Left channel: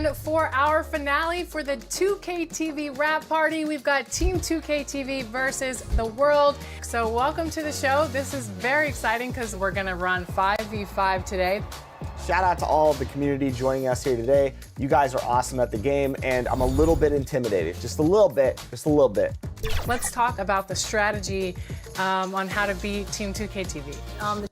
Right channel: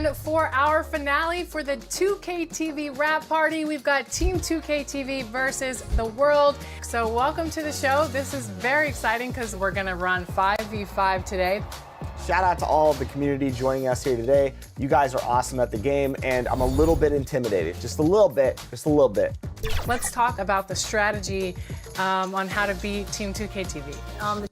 And for our finale for the 2K TV wrap party, we've got Team 2K TV versus the world. So welcome to the show. This is very exciting because we're gonna run 5v5 today. Shout out to all of the community joining us here today. You guys are awesome at the game, and I'm a little bit intimidated. Just a little bit, just a little bit. Let's talk about the strategy on how to beat Team 2K TV.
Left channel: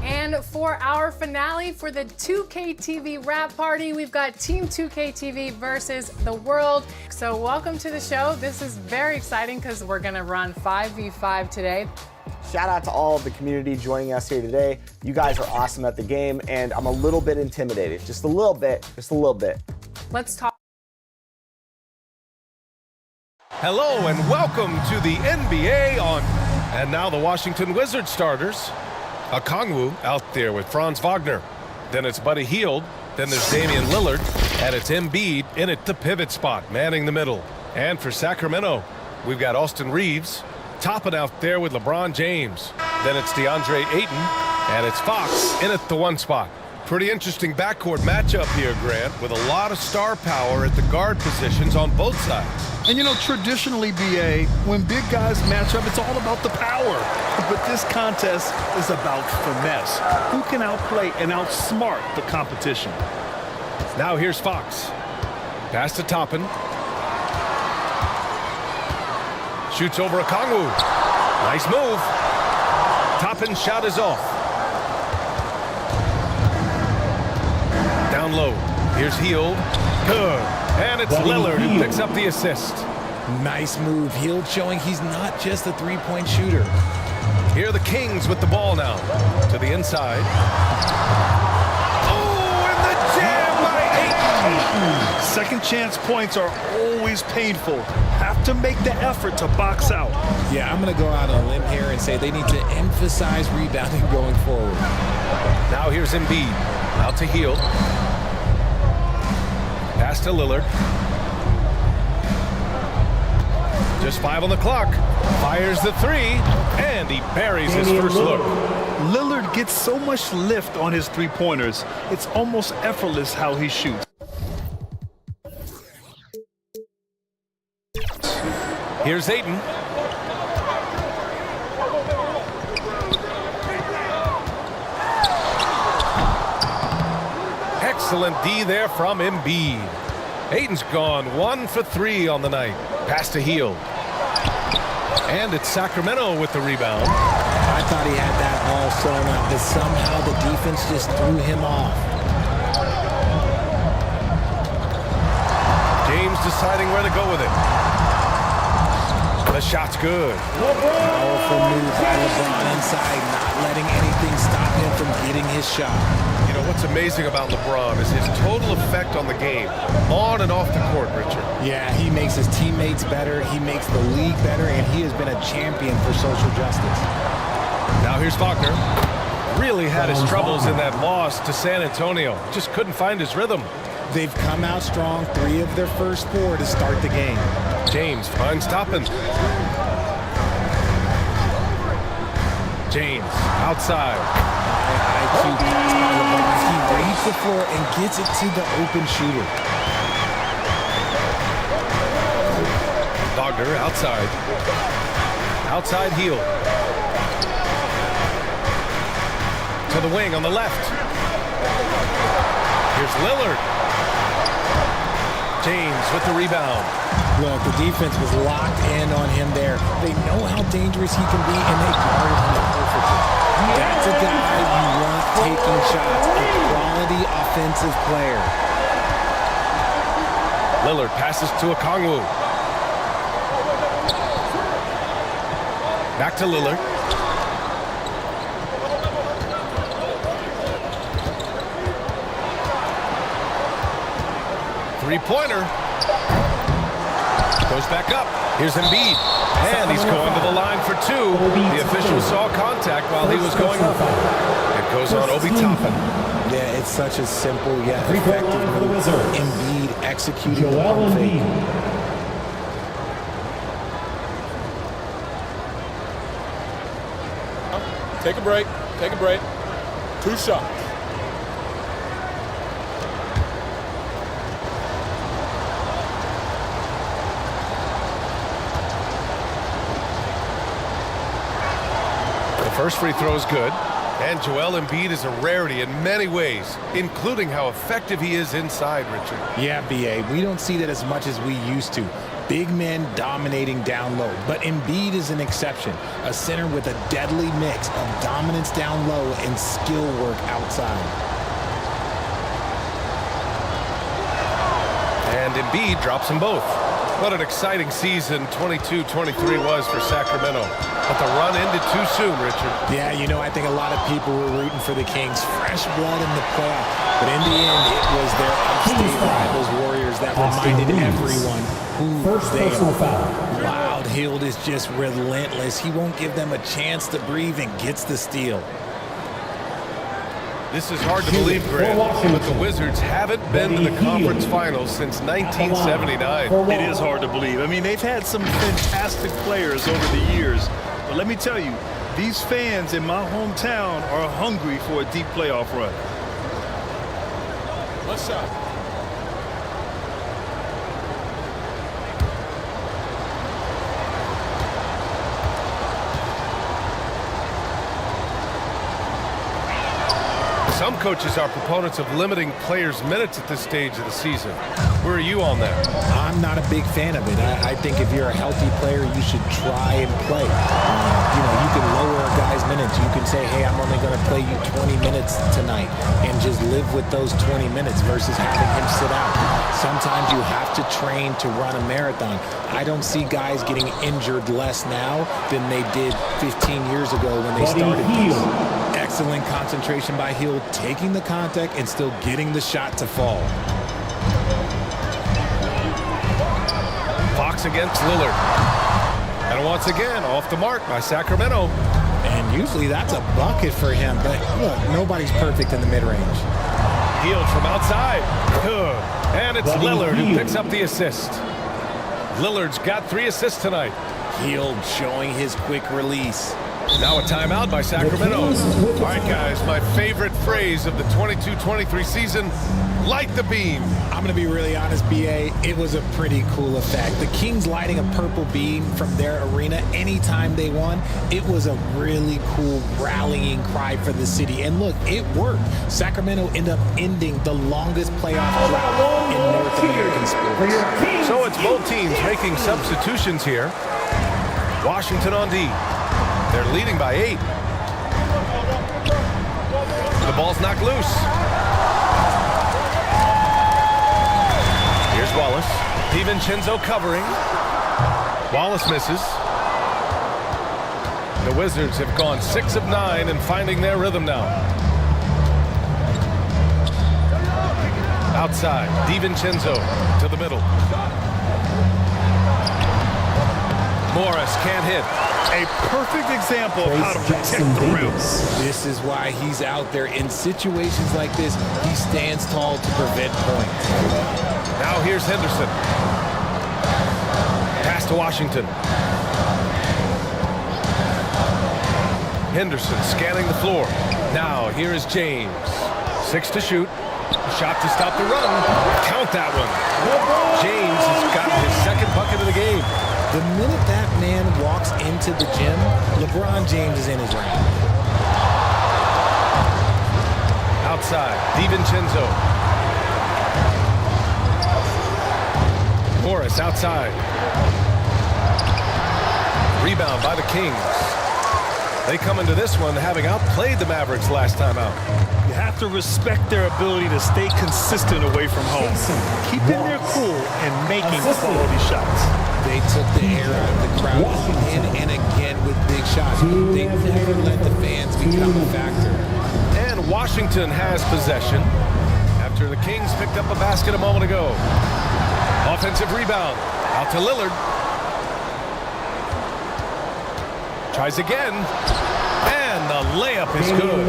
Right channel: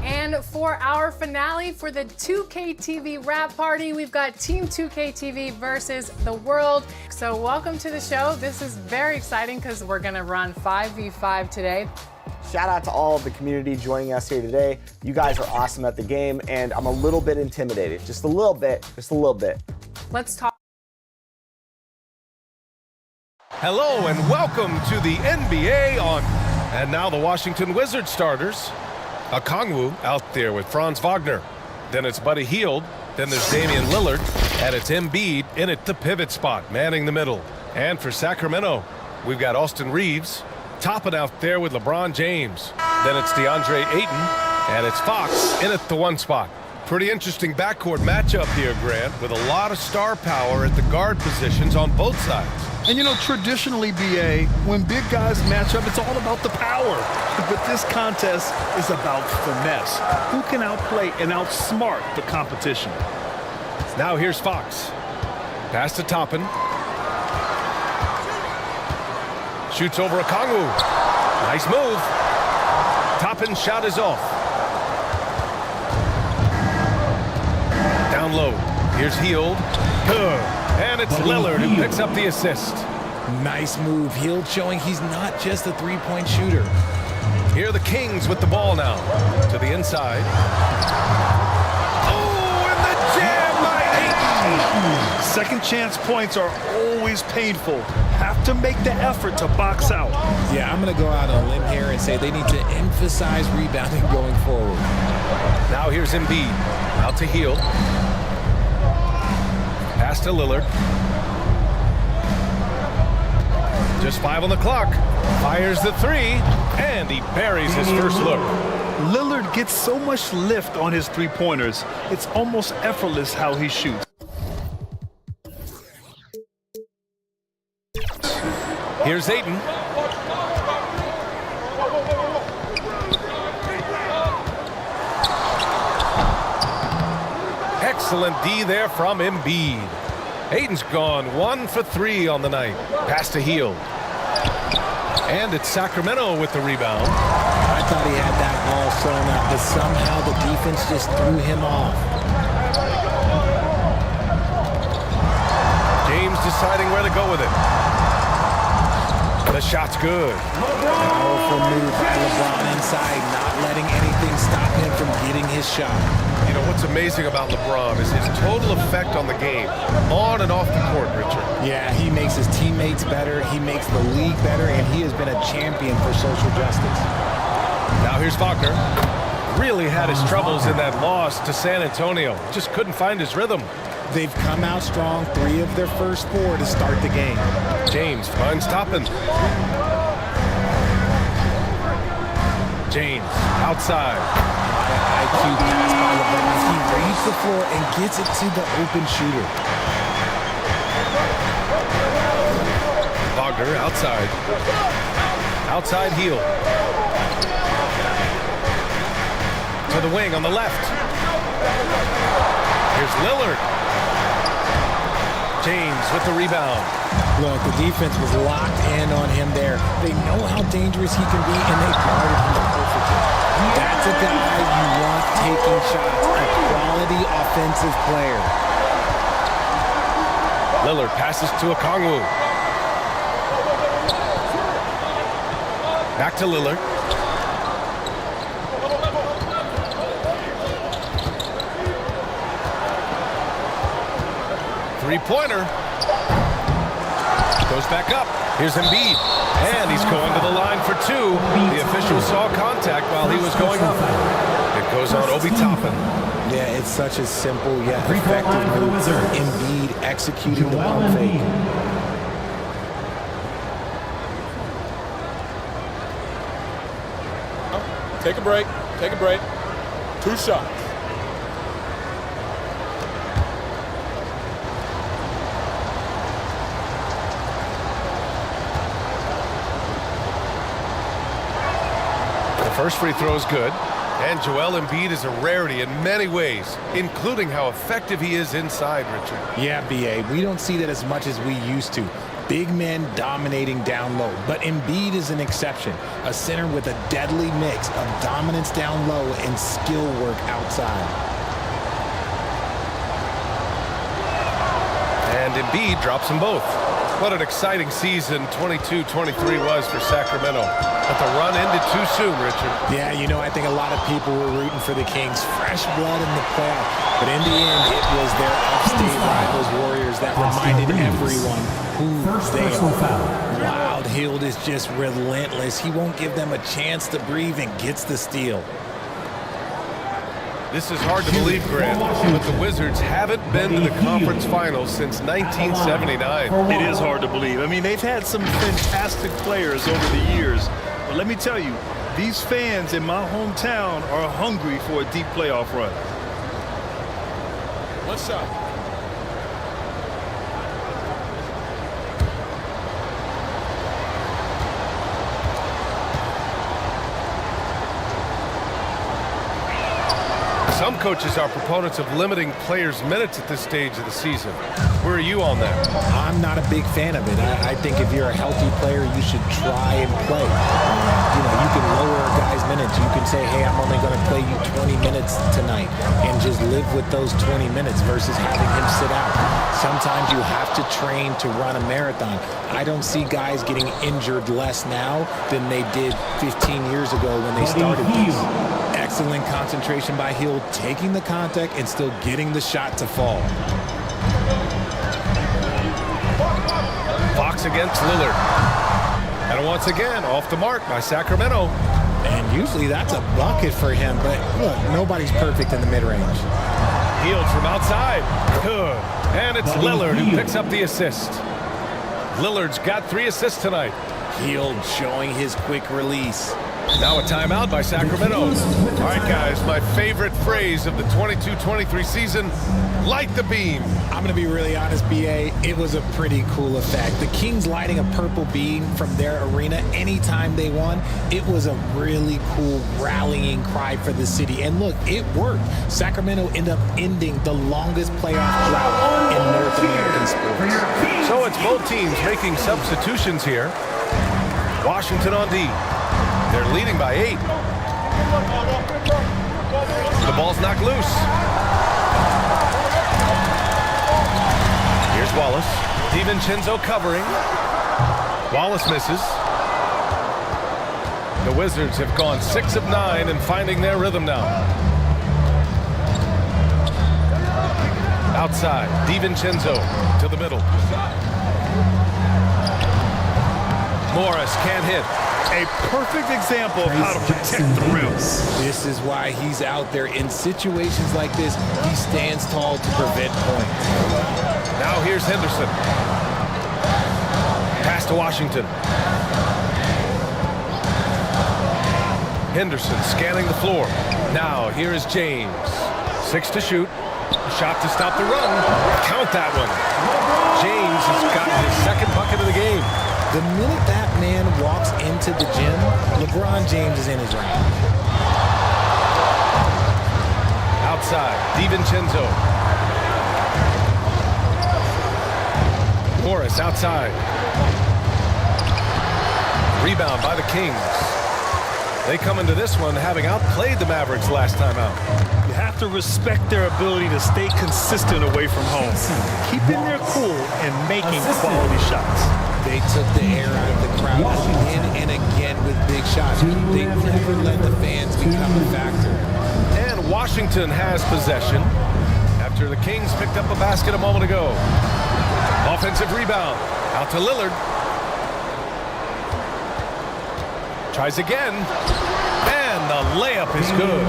And for our finale for the 2K TV wrap party, we've got Team 2K TV versus the world. So welcome to the show. This is very exciting because we're gonna run 5v5 today. Shout out to all of the community joining us here today. You guys are awesome at the game, and I'm a little bit intimidated. Just a little bit, just a little bit. Let's talk. Hello and welcome to the NBA on. And now the Washington Wizards starters. Okongwu out there with Franz Wagner. Then it's Buddy Hield. Then there's Damian Lillard. And it's Embiid in at the pivot spot, manning the middle. And for Sacramento, we've got Austin Reeves topping out there with LeBron James. Then it's DeAndre Ayton. And it's Fox in at the one spot. Pretty interesting backcourt matchup here, Grant, with a lot of star power at the guard positions on both sides. And you know, traditionally, BA, when big guys match up, it's all about the power. But this contest is about finesse. Who can outplay and outsmart the competition? Now here's Fox. Pass to Toppin. Shoots over Okongwu. Nice move. Toppin's shot is off. Down low. Here's Hield. Good. And it's Lillard who picks up the assist. Nice move. Hield showing he's not just a three-point shooter. Here are the Kings with the ball now. To the inside. Oh, and the jam by Ayton. Second chance points are always painful. Have to make the effort to box out. Yeah, I'm going to go out on a limb here and say they need to emphasize rebounding going forward. Now here's Embiid. Out to Hield. Pass to Lillard. Just 5 on the clock. Fires the three, and he buries his first look. Lillard gets so much lift on his three-pointers. It's almost effortless how he shoots. Here's Ayton. Excellent D there from Embiid. Ayton's gone 1 for 3 on the night. Pass to Hield. And it's Sacramento with the rebound. I thought he had that all sewn up, but somehow the defense just threw him off. James deciding where to go with it. The shot's good. Powerful move by LeBron inside, not letting anything stop him from getting his shot. You know, what's amazing about LeBron is his total effect on the game, on and off the court, Richard. Yeah, he makes his teammates better, he makes the league better, and he has been a champion for social justice. Now here's Wagner. Really had his troubles in that loss to San Antonio. Just couldn't find his rhythm. They've come out strong, 3 of their first 4 to start the game. James finds Toppin. James outside. High IQ pass by LeBron. He reads the floor and gets it to the open shooter. Wagner outside. Outside Hield. To the wing on the left. Here's Lillard. James with the rebound. Look, the defense was locked in on him there. They know how dangerous he can be, and they guarded him perfectly. That's a guy you want taking shots, a quality offensive player. Lillard passes to Okongwu. Back to Lillard. Three-pointer. Goes back up. Here's Embiid. And he's going to the line for two. The official saw contact while he was going up. It goes on Obi Toppin. Yeah, it's such a simple yet effective move. Embiid executing the pump fake. Take a break. Take a break. 2 shots. The first free throw is good. And Joel Embiid is a rarity in many ways, including how effective he is inside, Richard. Yeah, B.A., we don't see that as much as we used to. Big men dominating down low. But Embiid is an exception. A center with a deadly mix of dominance down low and skill work outside. And Embiid drops them both. What an exciting season 22-23 was for Sacramento. But the run ended too soon, Richard. Yeah, you know, I think a lot of people were rooting for the Kings. Fresh blood in the playoff. But in the end, it was their upstate rivals Warriors that reminded everyone who they are. Wild Hield is just relentless. He won't give them a chance to breathe and gets the steal. This is hard to believe, Grant, but the Wizards haven't been to the conference finals since 1979. It is hard to believe. I mean, they've had some fantastic players over the years. But let me tell you, these fans in my hometown are hungry for a deep playoff run. 1 shot. Some coaches are proponents of limiting players' minutes at this stage of the season. Where are you on that? I'm not a big fan of it. I think if you're a healthy player, you should try and play. You know, you can lower a guy's minutes. You can say, hey, I'm only going to play you 20 minutes tonight and just live with those 20 minutes versus having him sit out. Sometimes you have to train to run a marathon. I don't see guys getting injured less now than they did 15 years ago when they started this. Excellent concentration by Hield, taking the contact and still getting the shot to fall. Fox against Lillard. And once again, off the mark by Sacramento. And usually that's a bucket for him, but look, nobody's perfect in the mid-range. Hield from outside. Good. And it's Lillard who picks up the assist. Lillard's got 3 assists tonight. Hield showing his quick release. Now a timeout by Sacramento. All right, guys, my favorite phrase of the 22-23 season, light the beam. I'm going to be really honest, B.A., it was a pretty cool effect. The Kings lighting a purple beam from their arena anytime they won, it was a really cool rallying cry for the city. And look, it worked. Sacramento ended up ending the longest playoff drought in North American sports. So it's both teams making substitutions here. Washington on D. They're leading by 8. The ball's knocked loose. Here's Wallace. DiVincenzo covering. Wallace misses. The Wizards have gone 6 of 9 and finding their rhythm now. Outside, DiVincenzo to the middle. Morris can't hit. A perfect example of how to protect the rim. This is why he's out there. In situations like this, he stands tall to prevent points. Now here's Henderson. Pass to Washington. Henderson scanning the floor. Now here is James. 6 to shoot. Shot to stop the run. Count that one. James has gotten his 2nd bucket of the game. The minute that man walks into the gym, LeBron James is in his range. Outside, DiVincenzo. Morris outside. Rebound by the Kings. They come into this one having outplayed the Mavericks last time out. You have to respect their ability to stay consistent away from home, keeping their cool and making quality shots. They took the air out of the crowd again and again with big shots. They never let the fans become a factor. And Washington has possession after the Kings picked up a basket a moment ago. Offensive rebound. Out to Lillard. Tries again. And the layup is good.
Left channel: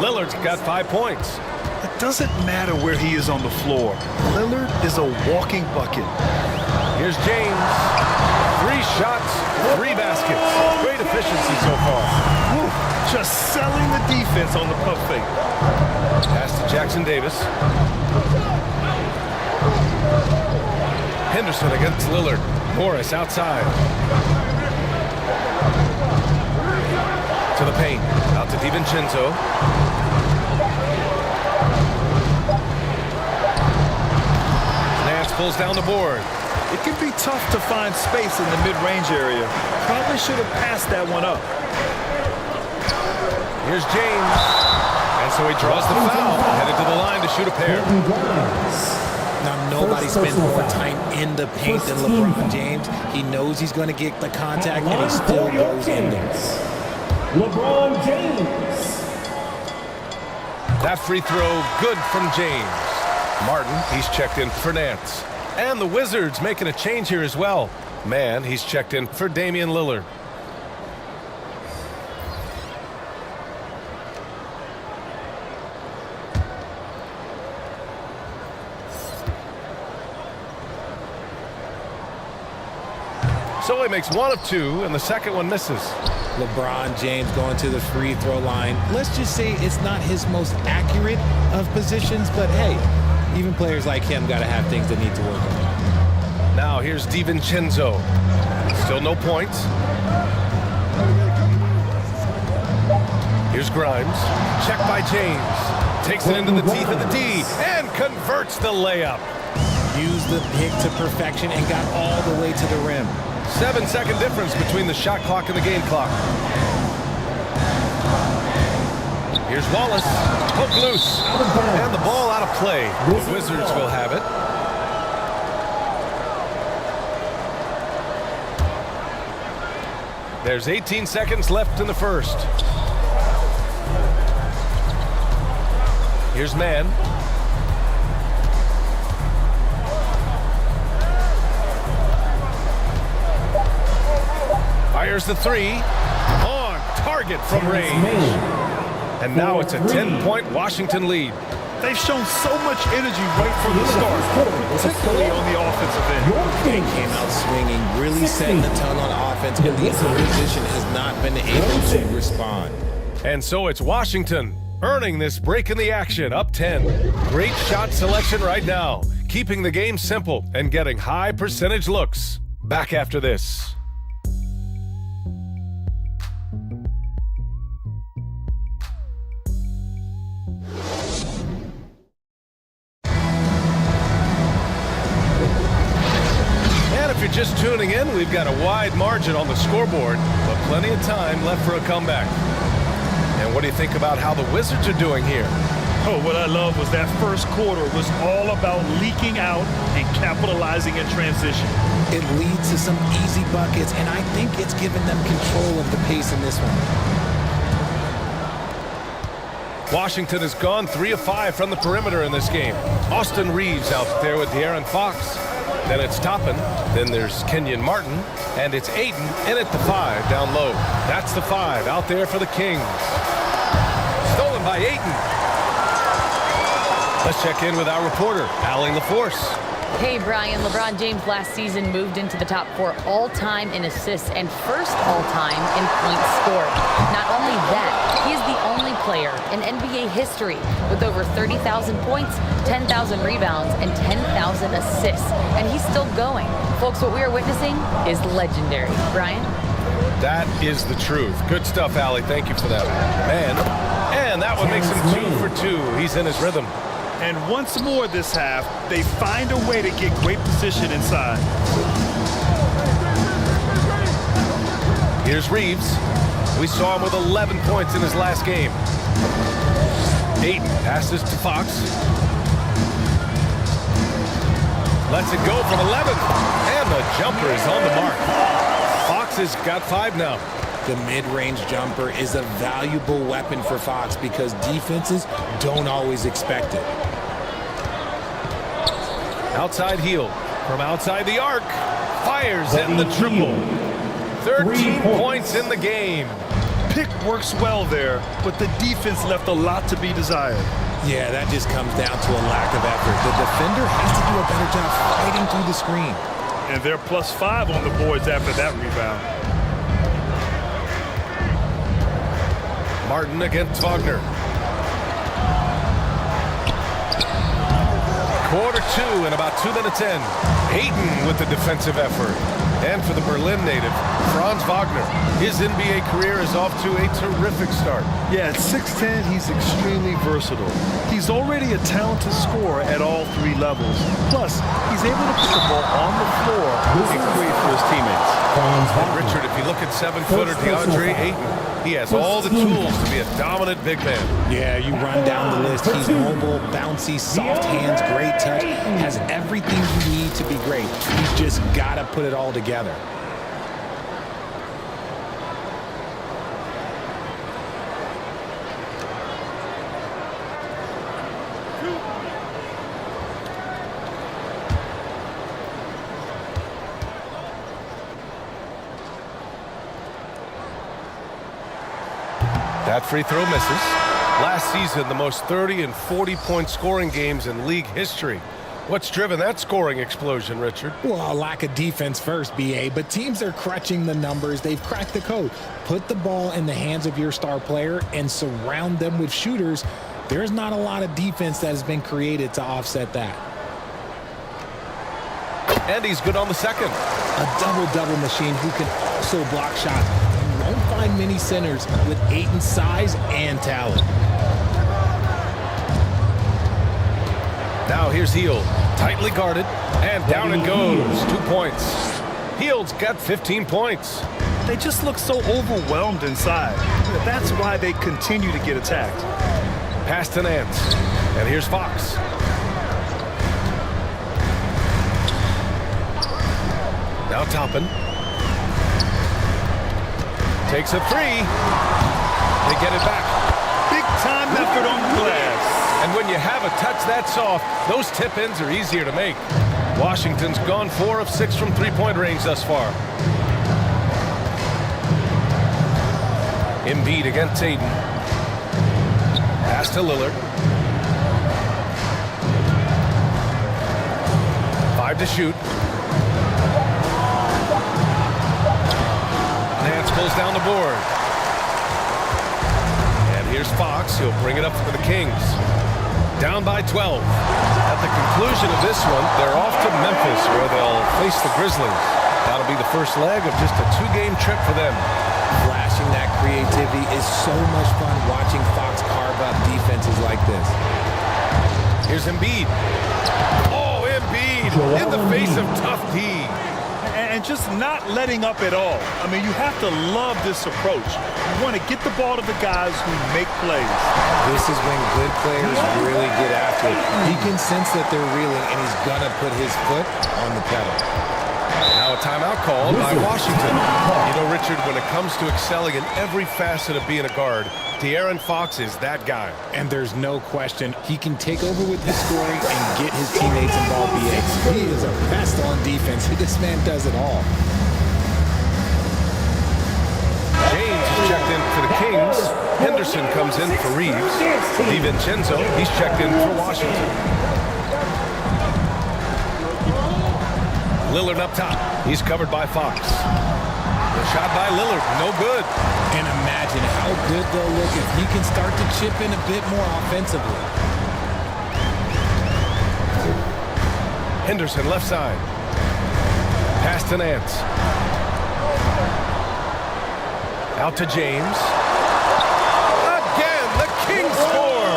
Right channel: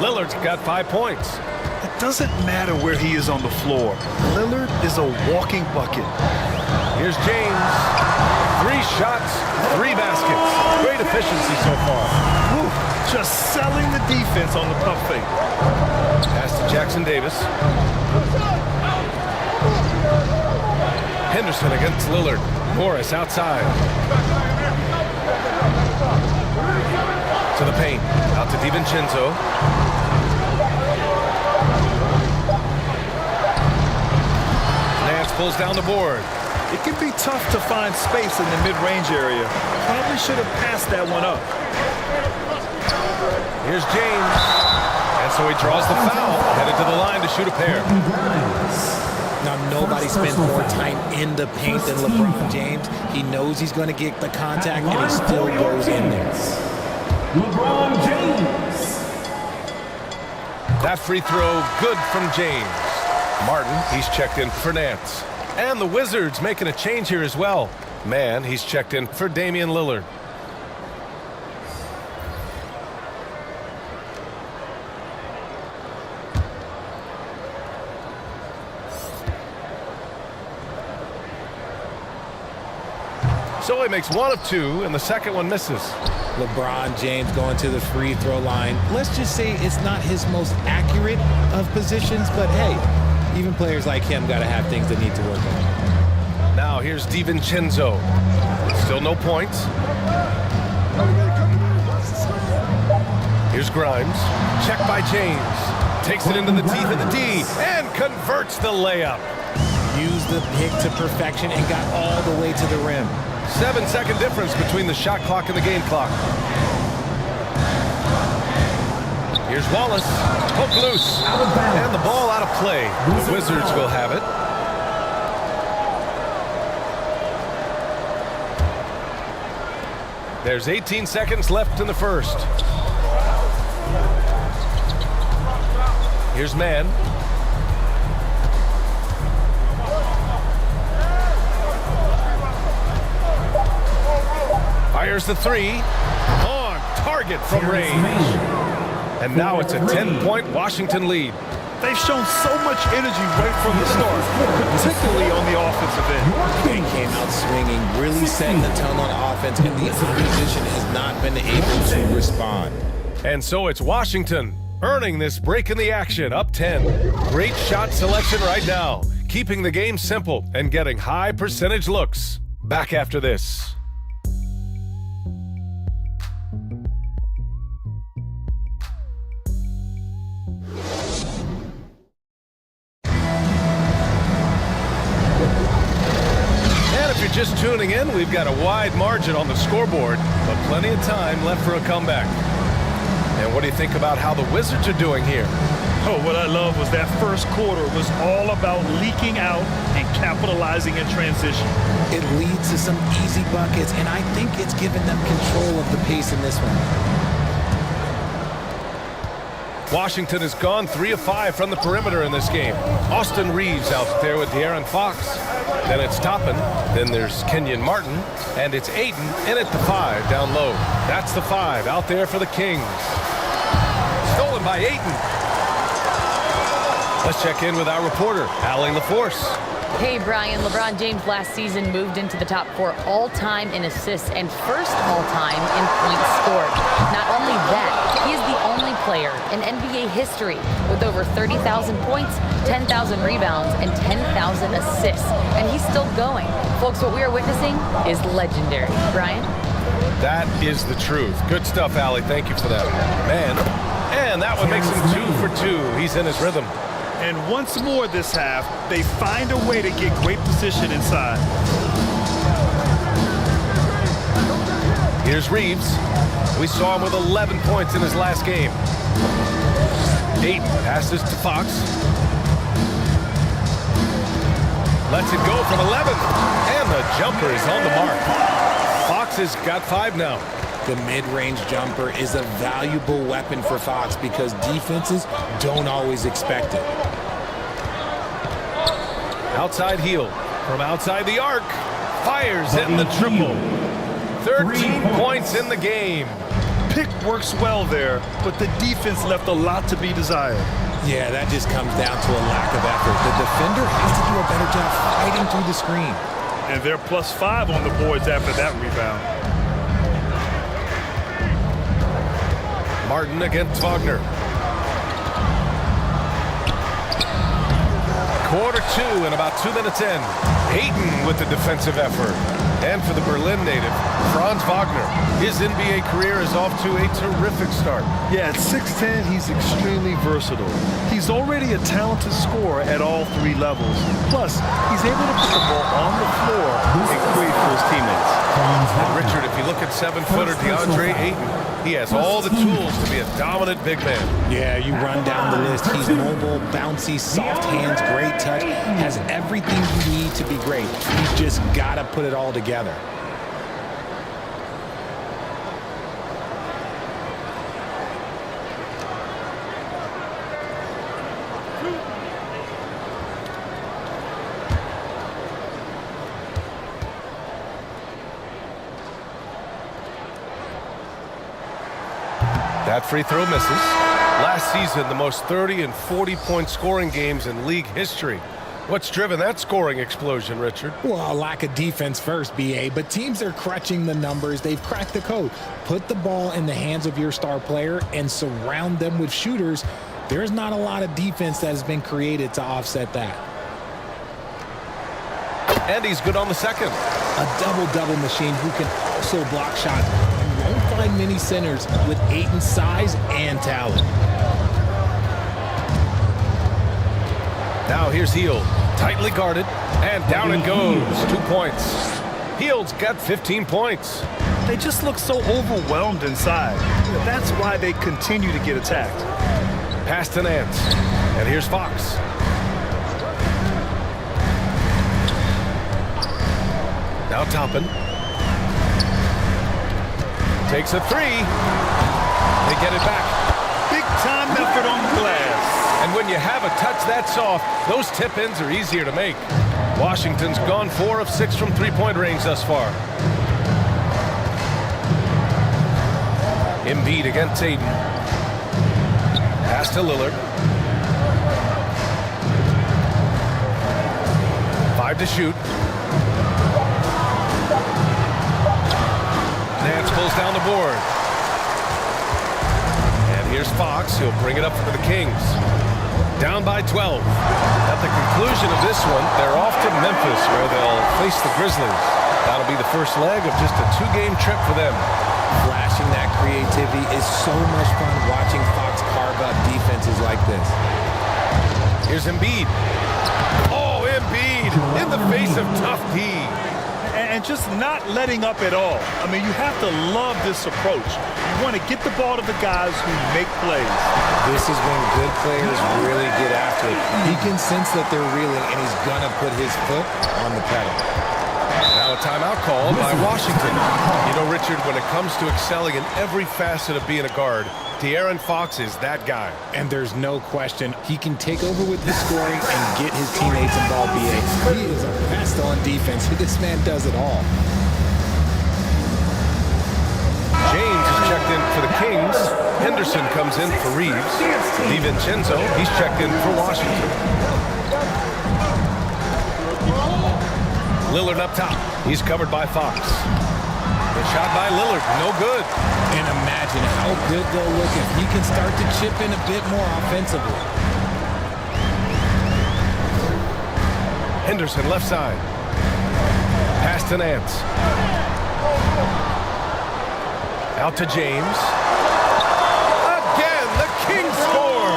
Lillard's got 5 points. It doesn't matter where he is on the floor. Lillard is a walking bucket. Here's James. 3 shots, 3 baskets. Great efficiency so far. Whew, just selling the defense on the pump fake. Pass to Jackson Davis. Henderson against Lillard. Morris outside. To the paint. Out to DiVincenzo. Nance pulls down the board. It can be tough to find space in the mid-range area. Probably should have passed that one up. Here's James. And so he draws the foul. Headed to the line to shoot a pair. Now, nobody spends more time in the paint than LeBron James. He knows he's going to get the contact, and he still goes in there. LeBron James. That free throw good from James. Martin, he's checked in for Nance. And the Wizards making a change here as well. Man, he's checked in for Damian Lillard. So he makes 1 of 2, and the second one misses. LeBron James going to the free throw line. Let's just say it's not his most accurate of positions, but hey, even players like him got to have things they need to work on. Now here's DiVincenzo. Still no points. Here's Grimes. Check by James. Takes it into the teeth of the D and converts the layup. Used the pick to perfection and got all the way to the rim. 7-second difference between the shot clock and the game clock. Here's Wallace. Hook loose. And the ball out of play. The Wizards will have it. There's 18 seconds left in the first. Here's Mann. Fires the 3. On target from range. And now it's a 10-point Washington lead. They've shown so much energy right from the start, particularly on the offensive end. They came out swinging, really setting the tone on offense, and the opposition has not been able to respond. And so it's Washington earning this break in the action, up 10. Great shot selection right now, keeping the game simple and getting high percentage looks. Back after this. If you're just tuning in, we've got a wide margin on the scoreboard, but plenty of time left for a comeback. And what do you think about how the Wizards are doing here? Oh, what I love was that first quarter was all about leaking out and capitalizing in transition. It leads to some easy buckets, and I think it's given them control of the pace in this one. Washington has gone 3 of 5 from the perimeter in this game. Austin Reeves out there with De'Aaron Fox. Then it's Toppin. Then there's Kenyon Martin. And it's Ayton in at the 5 down low. That's the 5 out there for the Kings. Stolen by Ayton. Let's check in with our reporter, Allie LaForce. Hey, Brian. LeBron James last season moved into the top 4 all-time in assists and first all-time in points scored. Not only that, he is the only player in NBA history with over 30,000 points, 10,000 rebounds, and 10,000 assists. And he's still going. Folks, what we are witnessing is legendary. Brian? That is the truth. Good stuff, Allie. Thank you for that. Man, and that one makes him 2 for 2. He's in his rhythm. And once more this half, they find a way to get great position inside. Here's Reeves. We saw him with 11 points in his last game. Ayton passes to Fox. Lets it go from 11. And the jumper is on the mark. Fox has got 5 now. The mid-range jumper is a valuable weapon for Fox because defenses don't always expect it. Outside heel from outside the arc. Fires in the triple. 13 points in the game. Pick works well there, but the defense left a lot to be desired. Yeah, that just comes down to a lack of effort. The defender has to do a better job fighting through the screen. And they're +5 on the boards after that rebound. Martin against Wagner. Quarter 2 and about 2 minutes in. Ayton with the defensive effort. And for the Berlin native, Franz Wagner. His NBA career is off to a terrific start. Yeah, at 6'10", he's extremely versatile. He's already a talented scorer at all 3 levels. Plus, he's able to put the ball on the floor and create for his teammates. And Richard, if you look at 7-footer DeAndre Ayton, he has all the tools to be a dominant big man. Yeah, you run down the list. He's mobile, bouncy, soft hands, great touch, has everything you need to be great. He's just got to put it all together. That free throw misses. Last season, the most 30 and 40-point scoring games in league history. What's driven that scoring explosion, Richard? Well, a lack of defense first, BA, but teams are crutching the numbers. They've cracked the code. Put the ball in the hands of your star player and surround them with shooters. There's not a lot of defense that has been created to offset that. And he's good on the second. A double-double machine who can also block shots. You won't find many centers with Ayton's size and talent. Now here's Hield, tightly guarded, and down it goes. 2 points. Hield's got 15 points. They just look so overwhelmed inside. That's why they continue to get attacked. Pass to Nance, and here's Fox. Now Toppin. Takes a 3. They get it back. Big time effort on the glass. And when you have a touch that soft, those tip-ins are easier to make. Washington's gone 4 of 6 from three-point range thus far. Embiid against Ayton. Pass to Lillard. 5 to shoot. Nance pulls down the board. And here's Fox. He'll bring it up for the Kings. Down by 12. At the conclusion of this one, they're off to Memphis, where they'll face the Grizzlies. That'll be the first leg of just a 2-game trip for them. Flashing that creativity is so much fun watching Fox carve up defenses like this. Here's Embiid. Oh, Embiid in the face of tough D. And just not letting up at all. I mean, you have to love this approach. You want to get the ball to the guys who make plays. This is when good players really get after it. He can sense that they're reeling, and he's going to put his foot on the pedal. Now a timeout called by Washington. You know, Richard, when it comes to excelling in every facet of being a guard, De'Aaron Fox is that guy. And there's no question he can take over with the scoring and get his teammates involved, BA. He is a pest on defense. This man does it all. James is checked in for the Kings. Henderson comes in for Reeves. DiVincenzo, he's checked in for Washington. Lillard up top. He's covered by Fox. The shot by Lillard, no good. And imagine how good they'll look if he can start to chip in a bit more offensively. Henderson left side. Pass to Nance. Out to James. Again, the Kings score.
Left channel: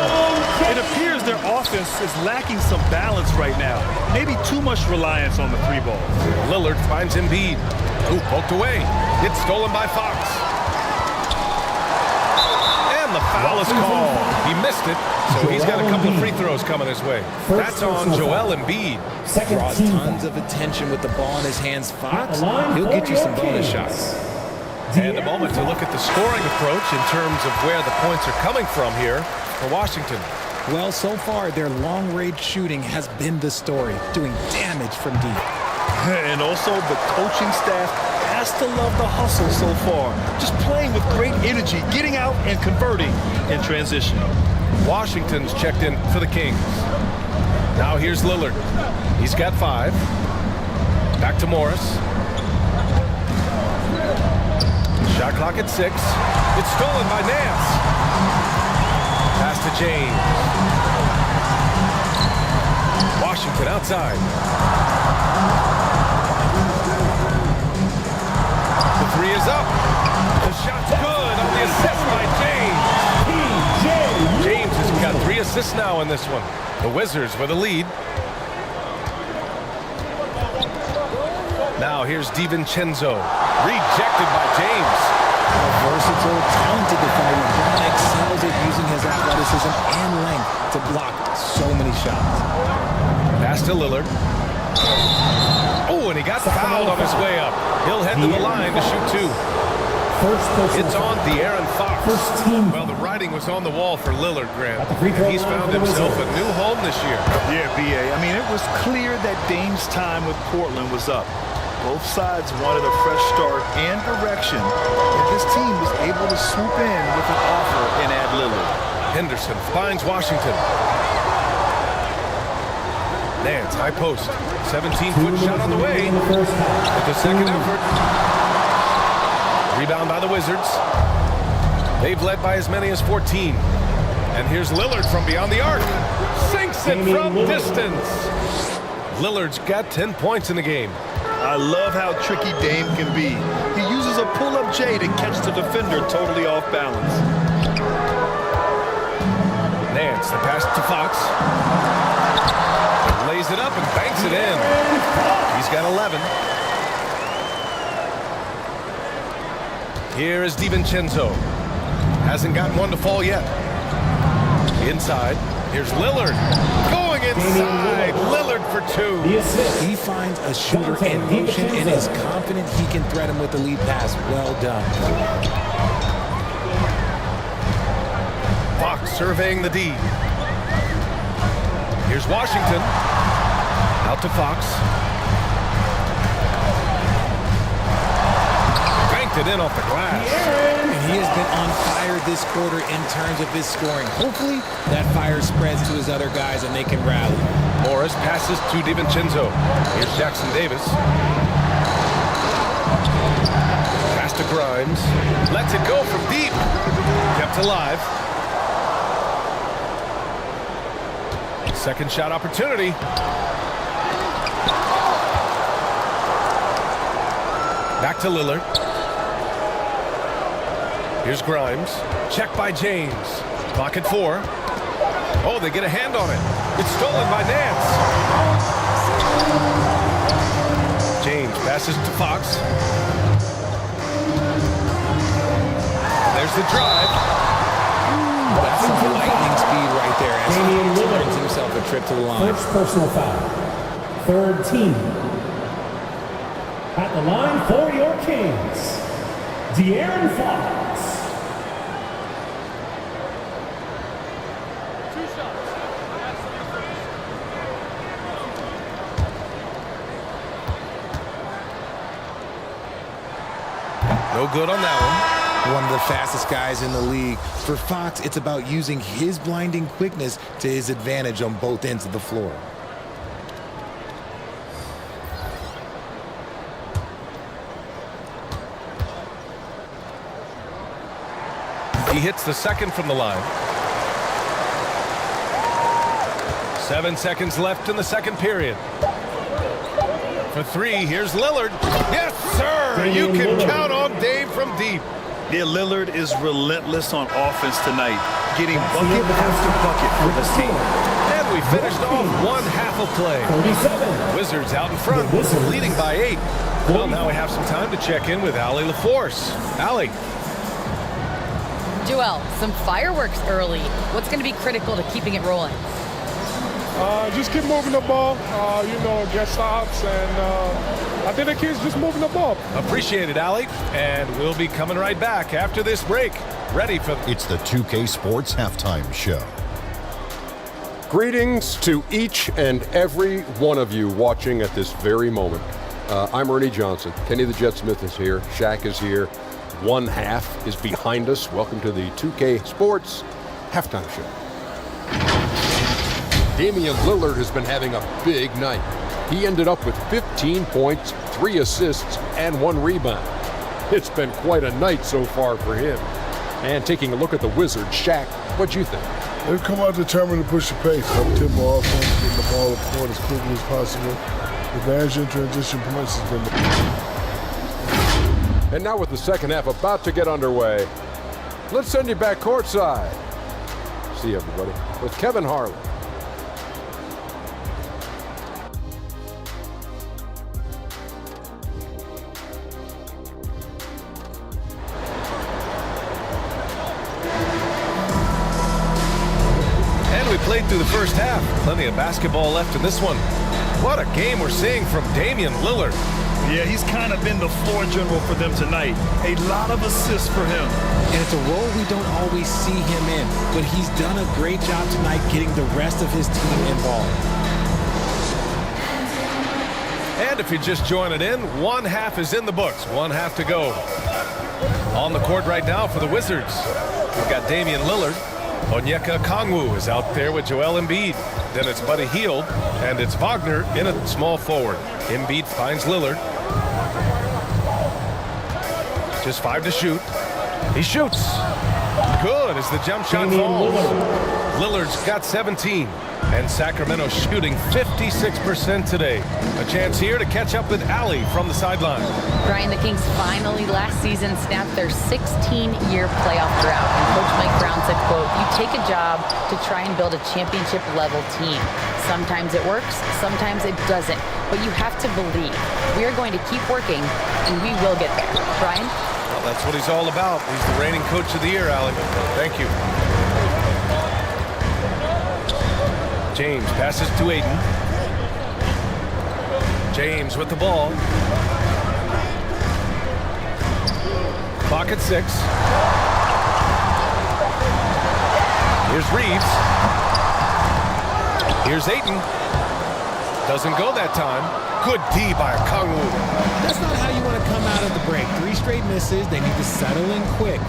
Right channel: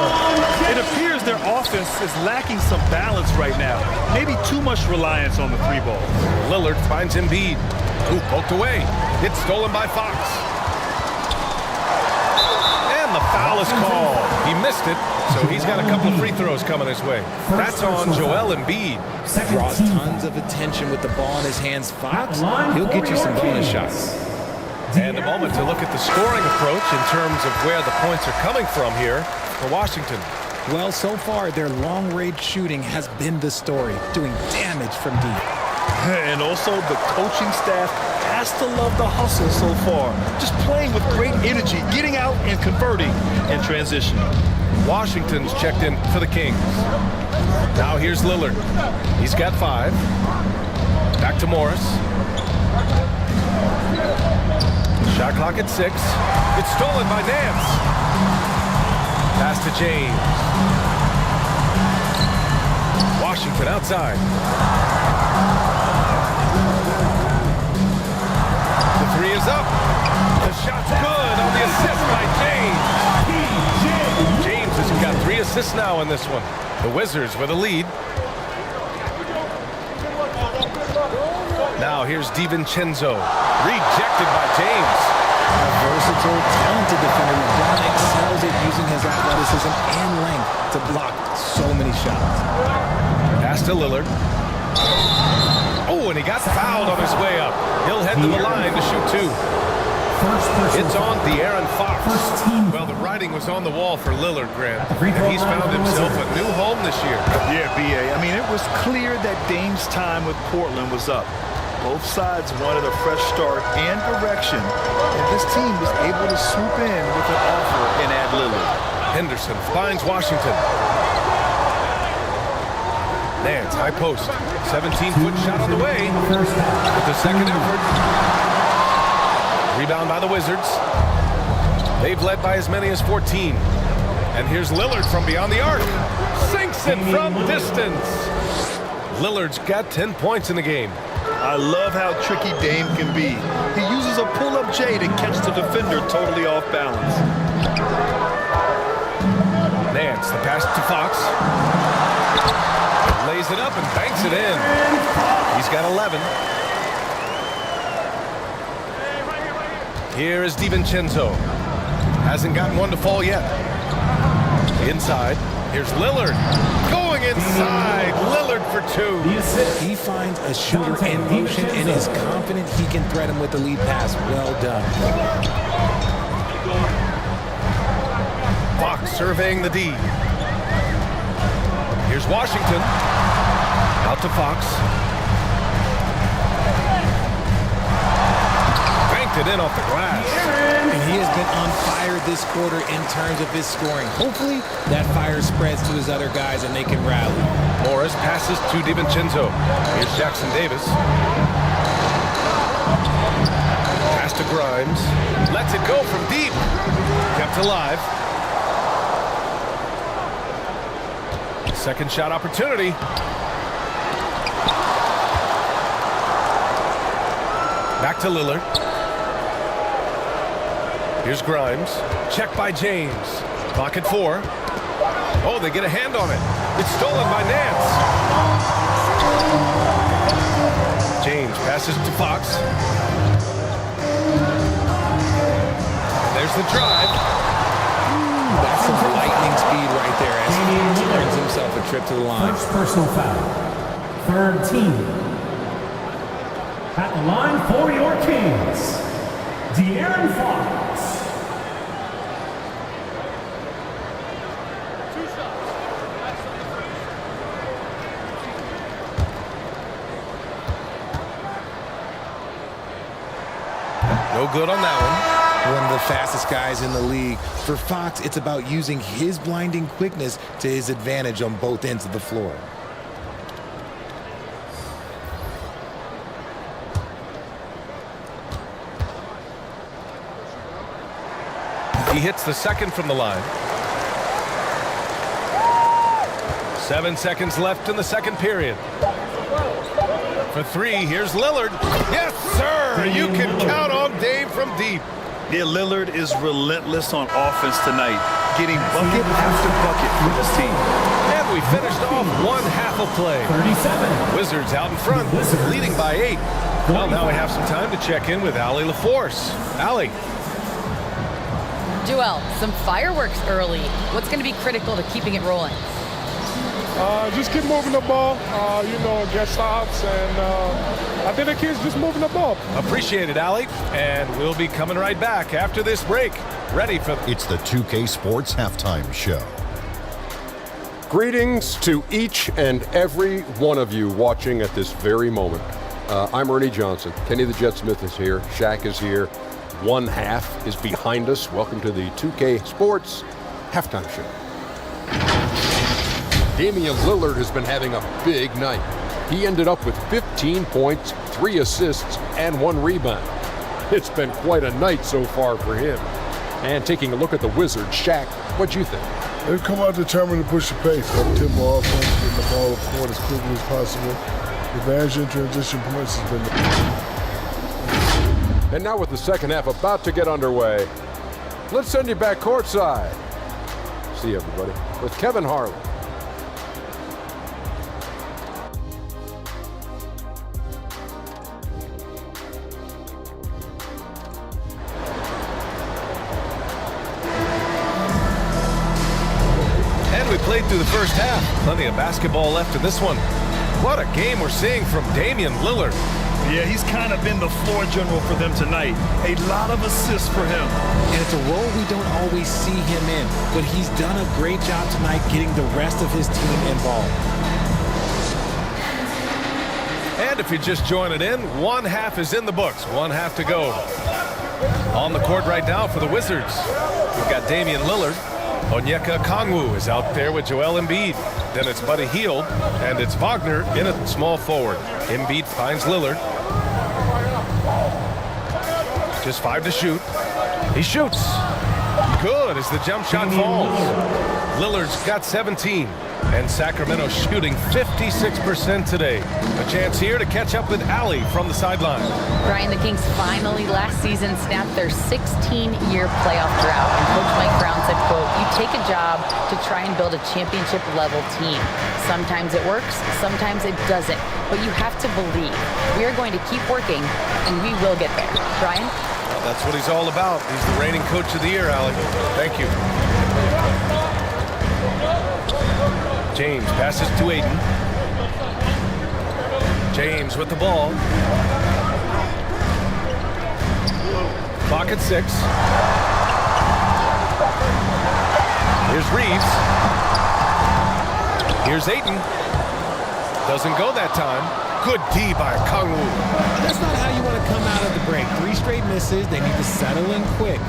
It appears they're offense is lacking some balance right now. Maybe too much reliance on the three ball. Lillard finds Embiid, who poked away. It's stolen by Fox. And the foul is called. He missed it, so he's got a couple of free throws coming his way. That's on Joel Embiid. Draws tons of attention with the ball in his hands. Fox, he'll get you some bonus shots. And a moment to look at the scoring approach in terms of where the points are coming from here for Washington. Well, so far, their long-range shooting has been the story, doing damage from deep. And also, the coaching staff has to love the hustle so far. Just playing with great energy, getting out and converting in transition. Washington's checked in for the Kings. Now here's Lillard. He's got 5. Back to Morris. Shot clock at 6. It's stolen by Nance. Pass to James. Washington outside. The 3 is up. The shot's good on the assist by James. James has got 3 assists now in this one. The Wizards with a lead. Now here's DiVincenzo. Rejected by James. A versatile, talented defender, LeBron excels at using his athleticism and length to block so many shots. Pass to Lillard. Oh, and he got fouled on his way up. He'll head to the line to shoot 2. It's on De'Aaron Fox. Well, the writing was on the wall for Lillard, Grant, and he's found himself a new home this year. Yeah, B.A. I mean, it was clear that Dame's time with Portland was up. Both sides wanted a fresh start and direction, and this team was able to swoop in with an offer and add Lillard. Henderson finds Washington. Nance, high post. 17-foot shot on the way. With the second effort. Rebound by the Wizards. They've led by as many as 14. And here's Lillard from beyond the arc. Sinks it from distance. Lillard's got 10 points in the game. I love how tricky Dame can be. He uses a pull-up J to catch the defender totally off balance. Nance, the pass to Fox. Lays it up and banks it in. He's got 11. Here is DiVincenzo. Hasn't gotten one to fall yet. Inside. Here's Lillard. Going inside. Lillard for 2. He finds a shooter in motion and is confident he can thread him with the lead pass. Well done. Fox surveying the D. Here's Washington. Out to Fox. Banked it in off the glass. And he has been on fire this quarter in terms of his scoring. Hopefully that fire spreads to his other guys and they can rally. Morris passes to DiVincenzo. Here's Jackson Davis. Pass to Grimes. Lets it go from deep. Kept alive. Second shot opportunity. Back to Lillard. Here's Grimes. Check by James. Clock at 4. Oh, they get a hand on it. It's stolen by Nance. James passes to Fox. And there's the drive. That's some lightning speed right there as Fox earns himself a trip to the line. First personal foul. Third team. At the line for your Kings, De'Aaron Fox. 2 shots. That's on the first. No good on that one. One of the fastest guys in the league. For Fox, it's about using his blinding quickness to his advantage on both ends of the floor. He hits the second from the line. 7 seconds left in the second period. For 3, here's Lillard. Yes, sir! You can count on Dame from deep. Yeah, Lillard is relentless on offense tonight, getting bucket after bucket for this team. And we finished off one half of play. 37. Wizards out in front, leading by 8. Well, now we have some time to check in with Allie LaForce. Allie. Joel, some fireworks early. What's going to be critical to keeping it rolling? Just keep moving the ball, get stops, and I think the kids just moving the ball. Appreciate it, Allie. And we'll be coming right back after this break. Ready for... It's the 2K Sports Halftime Show. Greetings to each and every one of you watching at this very moment. I'm Ernie Johnson. Kenny the Jet Smith is here. Shaq is here. One half is behind us. Welcome to the 2K Sports Halftime Show. Damian Lillard has been having a big night. He ended up with 15 points, 3 assists, and 1 rebound. It's been quite a night so far for him. And taking a look at the Wizards, Shaq, what'd you think? They've come out determined to push the pace. Up-tempo offense, getting the ball up court as quickly as possible. Advantage in transition points has been And now with the second half about to get underway, let's send you back courtside. See you, everybody, with Kevin Harlan. And we played through the first half. Plenty of basketball left in this one. What a game we're seeing from Damian Lillard. Yeah, he's kind of been the floor general for them tonight. A lot of assists for him. And it's a role we don't always see him in, but he's done a great job tonight getting the rest of his team involved. And if you're just joining in, one half is in the books. One half to go. On the court right now for the Wizards, we've got Damian Lillard. Onyeka Okongwu is out there with Joel Embiid. Then it's Buddy Hield, and it's Wagner in a small forward. Embiid finds Lillard. Just 5 to shoot. He shoots. Good as the jump shot falls. Lillard's got 17. And Sacramento shooting 56% today. A chance here to catch up with Allie from the sideline. Brian, the Kings finally last season snapped their 16-year playoff drought. And Coach Mike Brown said, quote, "You take a job to try and build a championship-level team. Sometimes it works, sometimes it doesn't. But you have to believe. We are going to keep working, and we will get there." Brian? Well, that's what he's all about. He's the reigning coach of the year, Allie. Thank you. James passes to Aiden. James with the ball. Clock at 6. Here's Reeves. Here's Aiden. Doesn't go that time. Good D by Okongwu. That's not how you want to come out of the break. 3 straight misses. They need to settle in quick.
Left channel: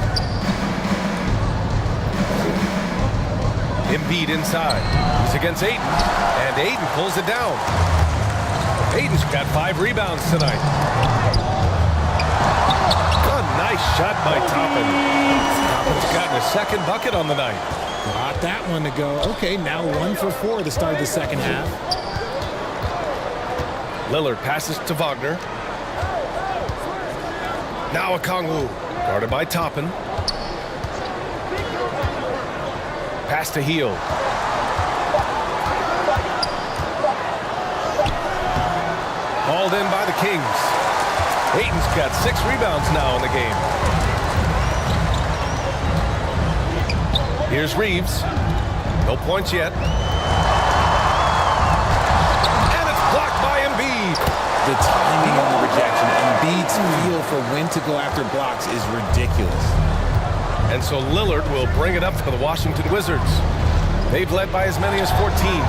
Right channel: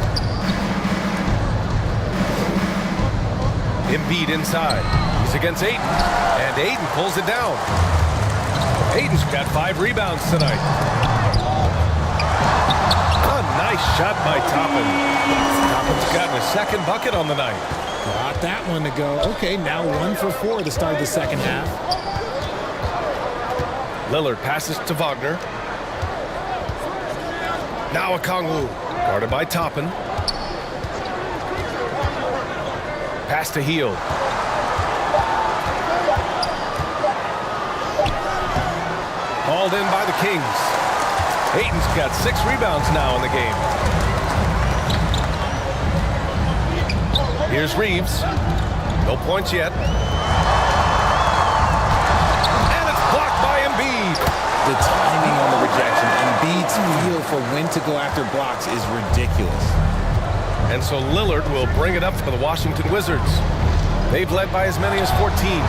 Embiid inside. He's against Aiden. And Aiden pulls it down. Aiden's got 5 rebounds tonight. A nice shot by Toppin. Toppin's gotten his 2nd bucket on the night. Got that one to go. Okay, now 1 for 4 to start the second half. Lillard passes to Wagner. Now Okongwu, guarded by Toppin. Pass to Hield. Hauled in by the Kings. Aiton's got 6 rebounds now in the game. Here's Reeves. No points yet. And it's blocked by Embiid. The timing on the rejection, Embiid's feel for when to go after blocks is ridiculous. And so Lillard will bring it up for the Washington Wizards. They've led by as many as 14.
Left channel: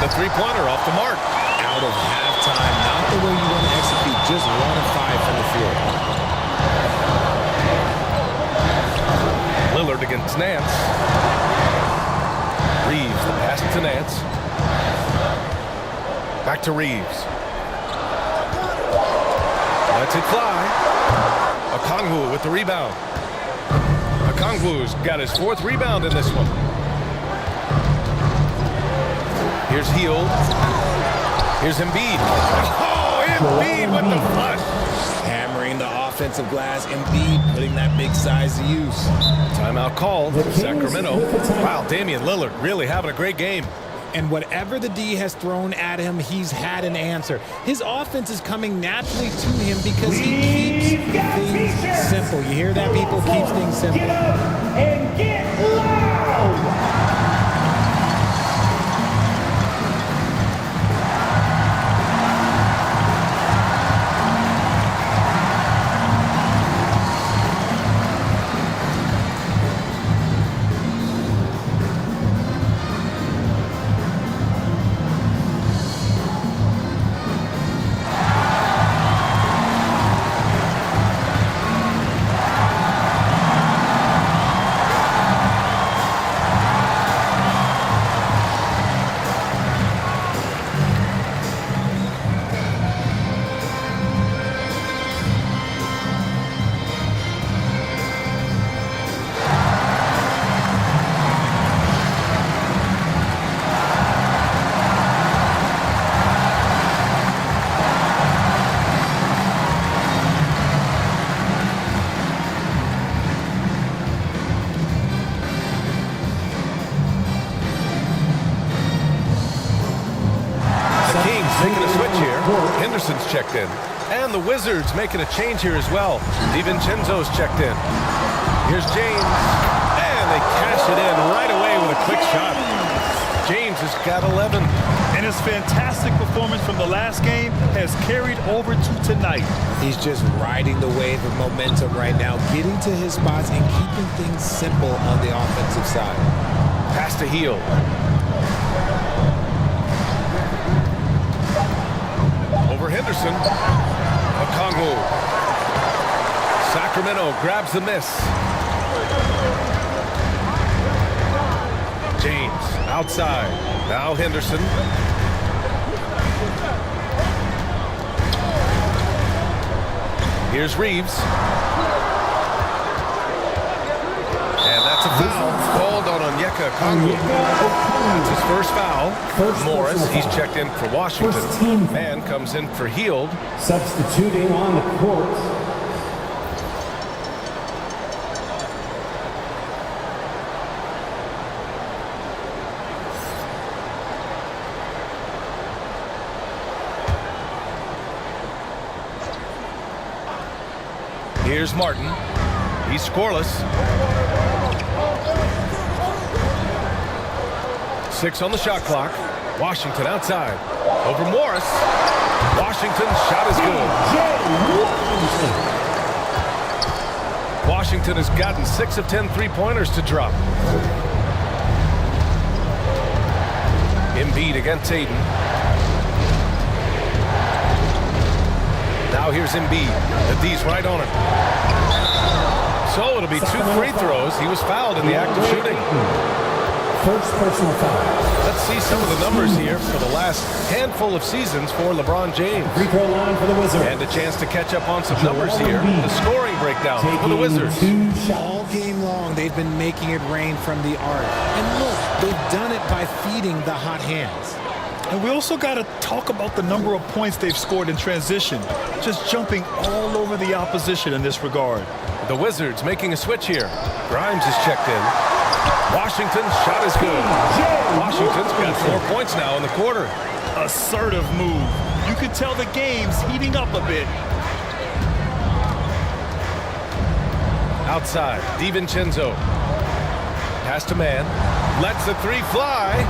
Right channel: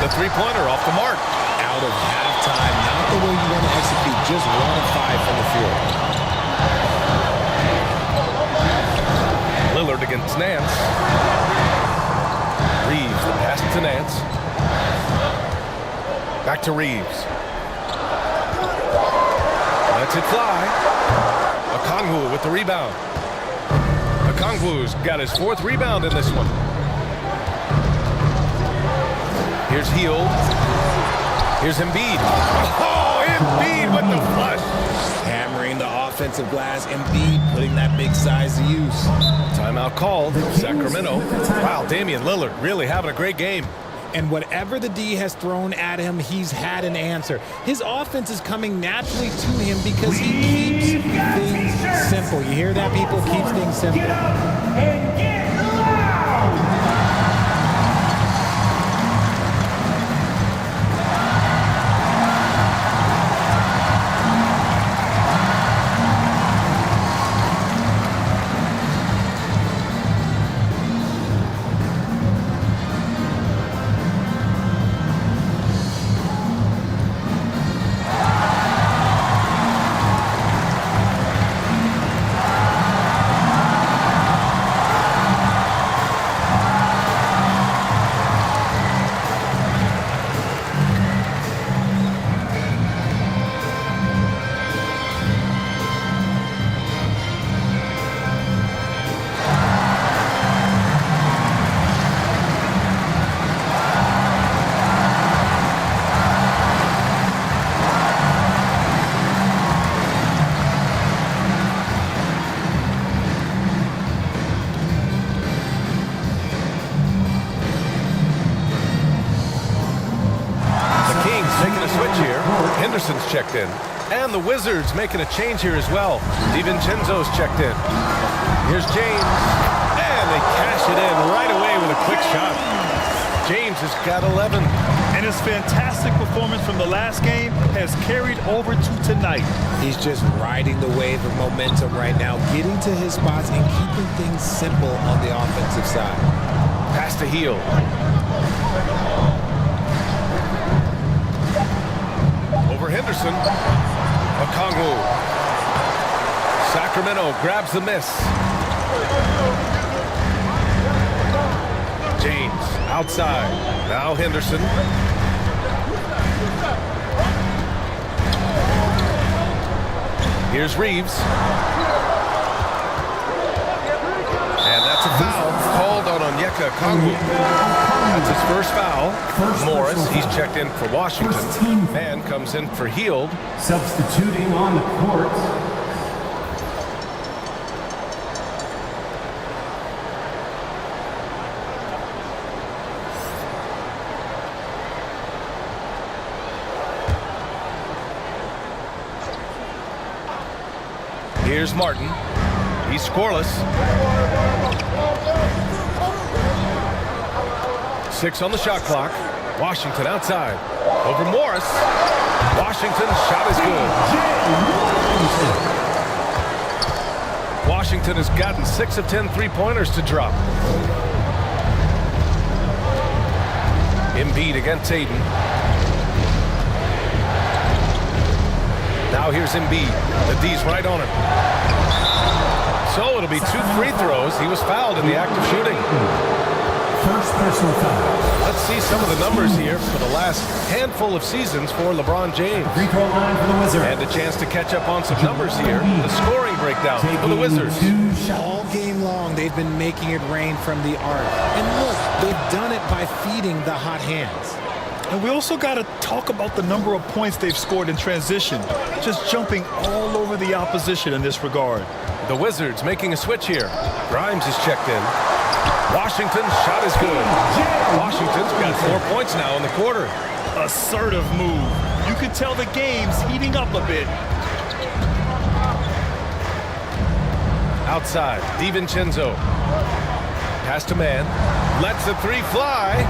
The 3-pointer off the mark. Out of halftime, not the way you want to execute, just 1 of 5 from the field. Lillard against Nance. Reeves, the pass to Nance. Back to Reeves. Lets it fly. Okongwu with the rebound. Okongwu's got his 4th rebound in this one. Here's Hield. Here's Embiid. Oh, Embiid with the flush. hammering the offensive glass. Embiid putting that big size to use. Timeout called. Sacramento. Wow, Damian Lillard really having a great game. And whatever the D has thrown at him, he's had an answer. His offense is coming naturally to him because he keeps things simple. You hear that, people? Keeps things simple. Get up and get loud! Making a switch here. Henderson's checked in. And the Wizards making a change here as well. DiVincenzo's checked in. Here's James. And they cash it in right away with a quick shot. James has got 11. And his fantastic performance from the last game has carried over to tonight. He's just riding the wave of momentum right now, getting to his spots and keeping things simple on the offensive side. Pass to Hield. Over Henderson. Okongwu. Sacramento grabs the miss. James outside. Now Henderson. Here's Reeves. And that's a foul called on Onyeka Okongwu. That's his first foul. Morris, he's checked in for Washington. Man comes in for Hield. Substituting on the court. Here's Martin. He's scoreless. 6 on the shot clock. Washington outside. Over Morris. Washington's shot is good. Washington has gotten 6 of 10 three-pointers to drop. Embiid against Aiden. Now here's Embiid. The D's right on him. So it'll be 2 free throws. He was fouled in the act of shooting. First personal foul. Let's see some of the numbers here for the last handful of seasons for LeBron James. Free throw line for the Wizards. And a chance to catch up on some numbers here. The scoring breakdown for the Wizards. All game long, they've been making it rain from the arc. And look, they've done it by feeding the hot hands. And we also got to talk about the number of points they've scored in transition. Just jumping all over the opposition in this regard. The Wizards making a switch here. Grimes is checked in. Washington's shot is good. Washington's got 4 points now in the quarter. Assertive move. You can tell the game's heating up a bit. Outside, DiVincenzo. Pass to man. Lets the 3 fly.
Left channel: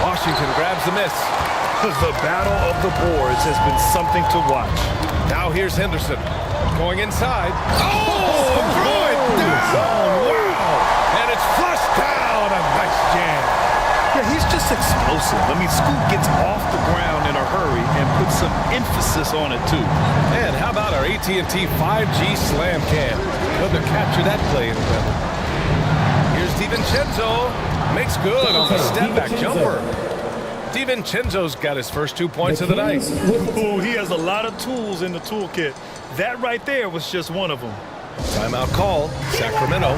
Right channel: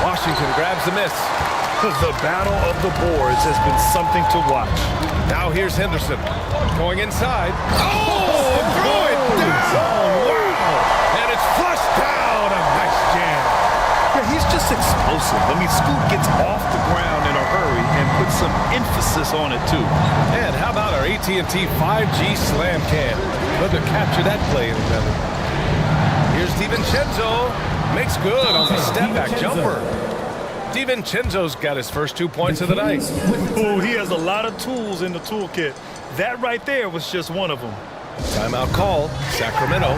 Washington grabs the miss. The battle of the boards has been something to watch. Now here's Henderson. Going inside. Oh, throw it down. Wow. And it's flushed down. A nice jam. Yeah, he's just explosive. I mean, Scoot gets off the ground in a hurry and puts some emphasis on it, too. And how about our AT&T 5G Slam Cam? Couldn't have captured that play any better. Here's DiVincenzo. Makes good on the step-back jumper. DiVincenzo's got his first 2 points of the night. Oh, he has a lot of tools in the toolkit. That right there was just one of them. Timeout call, Sacramento.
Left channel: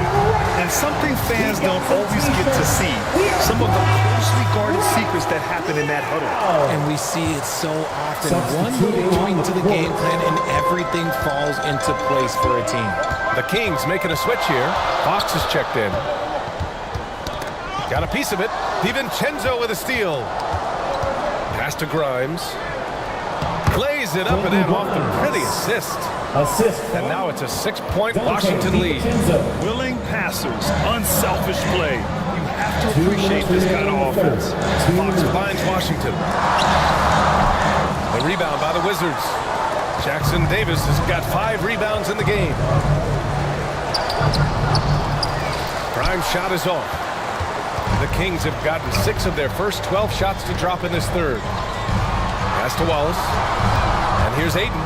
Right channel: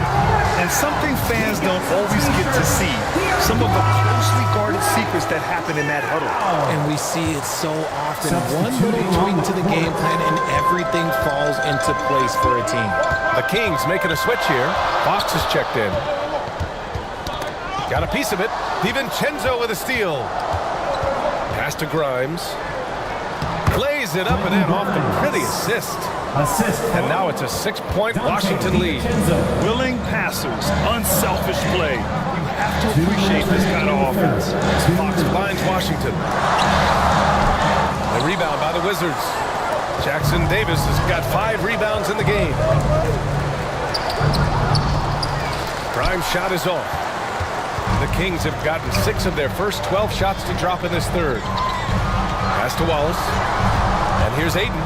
And something fans don't always get to see, some of the closely guarded secrets that happen in that huddle. And we see it so often. One little tweak to the game plan and everything falls into place for a team. The Kings making a switch here. Fox is checked in. Got a piece of it. DiVincenzo with a steal. Pass to Grimes. Plays it up and in off the pretty assist. And now it's a 6-point Washington lead. Willing passers, unselfish play. You have to appreciate this kind of offense. Fox finds Washington. The rebound by the Wizards. Jackson Davis has got 5 rebounds in the game. Prime shot is off. The Kings have gotten 6 of their first 12 shots to drop in this third. Pass to Wallace. And here's Ayton.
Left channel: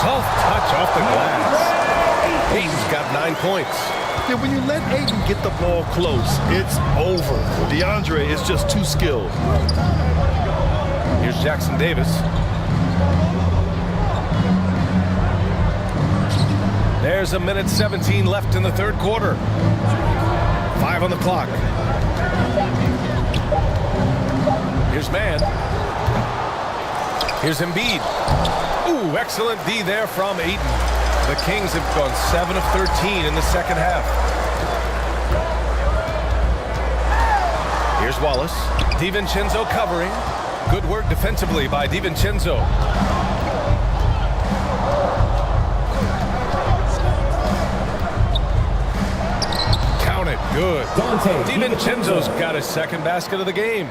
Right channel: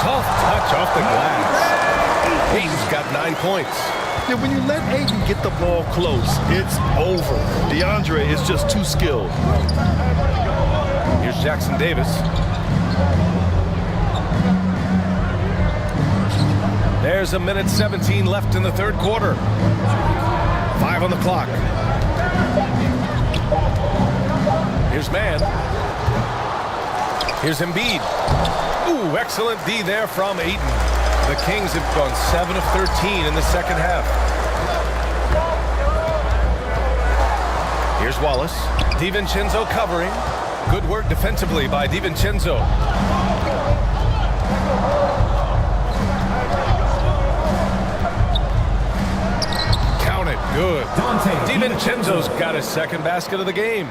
Soft touch off the glass. Ayton's got 9 points. Yeah, when you let Ayton get the ball close, it's over. DeAndre is just too skilled. Here's Jackson Davis. There's a minute 17 left in the third quarter. 5 on the clock. Here's Mann. Here's Embiid. Ooh, excellent D there from Ayton. The Kings have gone 7 of 13 in the second half. Here's Wallace. DiVincenzo covering. Good work defensively by DiVincenzo. Count it. Good. DiVincenzo's got his second basket of the game.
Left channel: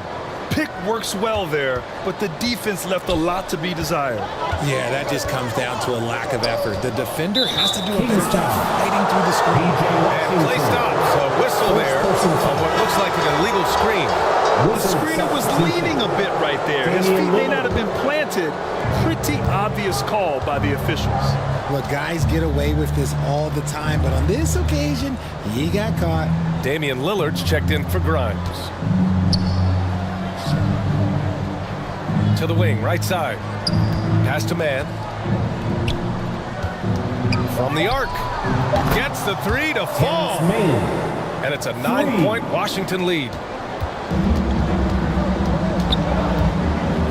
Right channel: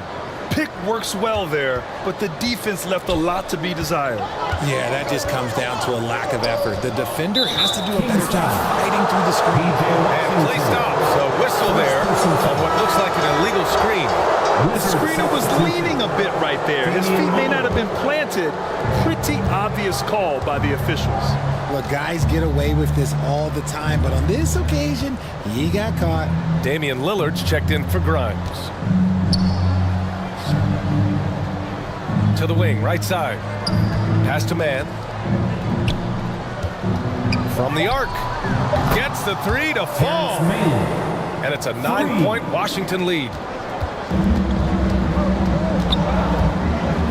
Pick works well there, but the defense left a lot to be desired. Yeah, that just comes down to a lack of effort. The defender has to do a better job fighting through the screen. And play stops. A whistle there on what looks like an illegal screen. The screener was leaning a bit right there. His feet may not have been planted. Pretty obvious call by the officials. Look, guys get away with this all the time, but on this occasion, he got caught. Damian Lillard's checked in for Grimes. To the wing, right side. Pass to Mann. From the arc. Gets the 3 to fall. And it's a 9-point Washington lead.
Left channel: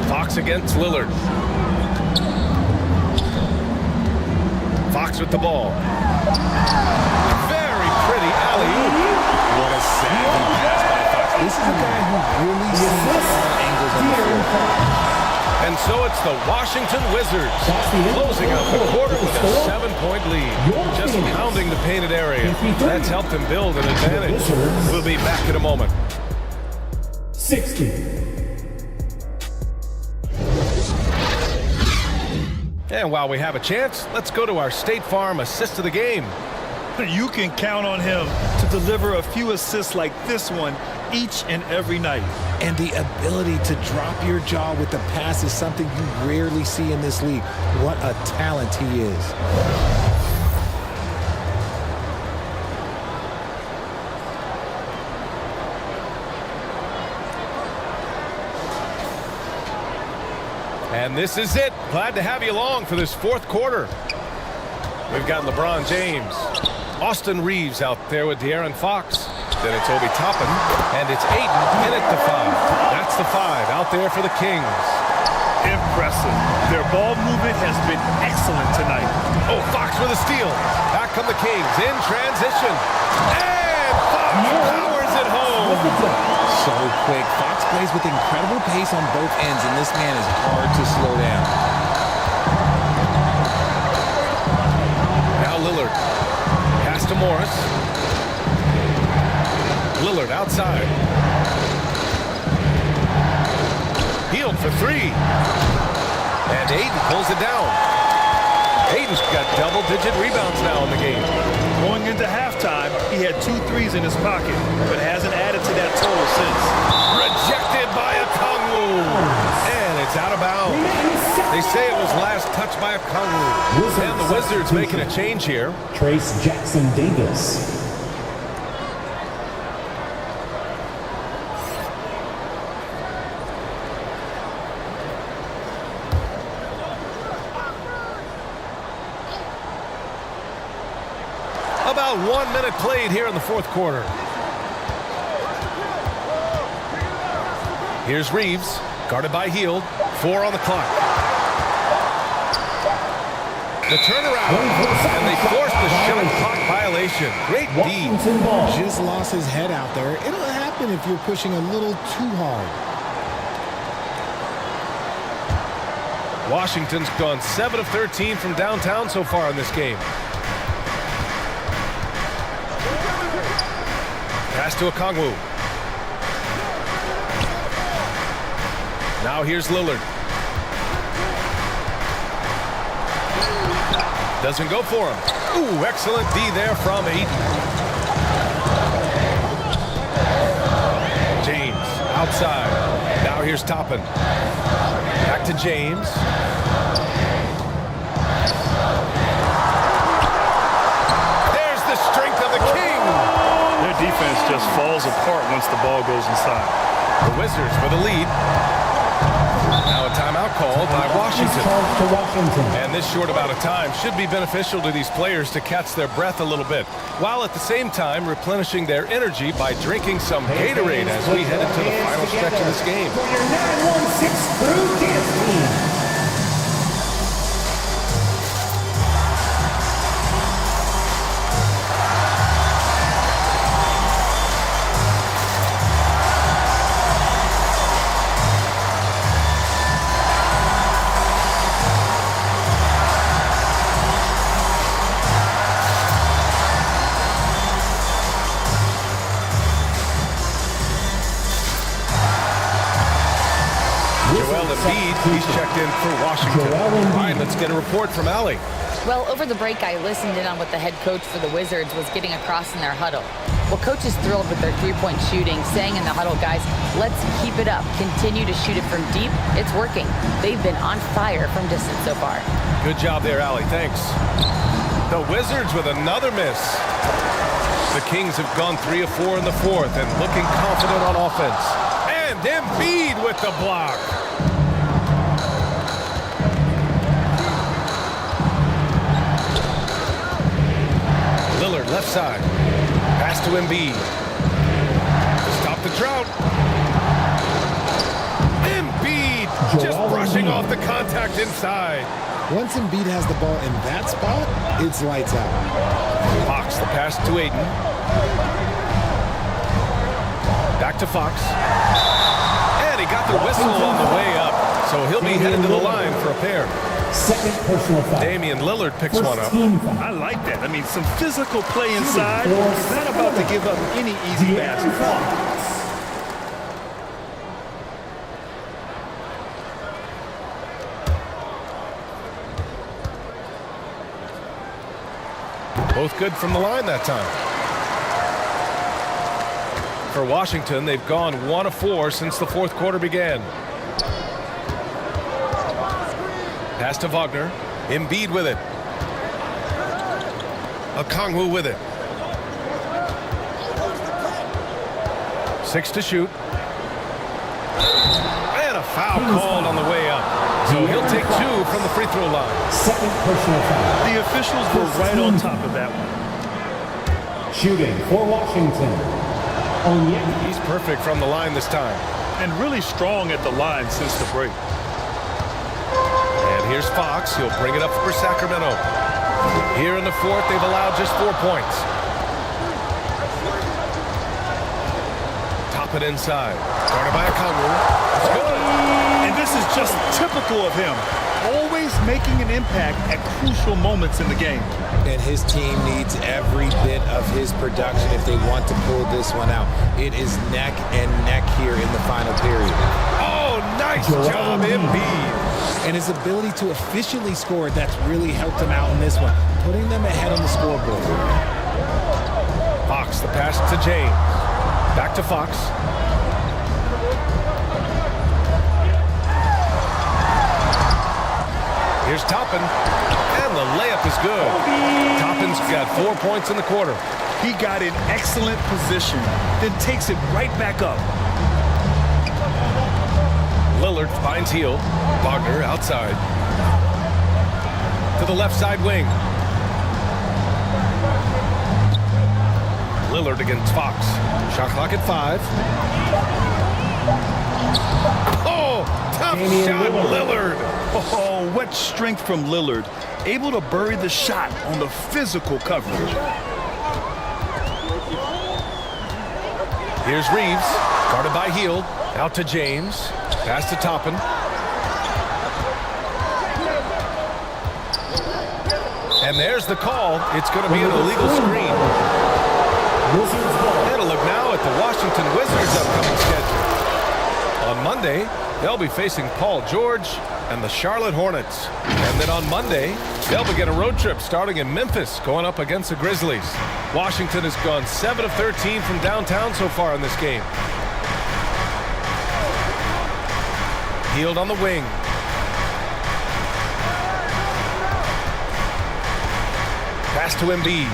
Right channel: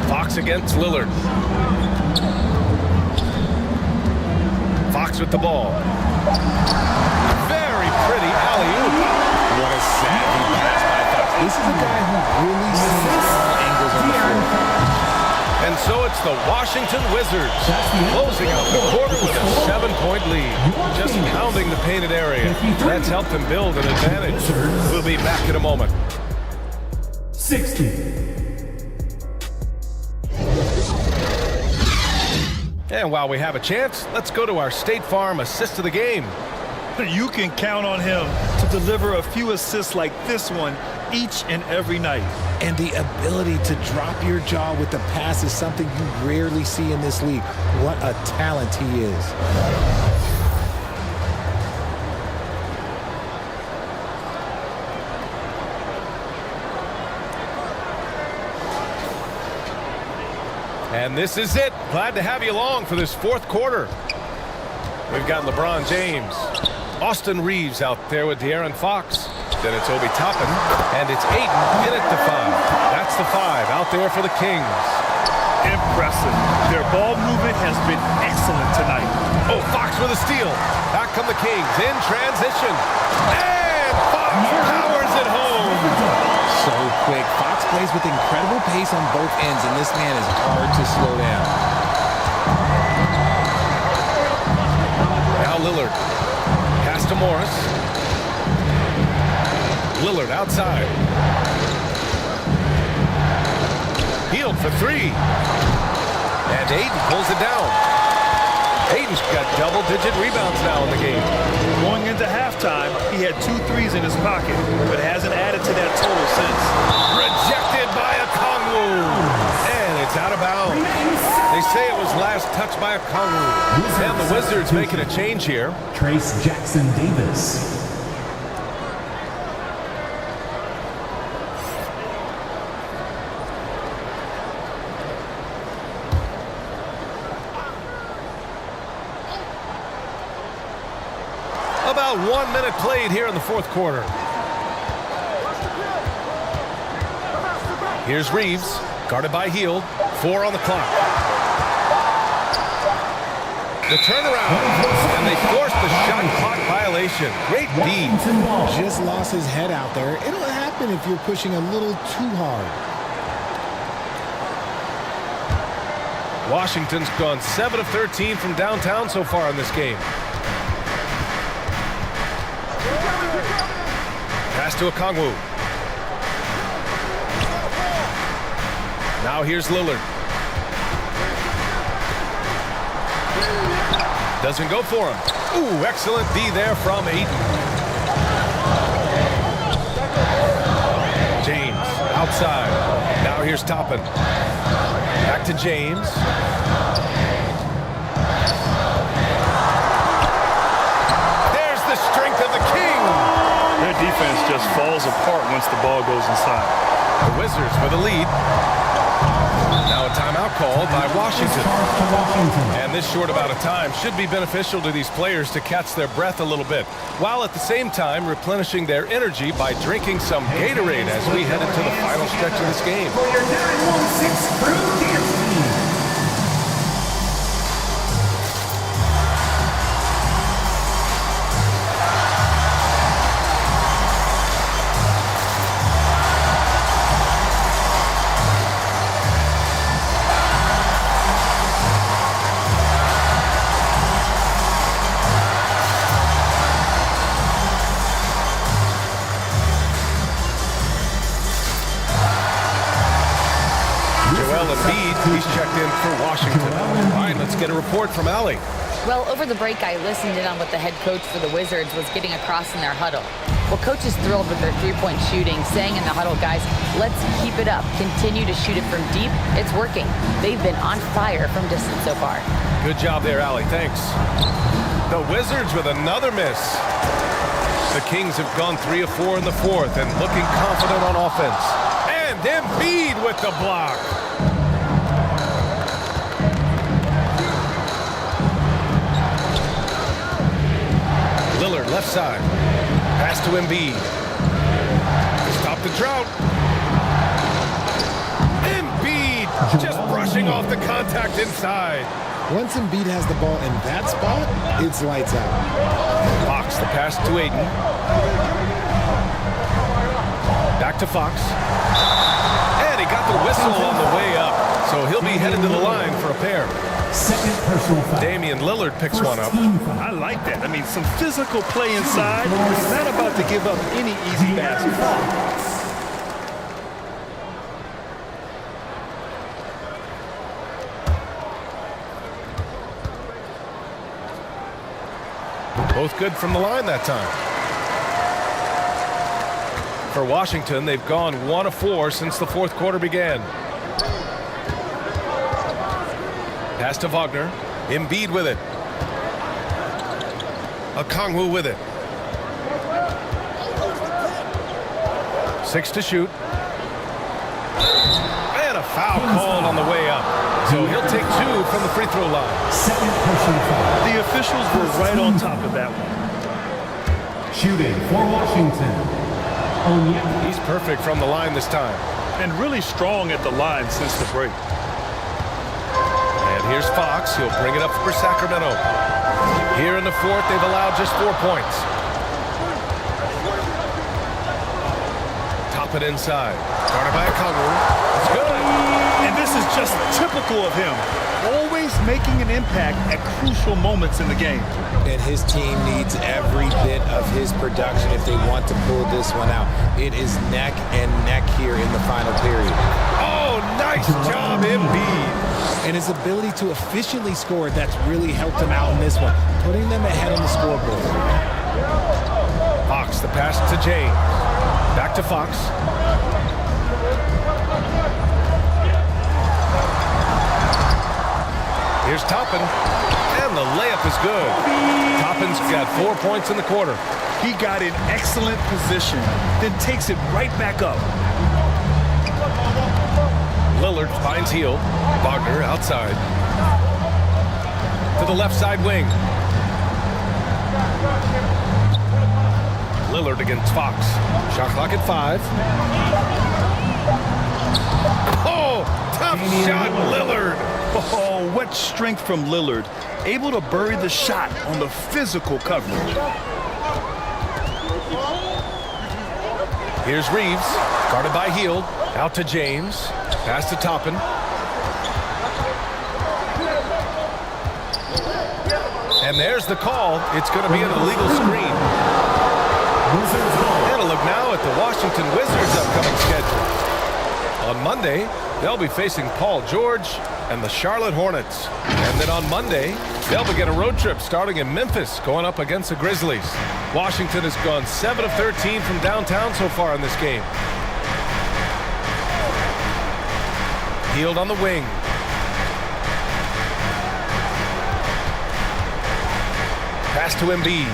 Fox against Lillard. Fox with the ball. Very pretty alley-oop. What a savvy pass by Fox. This is a guy who really sees all angles on the floor. And so it's the Washington Wizards closing out the quarter with a 7-point lead. Just pounding the painted area. That's helped them build an advantage. We'll be back in a moment. 60. And while we have a chance, let's go to our State Farm assist of the game. You can count on him to deliver a few assists like this one each and every night. And the ability to drop your jaw with the pass is something you rarely see in this league. What a talent he is. And this is it. Glad to have you along for this fourth quarter. We've got LeBron James. Austin Reeves out there with De'Aaron Fox. Then it's Obi Toppin, and it's Ayton in at the 5. That's the 5 out there for the Kings. Impressive. Their ball movement has been excellent tonight. Oh, Fox with a steal. Back come the Kings in transition. And Fox powers it home. So quick. Fox plays with incredible pace on both ends, and this man is hard to slow down. Now Lillard. Pass to Morris. Lillard outside. Healed for 3. And Ayton pulls it down. Ayton's got double-digit rebounds now in the game. Going into halftime, he had 2 threes in his pocket, but hasn't added to that total since. Rejected by Okongwu. And it's out of bounds. They say it was last touched by Okongwu. And the Wizards making a change here. Trace Jackson Davis. About 1 minute played here in the fourth quarter. Here's Reeves, guarded by Hield. 4 on the clock. The turnaround, and they forced the shot clock violation. Great D. Just lost his head out there. It'll happen if you're pushing a little too hard. Washington's gone 7 of 13 from downtown so far in this game. Pass to Okongwu. Now here's Lillard. Doesn't go for him. Ooh, excellent D there from Ayton. James outside. Now here's Toppin. Back to James. There's the strength of the King. Their defense just falls apart once the ball goes inside. The Wizards with a lead. Now a timeout called by Washington. And this short amount of time should be beneficial to these players to catch their breath a little bit, while at the same time replenishing their energy by drinking some Gatorade as we head into the final stretch of this game. For your 916 Crew Dance Team. He's checked in for Washington. All right, let's get a report from Allie. Well, over the break, I listened in on what the head coach for the Wizards was getting across in their huddle. Well, coach is thrilled with their three-point shooting, saying in the huddle, guys, let's keep it up. Continue to shoot it from deep. It's working. They've been on fire from distance so far. Good job there, Allie. Thanks. The Wizards with another miss. The Kings have gone 3 of 4 in the fourth and looking confident on offense. And Embiid with the block. Lillard left side. Pass to Embiid. To stop the drought. Embiid just brushing off the contact inside. Once Embiid has the ball in that spot, it's lights out. Fox, the pass to Ayton. Back to Fox. And he got the whistle on the way up. So he'll be headed to the line for a pair. Second personal foul. Damian Lillard picks one up. I like that. I mean, some physical play inside. He's not about to give up any easy baskets. Both good from the line that time. For Washington, they've gone 1 of 4 since the fourth quarter began. Pass to Wagner. Embiid with it. Okongwu with it. 6 to shoot. And a foul called on the way up. So he'll take 2 from the free throw line. Second personal foul. The officials were right on top of that one. Shooting for Washington. He's perfect from the line this time. And really strong at the line since the break. And here's Fox. He'll bring it up for Sacramento. Here in the fourth, they've allowed just 4 points. Top it inside. Guarded by Okongwu. It's good. And this is just typical of him. Always making an impact at crucial moments in the game. And his team needs every bit of his production if they want to pull this one out. It is neck and neck here in the final period. Oh, nice job, Embiid. And his ability to efficiently score, that's really helped him out in this one, putting them ahead on the scoreboard. Fox, the pass to James. Back to Fox. Here's Toppin, and the layup is good. Toppin's got 4 points in the quarter. He got in excellent position, then takes it right back up. Lillard finds Hield. Wagner outside. To the left side wing. Lillard against Fox. Shot clock at 5. Oh, tough shot, Lillard. Oh, what strength from Lillard. Able to bury the shot on the physical coverage. Here's Reeves, guarded by Hield. Out to James. Pass to Toppin. And there's the call. It's going to be an illegal screen. And a look now at the Washington Wizards' upcoming schedule. On Monday, they'll be facing Paul George and the Charlotte Hornets. And then on Monday, they'll begin a road trip starting in Memphis, going up against the Grizzlies. Washington has gone 7 of 13 from downtown so far in this game. Hield on the wing. Pass to Embiid.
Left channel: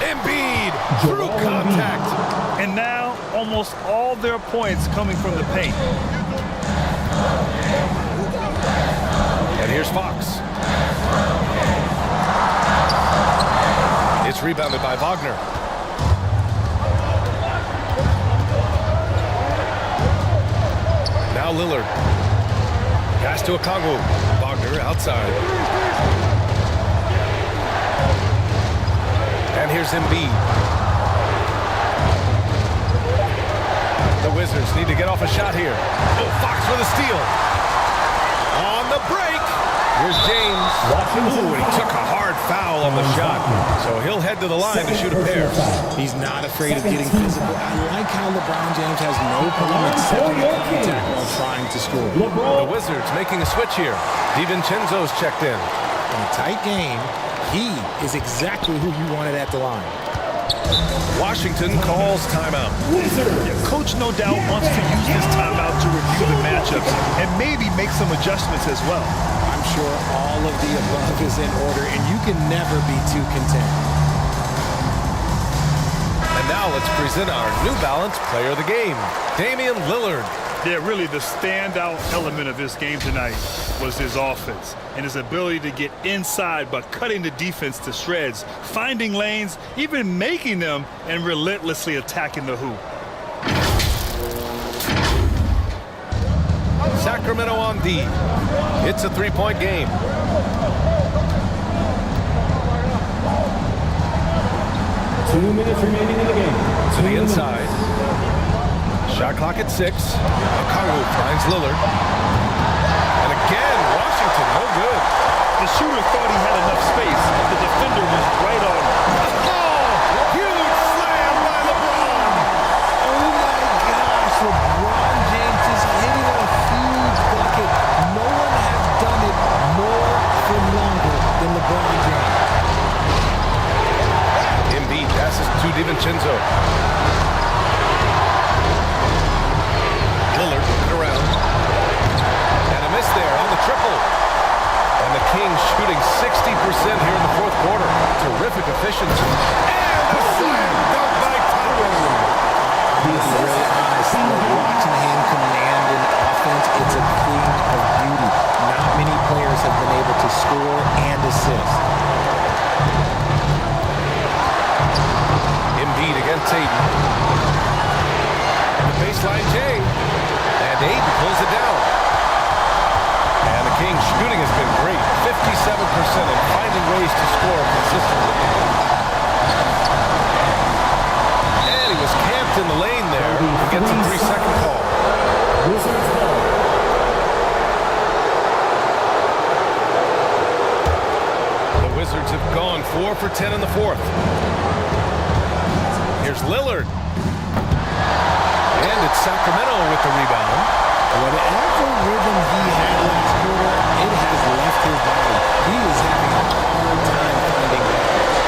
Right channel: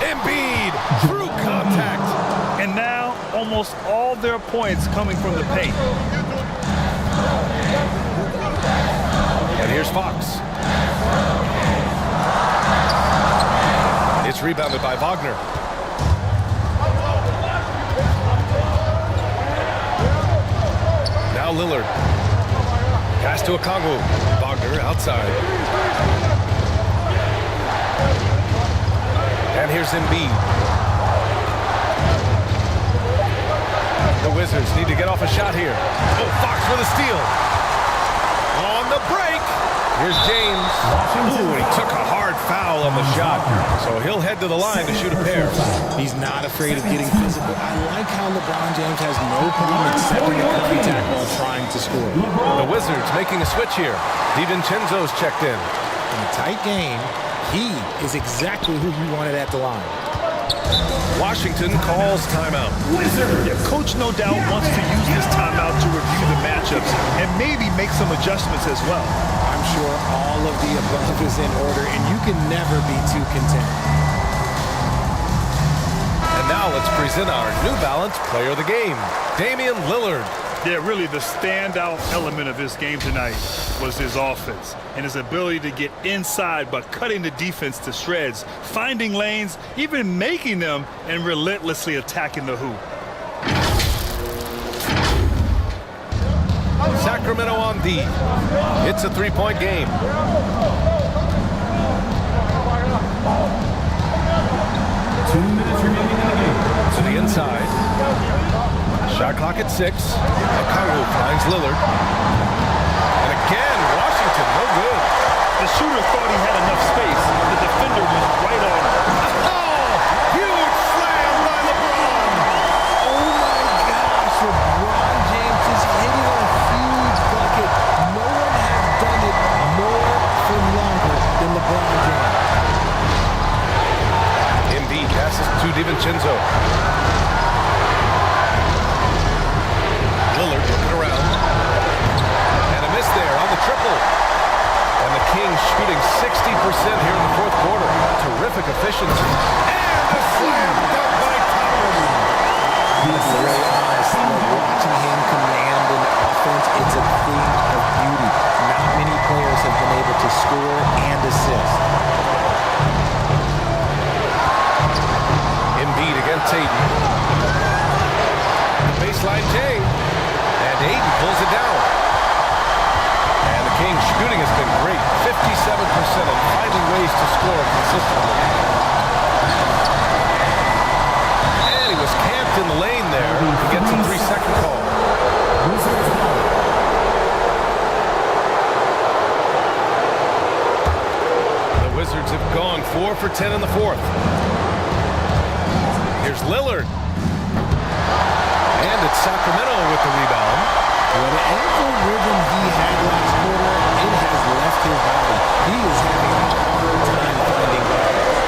Embiid through contact. And now almost all their points coming from the paint. And here's Fox. It's rebounded by Wagner. Now Lillard. Pass to Okongwu. Wagner outside. And here's Embiid. The Wizards need to get off a shot here. Oh, Fox with a steal. On the break. Here's James. Ooh, and he took a hard foul on the shot. So he'll head to the line to shoot a pair. He's not afraid of getting physical. I like how LeBron James has no problem accepting the contact while trying to score. The Wizards making a switch here. DiVincenzo's checked in. In a tight game, he is exactly who you wanted at the line. Washington calls timeout. Yeah, coach no doubt wants to use this timeout to review the matchups and maybe make some adjustments as well. I'm sure all of the above is in order, and you can never be too content. And now let's present our New Balance Player of the Game, Damian Lillard. Yeah, really the standout element of this game tonight was his offense and his ability to get inside by cutting the defense to shreds, finding lanes, even making them, and relentlessly attacking the hoop. Sacramento on D. It's a three-point game. Two minutes remaining in the game. To the inside. Shot clock at 6. Okongwu finds Lillard. And again, Washington, no good. The shooter thought he had enough space, but the defender was right on him. Oh, huge slam by LeBron. Oh my gosh, LeBron James is hitting a huge bucket. No one has done it more for longer than LeBron James. Embiid passes to DiVincenzo. Lillard looking around. And a miss there on the triple. And the Kings shooting 60% here in the fourth quarter. Terrific efficiency. And a slam dunk by Toppin. I'm going to be really honest. Like watching him command an offense, it's a thing of beauty. Not many players have been able to score and assist. Embiid against Ayton. The baseline Jay. And Ayton pulls it down. And the Kings shooting has been great. 57% and finding ways to score consistently. And he was camped in the lane there. He gets a 3-second call. The Wizards have gone 4 for 10 in the fourth. Here's Lillard. And it's Sacramento with the rebound. Whatever rhythm he had last quarter, it has left his body. He is having a hard time finding balance.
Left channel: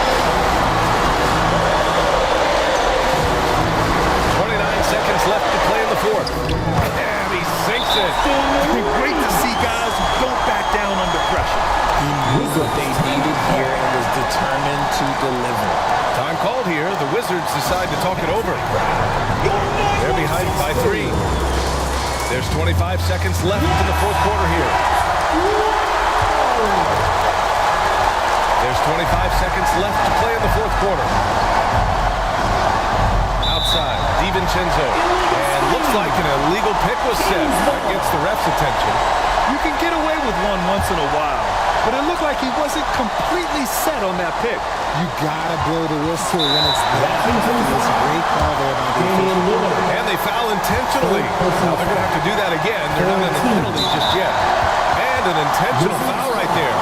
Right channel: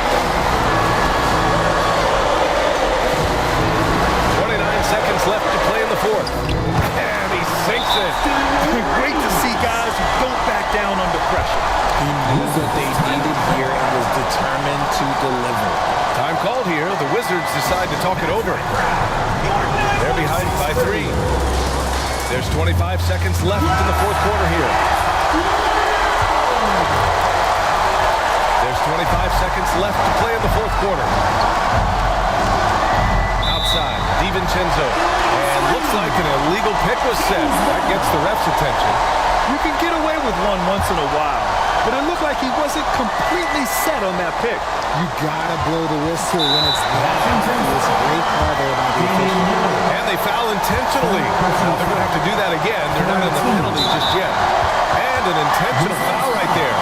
29 seconds left to play in the fourth. And he sinks it. Great to see guys who don't back down under pressure. He knew what they needed here and was determined to deliver. Time called here. The Wizards decide to talk it over. They're behind by 3. There's 25 seconds left in the fourth quarter here. There's 25 seconds left to play in the fourth quarter. Outside, DiVincenzo. And looks like an illegal pick was set. That gets the ref's attention. You can get away with one once in a while, but it looked like he wasn't completely set on that pick. You gotta blow the whistle when it's that. It's a great call there by the official. And they foul intentionally. Now they're going to have to do that again. They're not in the penalty just yet. And an intentional foul right there.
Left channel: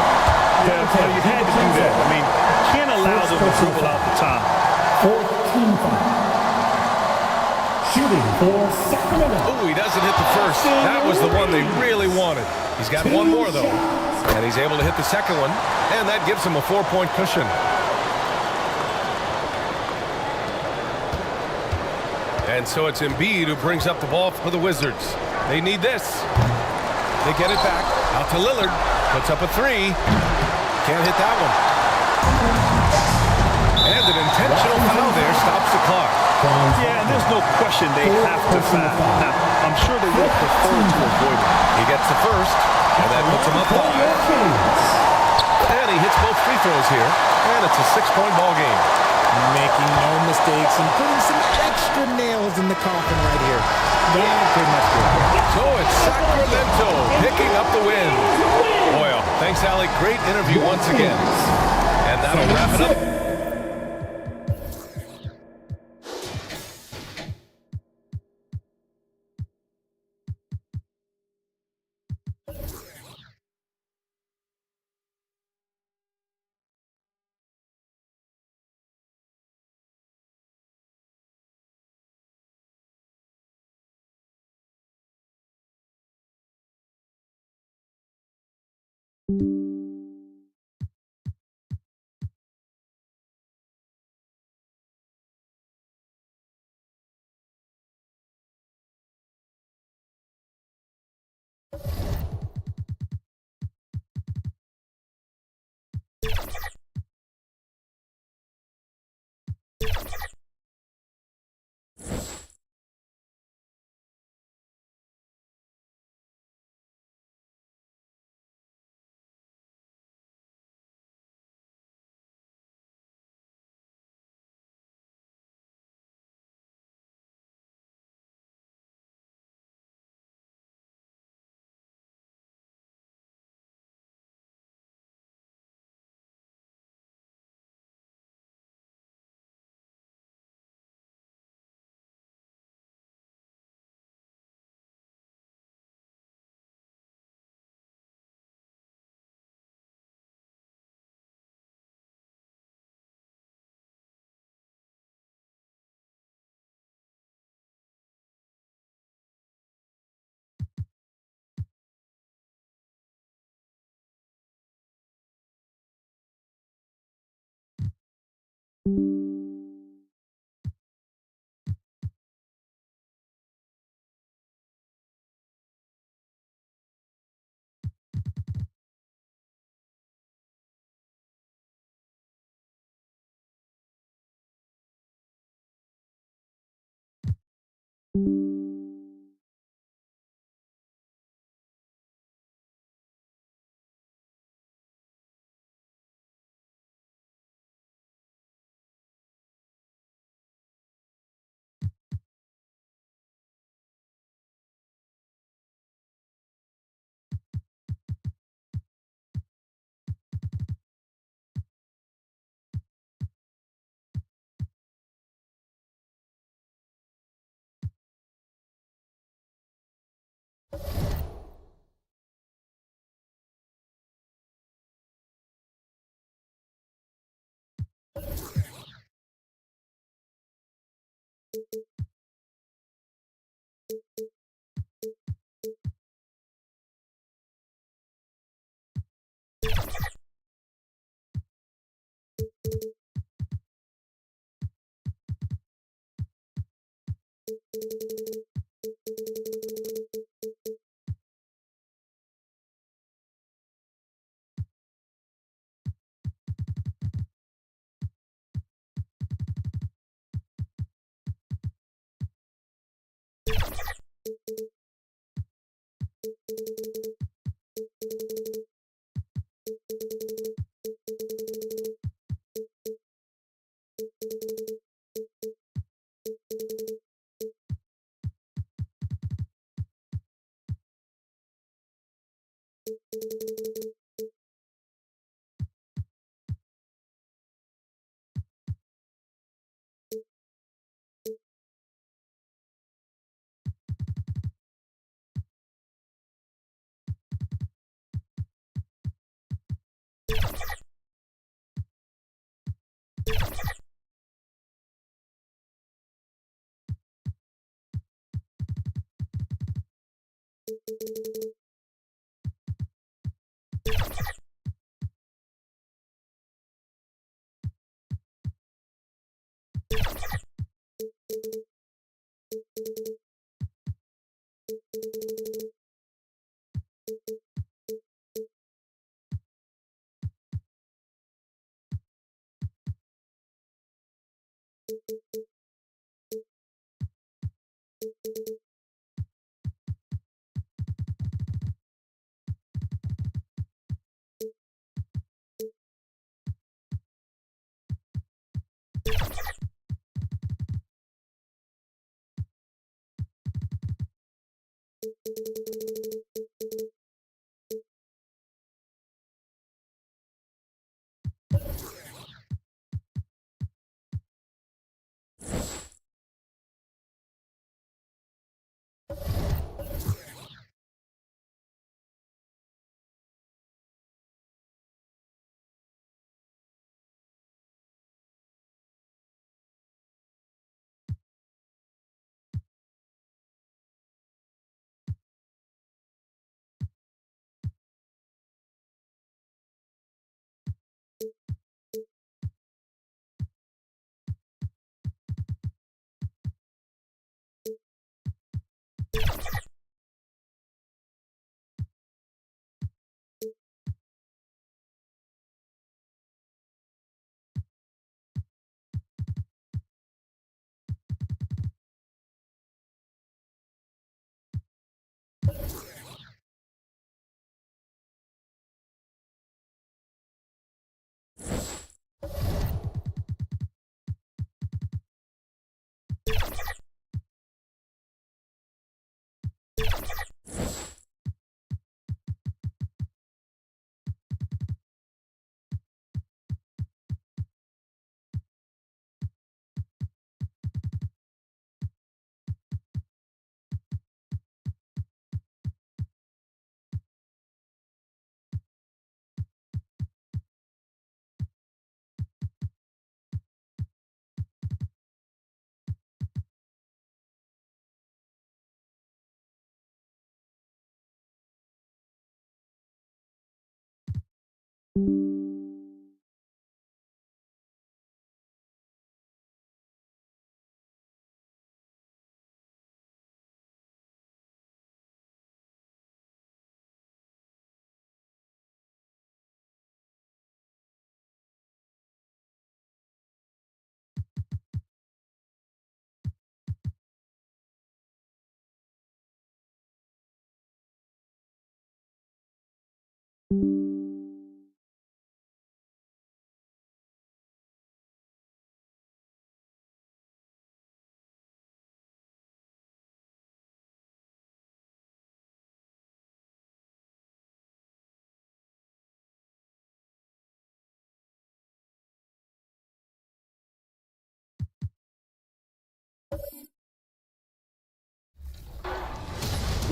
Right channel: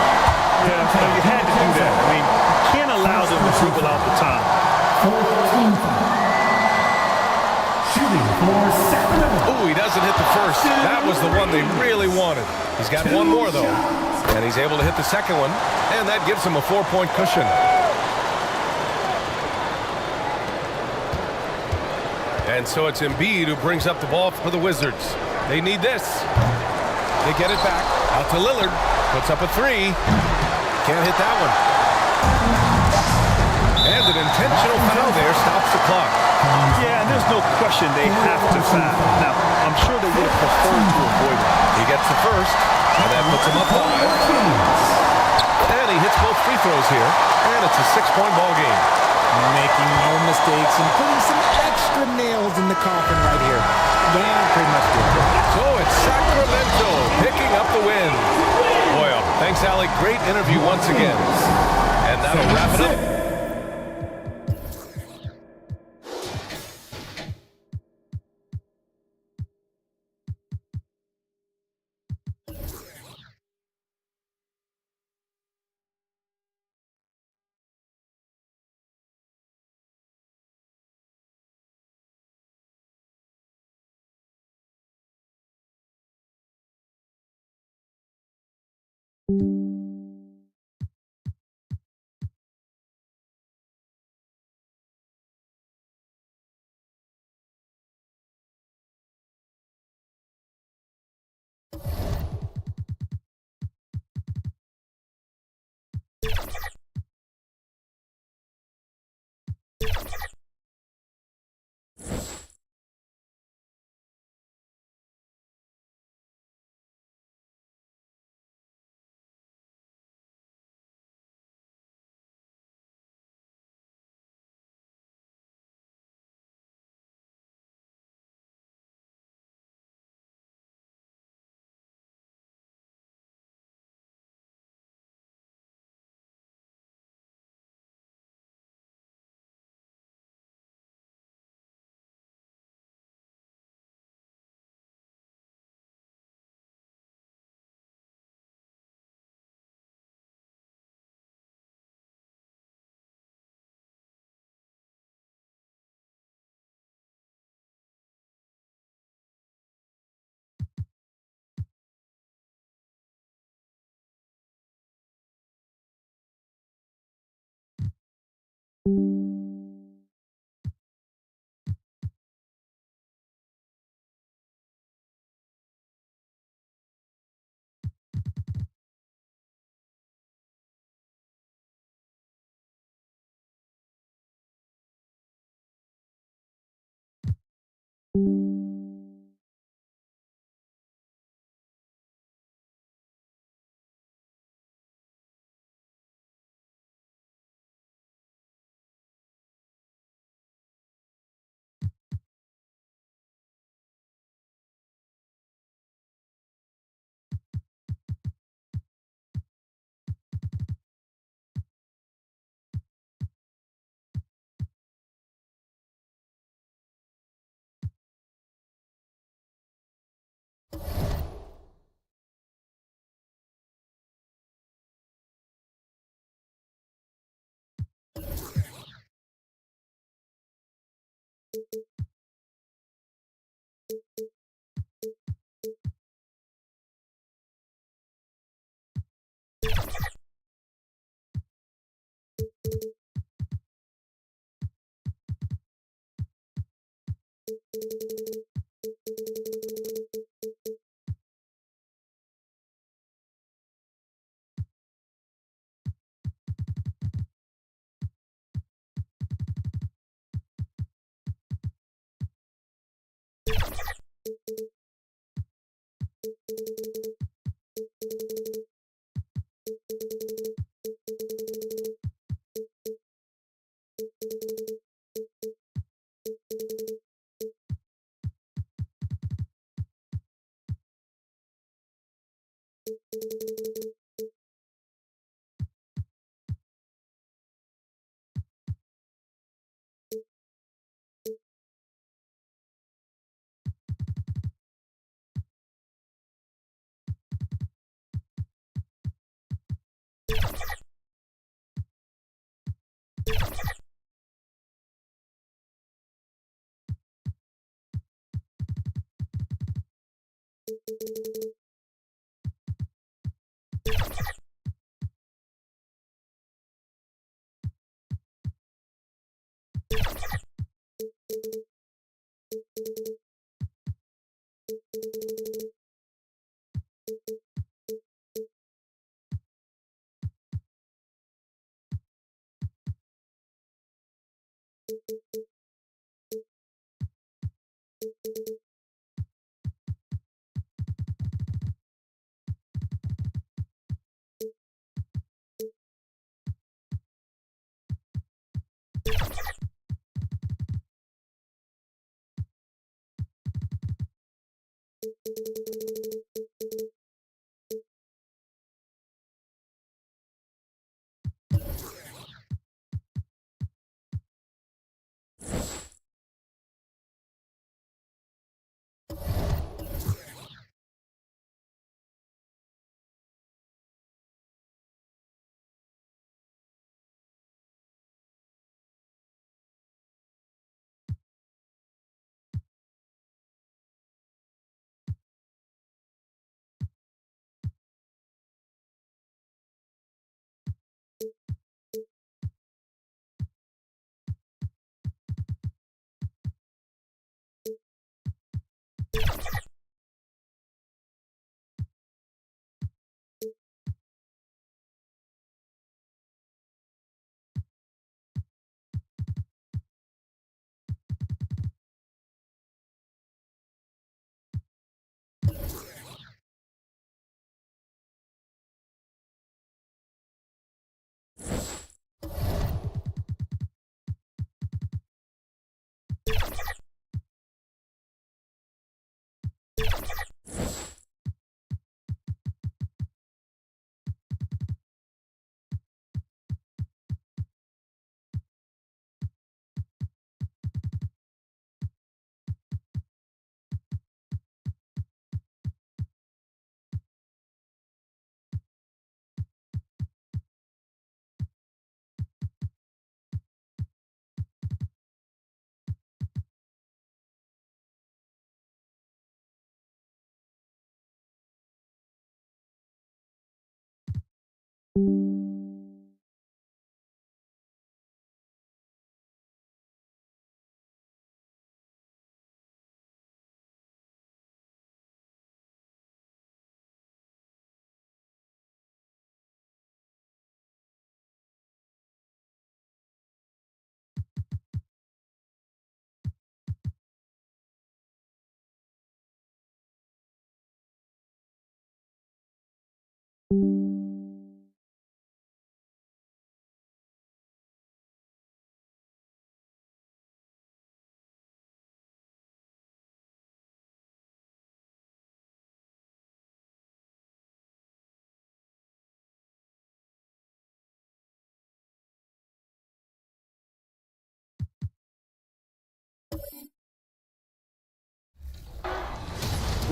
Yeah, you had to do that. I mean, you can't allow them to dribble out the time. Fourth team foul. Shooting for Sacramento. Ooh, he doesn't hit the first. That was the one they really wanted. He's got one more, though. And he's able to hit the second one. And that gives him a 4-point cushion. And so it's Embiid who brings up the ball for the Wizards. They need this. They get it back. Out to Lillard. Puts up a three. Can't hit that one. And an intentional foul there stops the clock. Yeah, and there's no question they have to foul. Now, I'm sure they would have preferred to avoid it. He gets the first, and that puts him up 5. And he hits both free throws here, and it's a 6-point ball game. Making no mistakes and putting some extra nails in the coffin right here. Yeah, pretty much good. So it's Sacramento picking up the win. Boy, thanks, Alec. Great interview once again. And that'll wrap it up.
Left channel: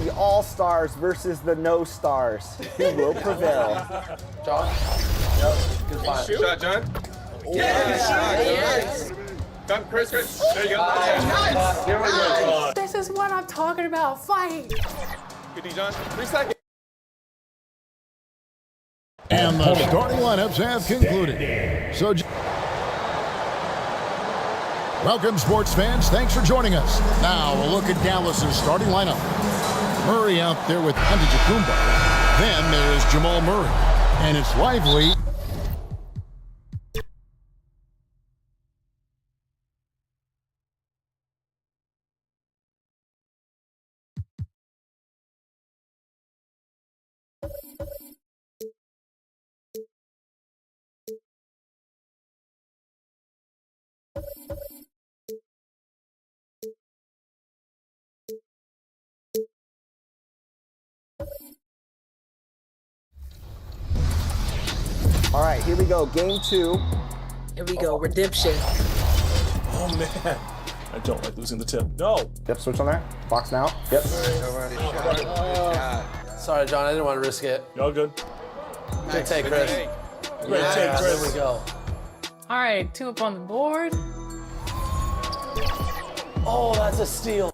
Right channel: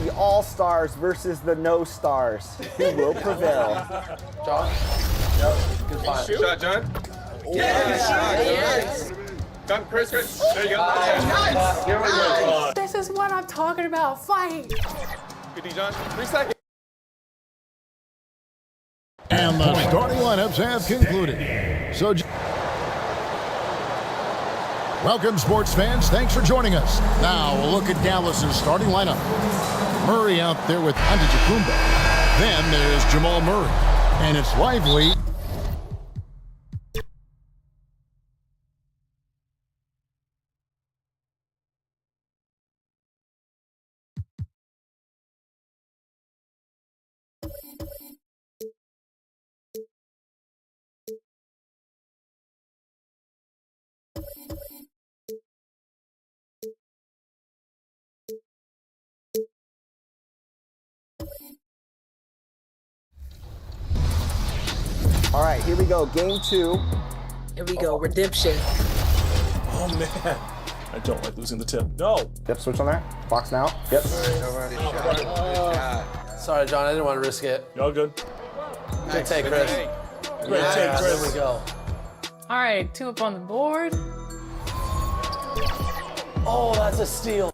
The All-Stars versus the No-Stars. Who will prevail? John? Yep. Good fight. Shot, John. Yes. Done, Chris. There you go. Nice. Here we go. This is what I'm talking about. Fight. Good D, John. 3 seconds. And the starting lineups have concluded. So, welcome, sports fans. Thanks for joining us. Now, we'll look at Dallas's starting lineup. Murray out there with Antetokounmpo. Then there's Jamal Murray. And it's lively. All right, here we go. Game 2. Here we go. Redemption. Oh, man. I don't like losing the tip. No. Yep, switch on there. Box now. Yep. Sorry, John. I didn't want to risk it. Y'all good? Good take, Chris. Great take, Chris. There we go. All right, 2 up on the board. Oh, that's a steal.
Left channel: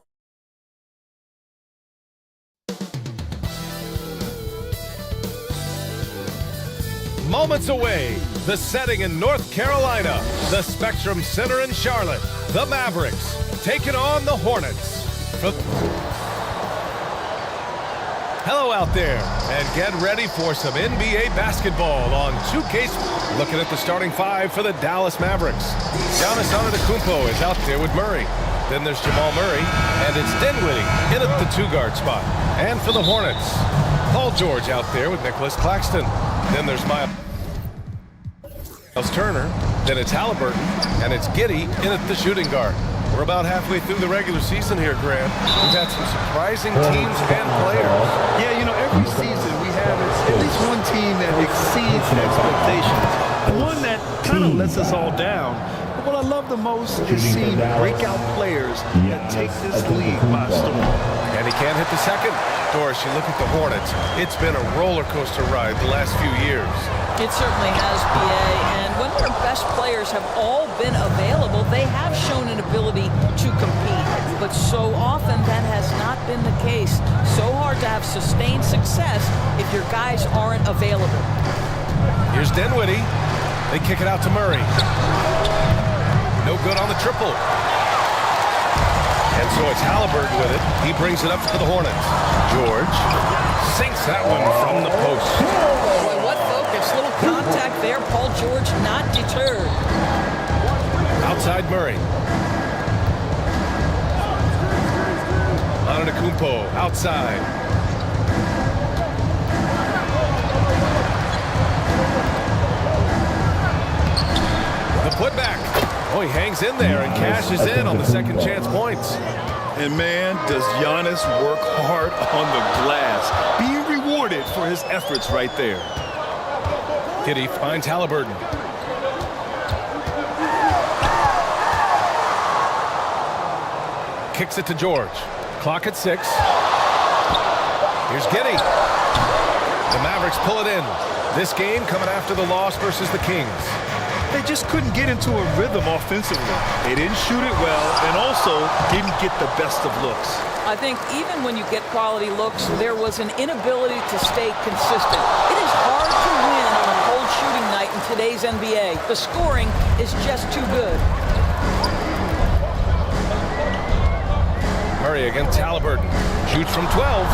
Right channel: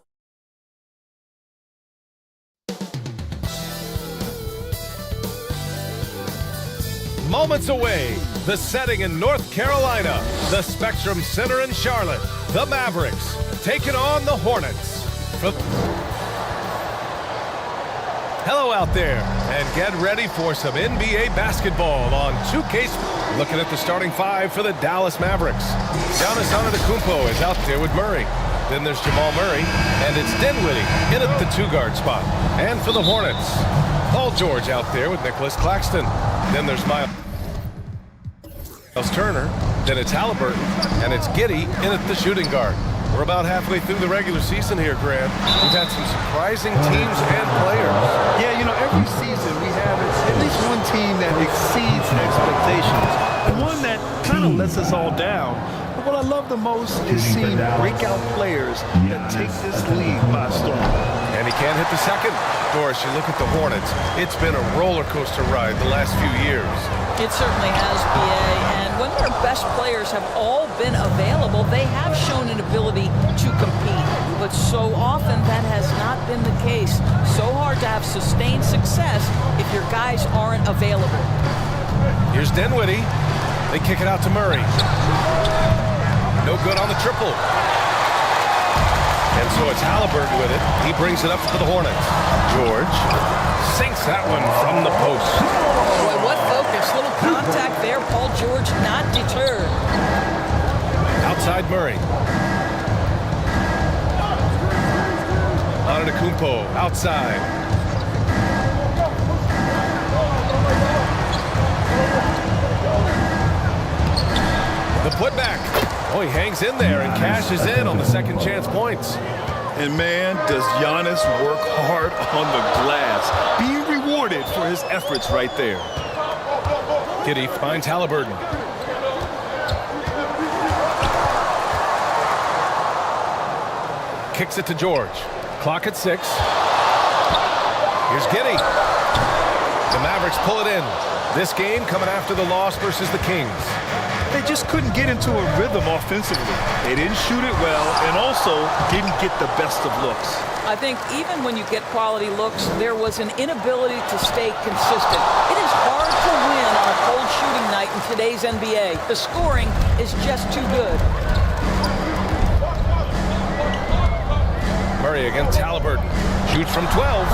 Moments away, the setting in North Carolina, the Spectrum Center in Charlotte, the Mavericks taking on the Hornets. Hello out there, and get ready for some NBA basketball on 2K. Looking at the starting 5 for the Dallas Mavericks. Giannis Antetokounmpo is out there with Murray. Then there's Jamal Murray, and it's Dinwiddie in at the 2-guard spot. And for the Hornets, Paul George out there with Nicholas Claxton. Then there's Miles Turner, then it's Halliburton, and it's Giddey in at the shooting guard. We're about halfway through the regular season here, Grant. We've had some surprising teams and players. Yeah, you know, every season we have at least one team that exceeds expectations and one that kind of lets us all down. But what I love the most is seeing breakout players that take this league by storm. And he can't hit the second. Doris, you look at the Hornets. It's been a roller coaster ride the last few years. It certainly has, BA, and when their best players have all been available, they have shown an ability to compete. But so often that has not been the case. So hard to have sustained success if your guys aren't available. Here's Dinwiddie. They kick it out to Murray. No good on the triple. And so it's Halliburton with it. He brings it up for the Hornets. George sinks that one from the post. Boy, what focus. Little contact there. Paul George not deterred. Outside Murray. Antetokounmpo outside. The putback. Oh, he hangs in there and cashes in on the second chance points. And man, does Giannis work hard on the glass. Being rewarded for his efforts right there. Giddey finds Halliburton. Kicks it to George. Clock at 6. Here's Giddey. The Mavericks pull it in. This game coming after the loss versus the Kings. They just couldn't get into a rhythm offensively. They didn't shoot it well and also didn't get the best of looks. I think even when you get quality looks, there was an inability to stay consistent. It is hard to win on a cold shooting night in today's NBA. The scoring is just too good. Murray against Halliburton. Shoots from 12.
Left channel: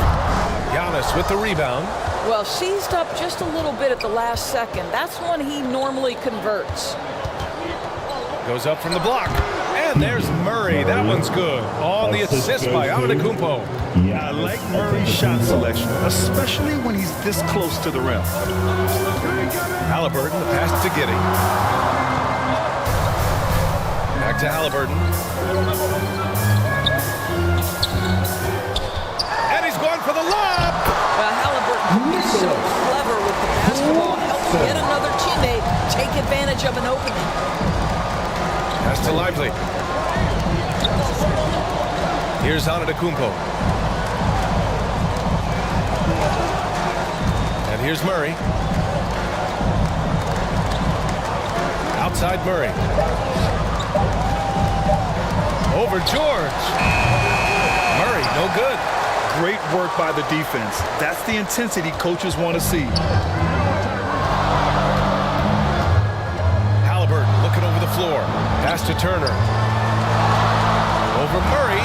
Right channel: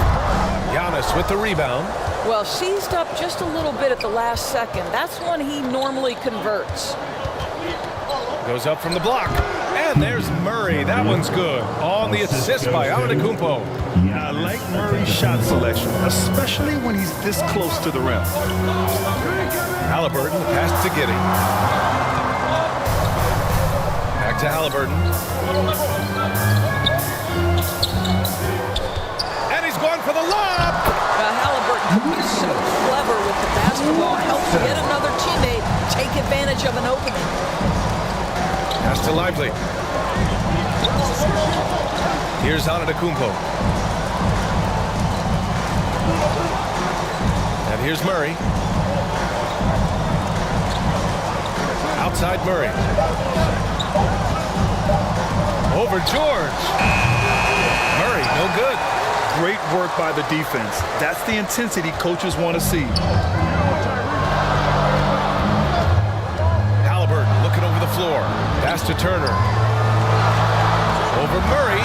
Giannis with the rebound. Well, seized up just a little bit at the last second. That's when he normally converts. Goes up from the block. And there's Murray. That one's good. On the assist by Antetokounmpo. I like Murray's shot selection, especially when he's this close to the rim. Halliburton, the pass to Giddey. Back to Halliburton. And he's going for the lob. Halliburton can be so clever with the basketball. Helps yet another teammate take advantage of an opening. Pass to Lively. Here's Antetokounmpo. And here's Murray. Outside Murray. Over George. Murray, no good. Great work by the defense. That's the intensity coaches want to see. Halliburton looking over the floor. Pass to Turner. Over Murray.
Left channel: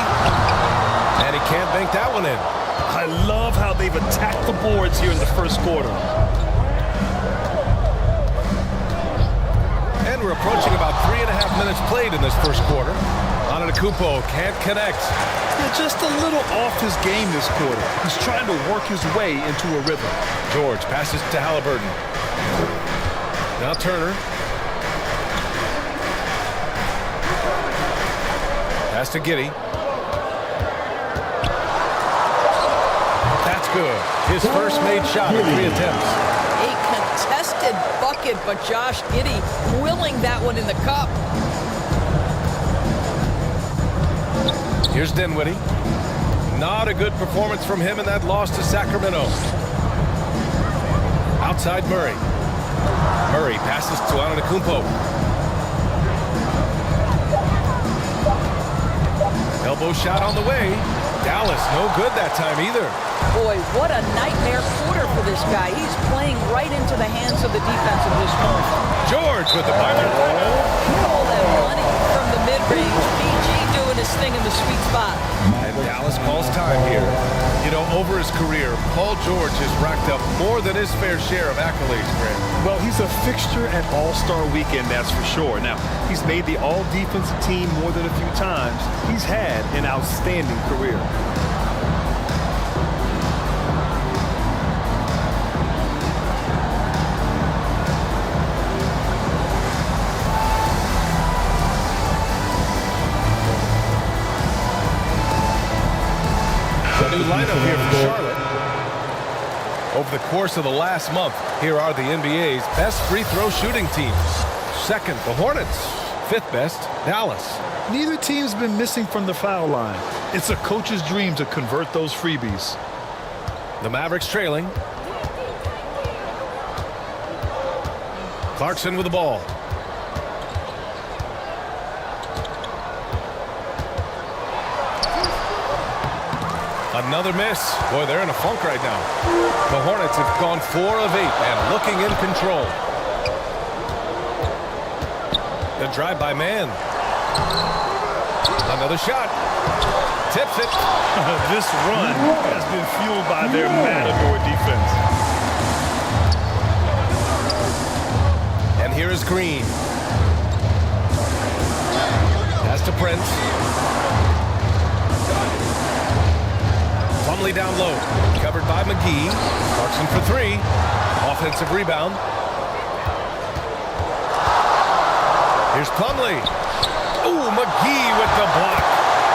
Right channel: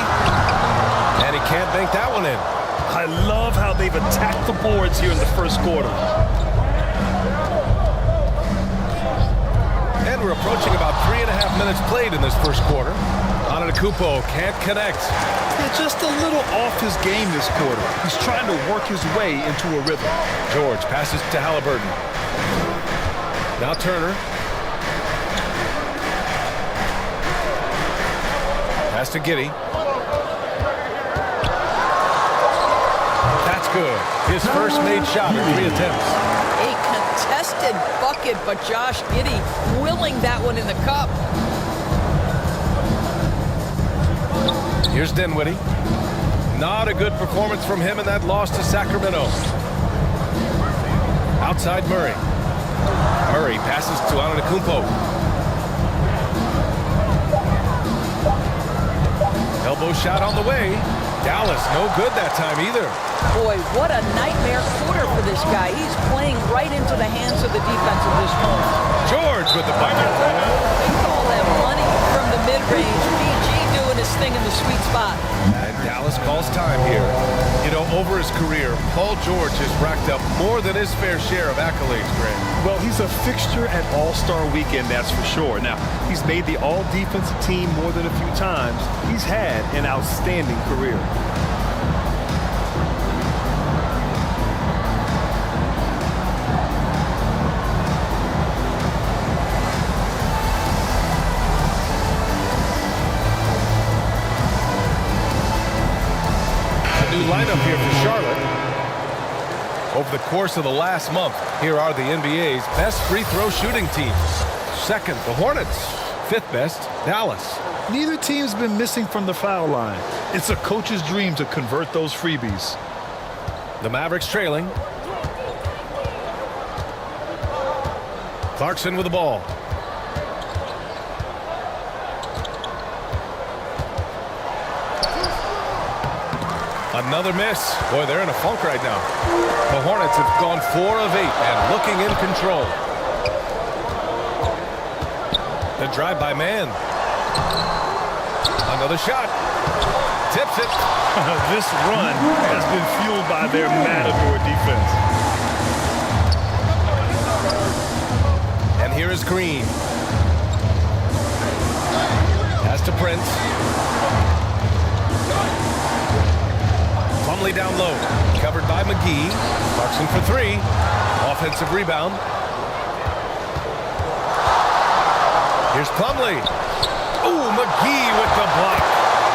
And he can't bank that one in. I love how they've attacked the boards here in the first quarter. And we're approaching about 3.5 minutes played in this first quarter. Antetokounmpo can't connect. Yeah, just a little off his game this quarter. He's trying to work his way into a rhythm. George passes to Halliburton. Now Turner. Pass to Giddey. That's good. His first made shot in 3 attempts. A contested bucket, but Josh Giddey willing that one in the cup. Here's Dinwiddie. Not a good performance from him in that loss to Sacramento. Outside Murray. Murray passes to Antetokounmpo. Elbow shot on the way. Dallas, no good that time either. Boy, what a nightmare quarter for this guy. He's playing right into the hands of the defense at this point. George with the bucket. We call that money from the mid-range. PG doing his thing in the sweet spot. And Dallas calls time here. You know, over his career, Paul George has racked up more than his fair share of accolades, Grant. Well, he's a fixture at All-Star Weekend, that's for sure. Now, he's made the All-Defensive team more than a few times. He's had an outstanding career. The new lineup here for Charlotte. Over the course of the last month, here are the NBA's best free throw shooting teams. Second, the Hornets. Fifth best, Dallas. Neither team's been missing from the foul line. It's a coach's dream to convert those freebies. The Mavericks trailing. Clarkson with the ball. Another miss. Boy, they're in a funk right now. The Hornets have gone 4 of 8 and looking in control. The drive by Man. Another shot. Tips it. This run has been fueled by their Matador defense. And here is Green. Pass to Prince. Plumlee down low. Covered by McGee. Clarkson for 3. Offensive rebound. Here's Plumlee. Ooh, McGee with the block.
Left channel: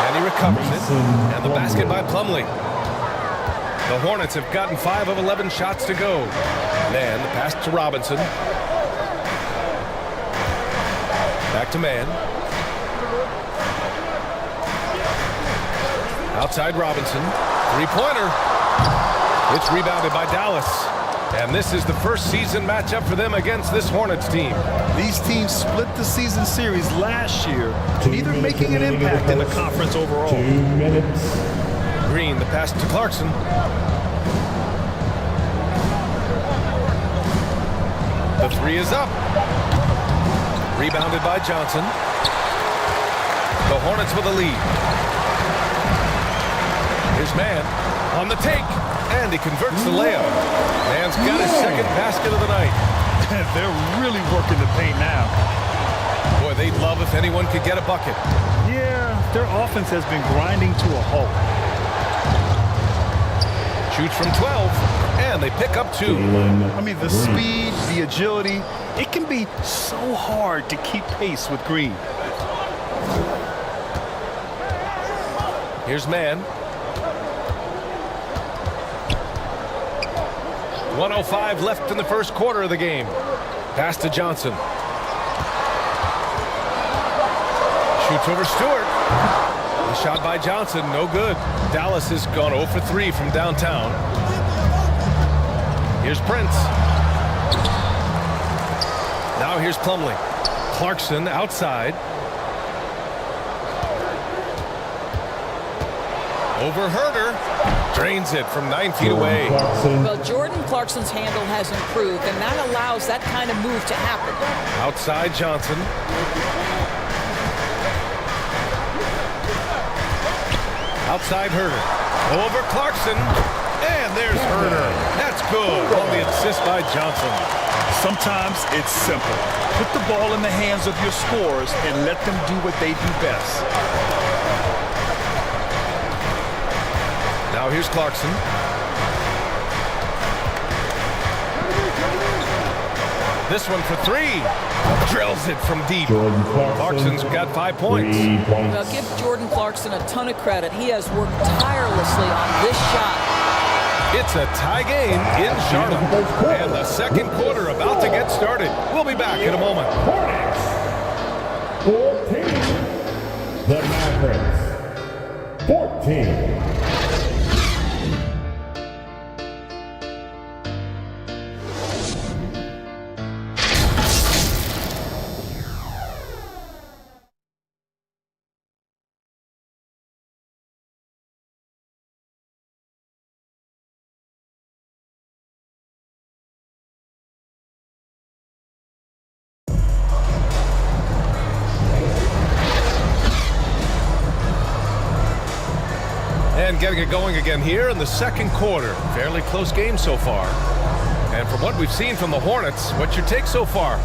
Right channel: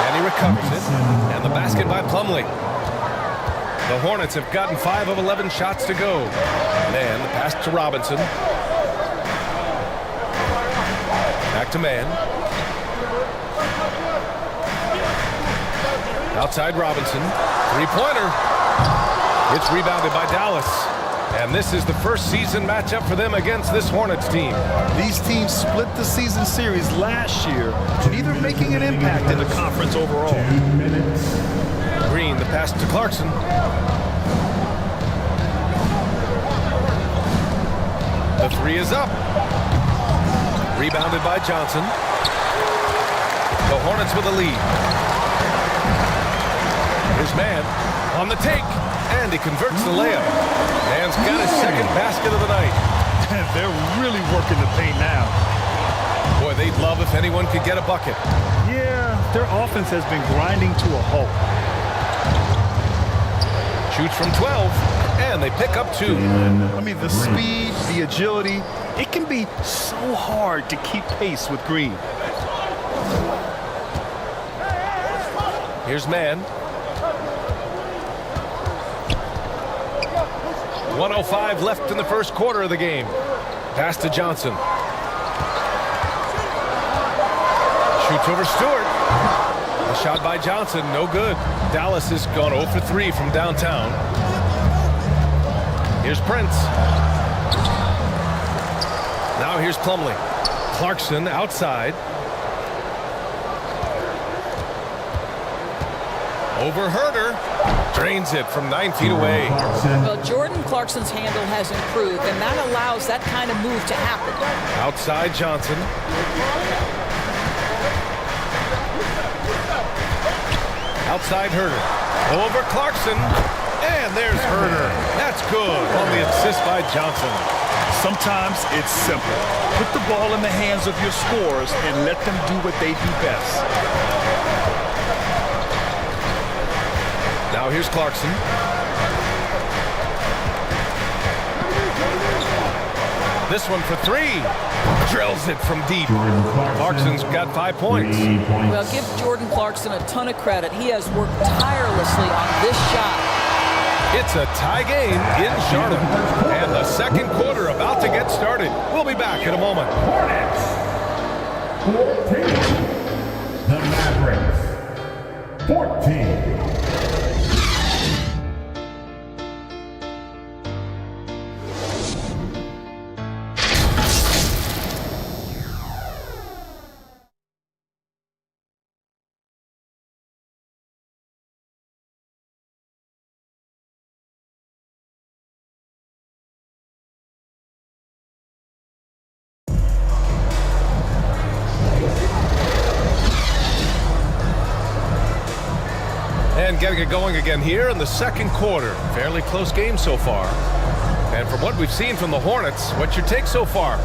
And he recovers it. And the basket by Plumlee. The Hornets have gotten 5 of 11 shots to go. Man, the pass to Robinson. Back to Man. Outside Robinson. Three-pointer. It's rebounded by Dallas. And this is the first season matchup for them against this Hornets team. These teams split the season series last year, neither making an impact in the conference overall. 2 minutes. Green, the pass to Clarkson. The 3 is up. Rebounded by Johnson. The Hornets with a lead. Here's Man on the take, and he converts the layup. Man's got his second basket of the night. They're really working the paint now. Boy, they'd love if anyone could get a bucket. Yeah, their offense has been grinding to a halt. Shoots from 12, and they pick up 2. I mean, the speed, the agility, it can be so hard to keep pace with Green. Here's Man. 1:05 left in the first quarter of the game. Pass to Johnson. Shoots over Stewart. The shot by Johnson, no good. Dallas has gone 0 for 3 from downtown. Here's Prince. Now here's Plumlee. Clarkson outside. Over Herter. Drains it from 9 feet away. Well, Jordan Clarkson's handle has improved, and that allows that kind of move to happen. Outside Johnson. Outside Herter. Over Clarkson. And there's Herter. That's good on the assist by Johnson. Sometimes it's simple. Put the ball in the hands of your scorers and let them do what they do best. Now here's Clarkson. This one for 3. Drills it from deep. Clarkson's got 5 points. Well, give Jordan Clarkson a ton of credit. He has worked tirelessly on this shot. It's a tie game in Charlotte. And the second quarter about to get started. We'll be back in a moment. Hornets. 14. The Mavericks. 14. And getting it going again here in the second quarter. Fairly close game so far. And from what we've seen from the Hornets, what's your take so far?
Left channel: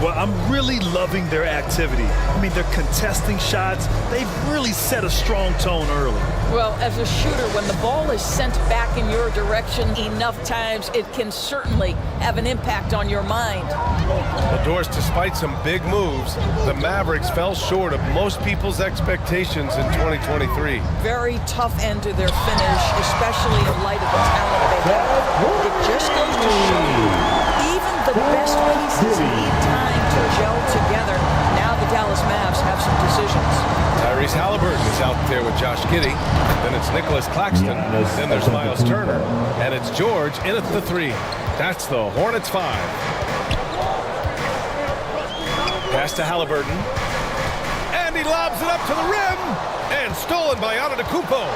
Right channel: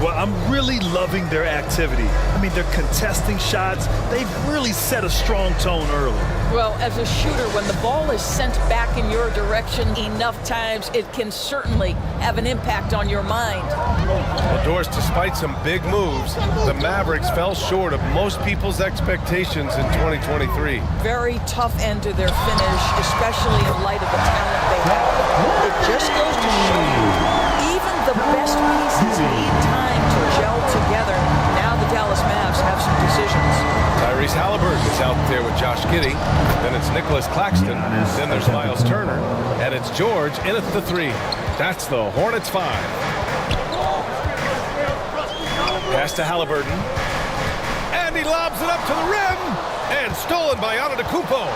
Well, I'm really loving their activity. I mean, they're contesting shots. They've really set a strong tone early. Well, as a shooter, when the ball is sent back in your direction enough times, it can certainly have an impact on your mind. Well, Doris, despite some big moves, the Mavericks fell short of most people's expectations in 2023. Very tough end to their finish, especially in light of the talent they have. It just goes to show you, even the best pieces need time to gel together. Now the Dallas Mavs have some decisions. Tyrese Halliburton is out there with Josh Giddey. Then it's Nicholas Claxton. Then there's Miles Turner. And it's George in at the 3. That's the Hornets 5. Pass to Halliburton. And he lobs it up to the rim. And stolen by Antetokounmpo.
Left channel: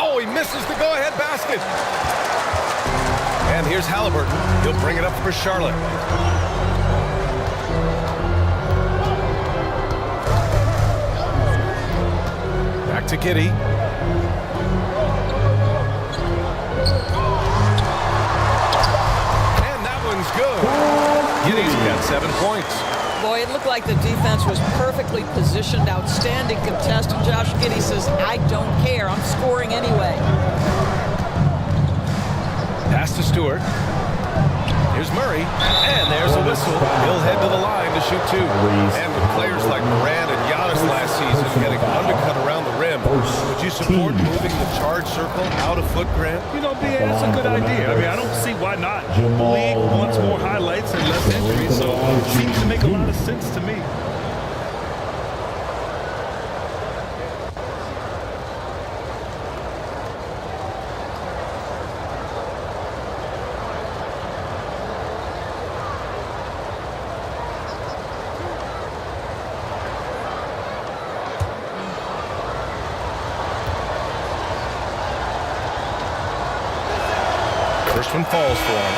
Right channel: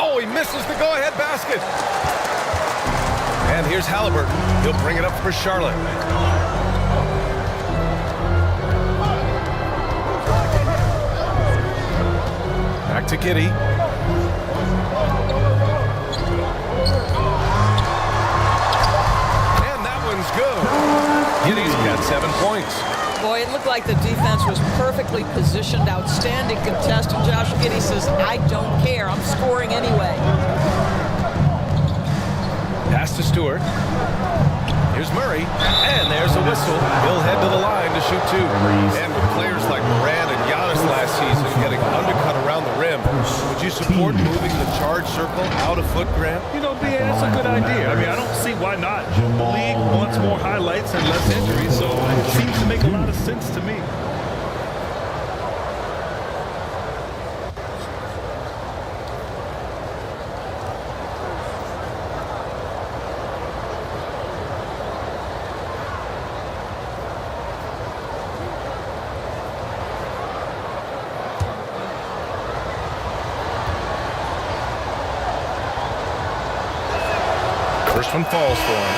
Oh, he misses the go-ahead basket. And here's Halliburton. He'll bring it up for Charlotte. Back to Giddey. And that one's good. Giddey's got 7 points. Boy, it looked like the defense was perfectly positioned, outstanding contest, and Josh Giddey says, I don't care, I'm scoring anyway. Pass to Stewart. Here's Murray, and there's a whistle. He'll head to the line to shoot 2. And with players like Morant and Giannis last season getting undercut around the rim, would you support moving the charge circle out of foot, Grant? You know, BA, that's a good idea. I mean, I don't see why not. The league wants more highlights and less injuries, so it seems to make a lot of sense to me. First one falls for him.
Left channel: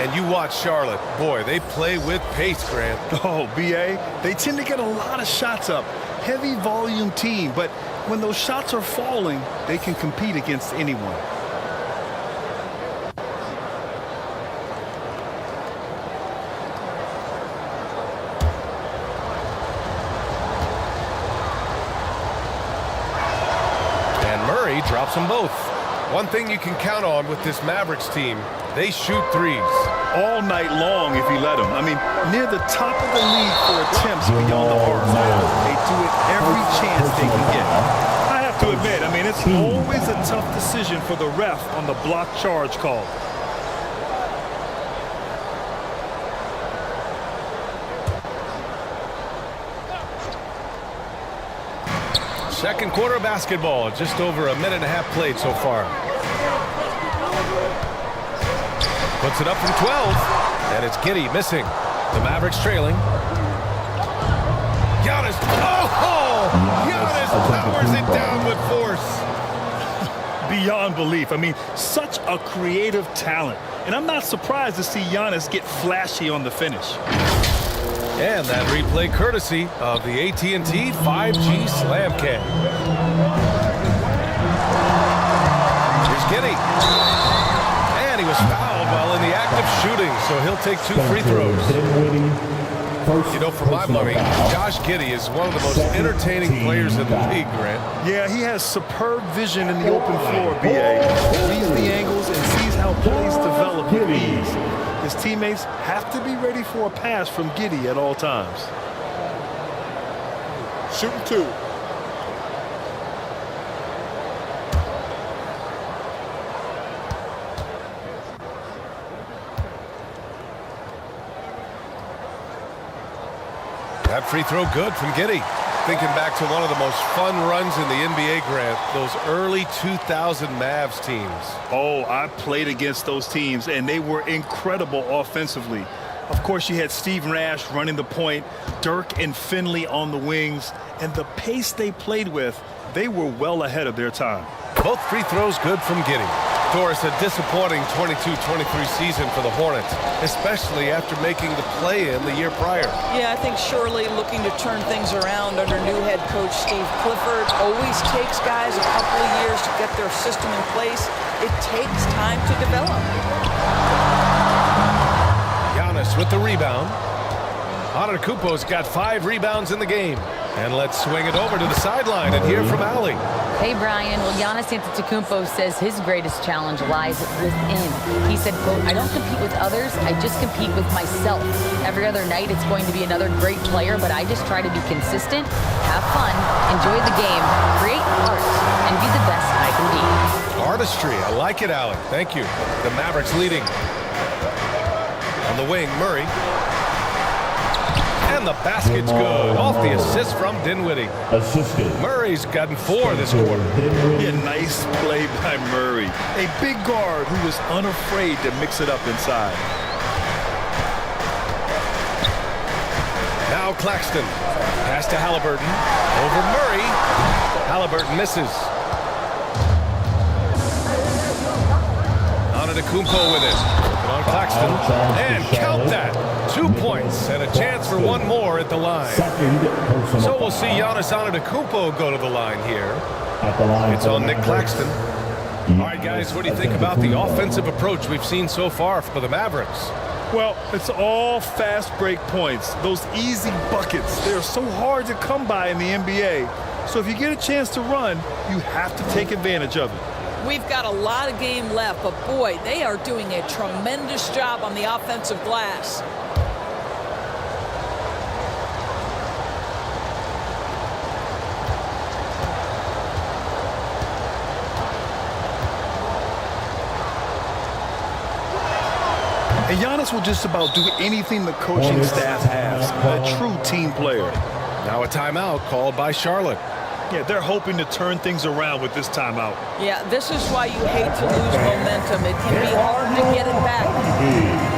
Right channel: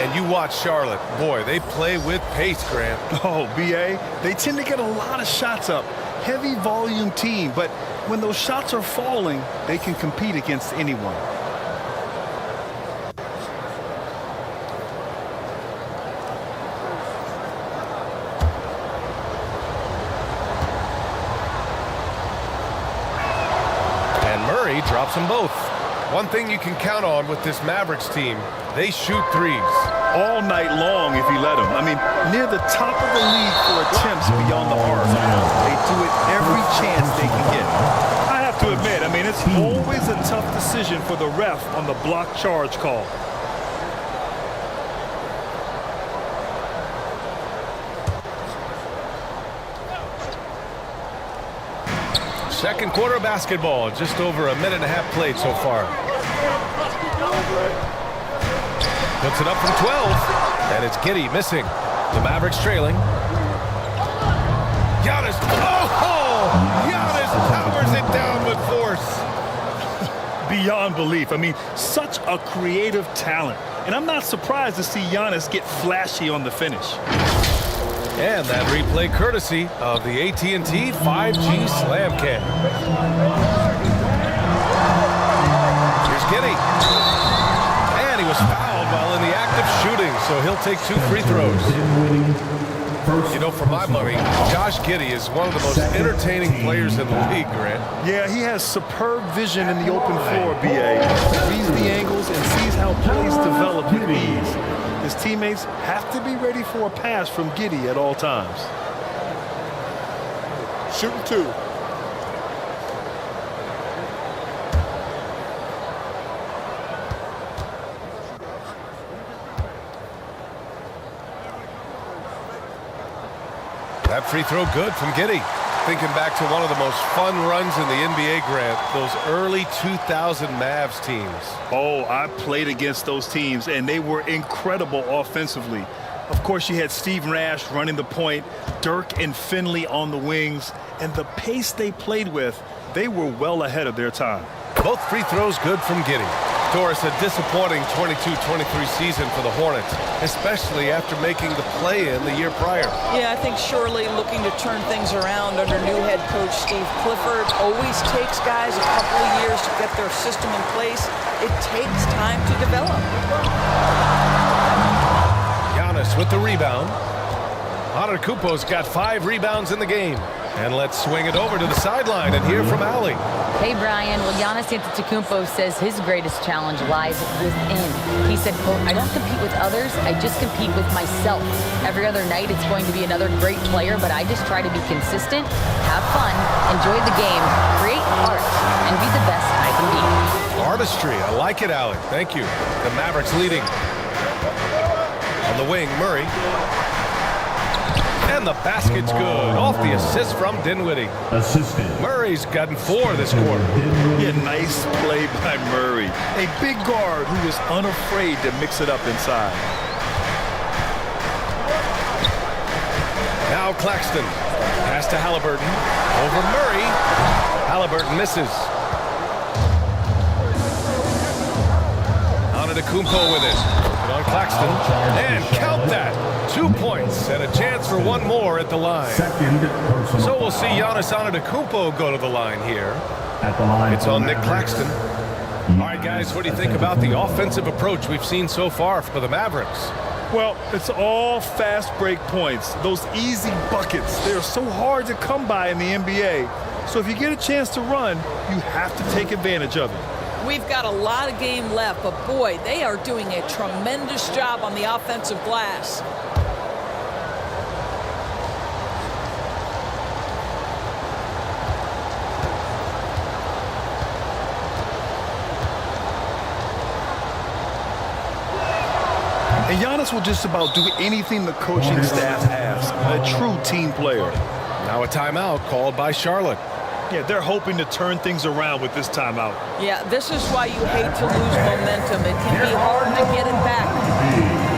And you watch Charlotte. Boy, they play with pace, Grant. Oh, BA, they tend to get a lot of shots up. Heavy volume team, but when those shots are falling, they can compete against anyone. And Murray drops them both. One thing you can count on with this Mavericks team, they shoot threes. All night long if you let them. I mean, near the top of the league for attempts beyond the arc. They do it every chance they can get. I have to admit, I mean, it's always a tough decision for the ref on the block charge call. Second quarter basketball, just over a minute and a half played so far. Puts it up from 12, and it's Giddey missing. The Mavericks trailing. Giannis, oh! Giannis powers it down with force. Beyond belief. I mean, such a creative talent. And I'm not surprised to see Giannis get flashy on the finish. And that replay courtesy of the AT&T 5G Slam Cam. Here's Giddey. And he was fouled while in the act of shooting, so he'll take 2 free throws. You know, for my money, Josh Giddey is one of the most entertaining players in the league, Grant. Yeah, he has superb vision in the open floor, BA. He reads the angles and sees how plays develop with ease. His teammates have to be ready for a pass from Giddey at all times. Shooting 2. That free throw good from Giddey. Thinking back to one of the most fun runs in the NBA, Grant, those early 2000 Mavs teams. Oh, I played against those teams, and they were incredible offensively. Of course, you had Steve Nash running the point, Dirk and Finley on the wings, and the pace they played with, they were well ahead of their time. Both free throws good from Giddey. Doris, a disappointing 22-23 season for the Hornets, especially after making the play-in the year prior. Yeah, I think surely looking to turn things around under new head coach Steve Clifford. Always takes guys a couple of years to get their system in place. It takes time to develop. Giannis with the rebound. Antetokounmpo's got 5 rebounds in the game. And let's swing it over to the sideline and hear from Allie. Hey, Brian. Well, Giannis Antetokounmpo says his greatest challenge lies within. He said, quote, I don't compete with others. I just compete with myself. Every other night, it's going to be another great player, but I just try to be consistent, have fun, enjoy the game, create art, and be the best I can be. Artistry. I like it, Allie. Thank you. The Mavericks leading. On the wing, Murray. And the basket's good. Off the assist from Dinwiddie. Assisted. Murray's gotten 4 this quarter. Yeah, nice play by Murray. A big guard who was unafraid to mix it up inside. Now Claxton. Pass to Halliburton. Over Murray. Halliburton misses. Antetokounmpo with it. And on Claxton. And count that. 2 points and a chance for one more at the line. So we'll see Giannis Antetokounmpo go to the line here. At the line. It's on Nick Claxton. All right, guys, what do you think about the offensive approach we've seen so far for the Mavericks? Well, it's all fast break points. Those easy buckets, they're so hard to come by in the NBA. So if you get a chance to run, you have to take advantage of it. We've got a lot of game left, but boy, they are doing a tremendous job on the offensive glass. And Giannis will just about do anything the coaching staff asks. A true team player. Now a timeout called by Charlotte. Yeah, they're hoping to turn things around with this timeout. Yeah, this is why you hate to lose momentum. It can be hard to get it back.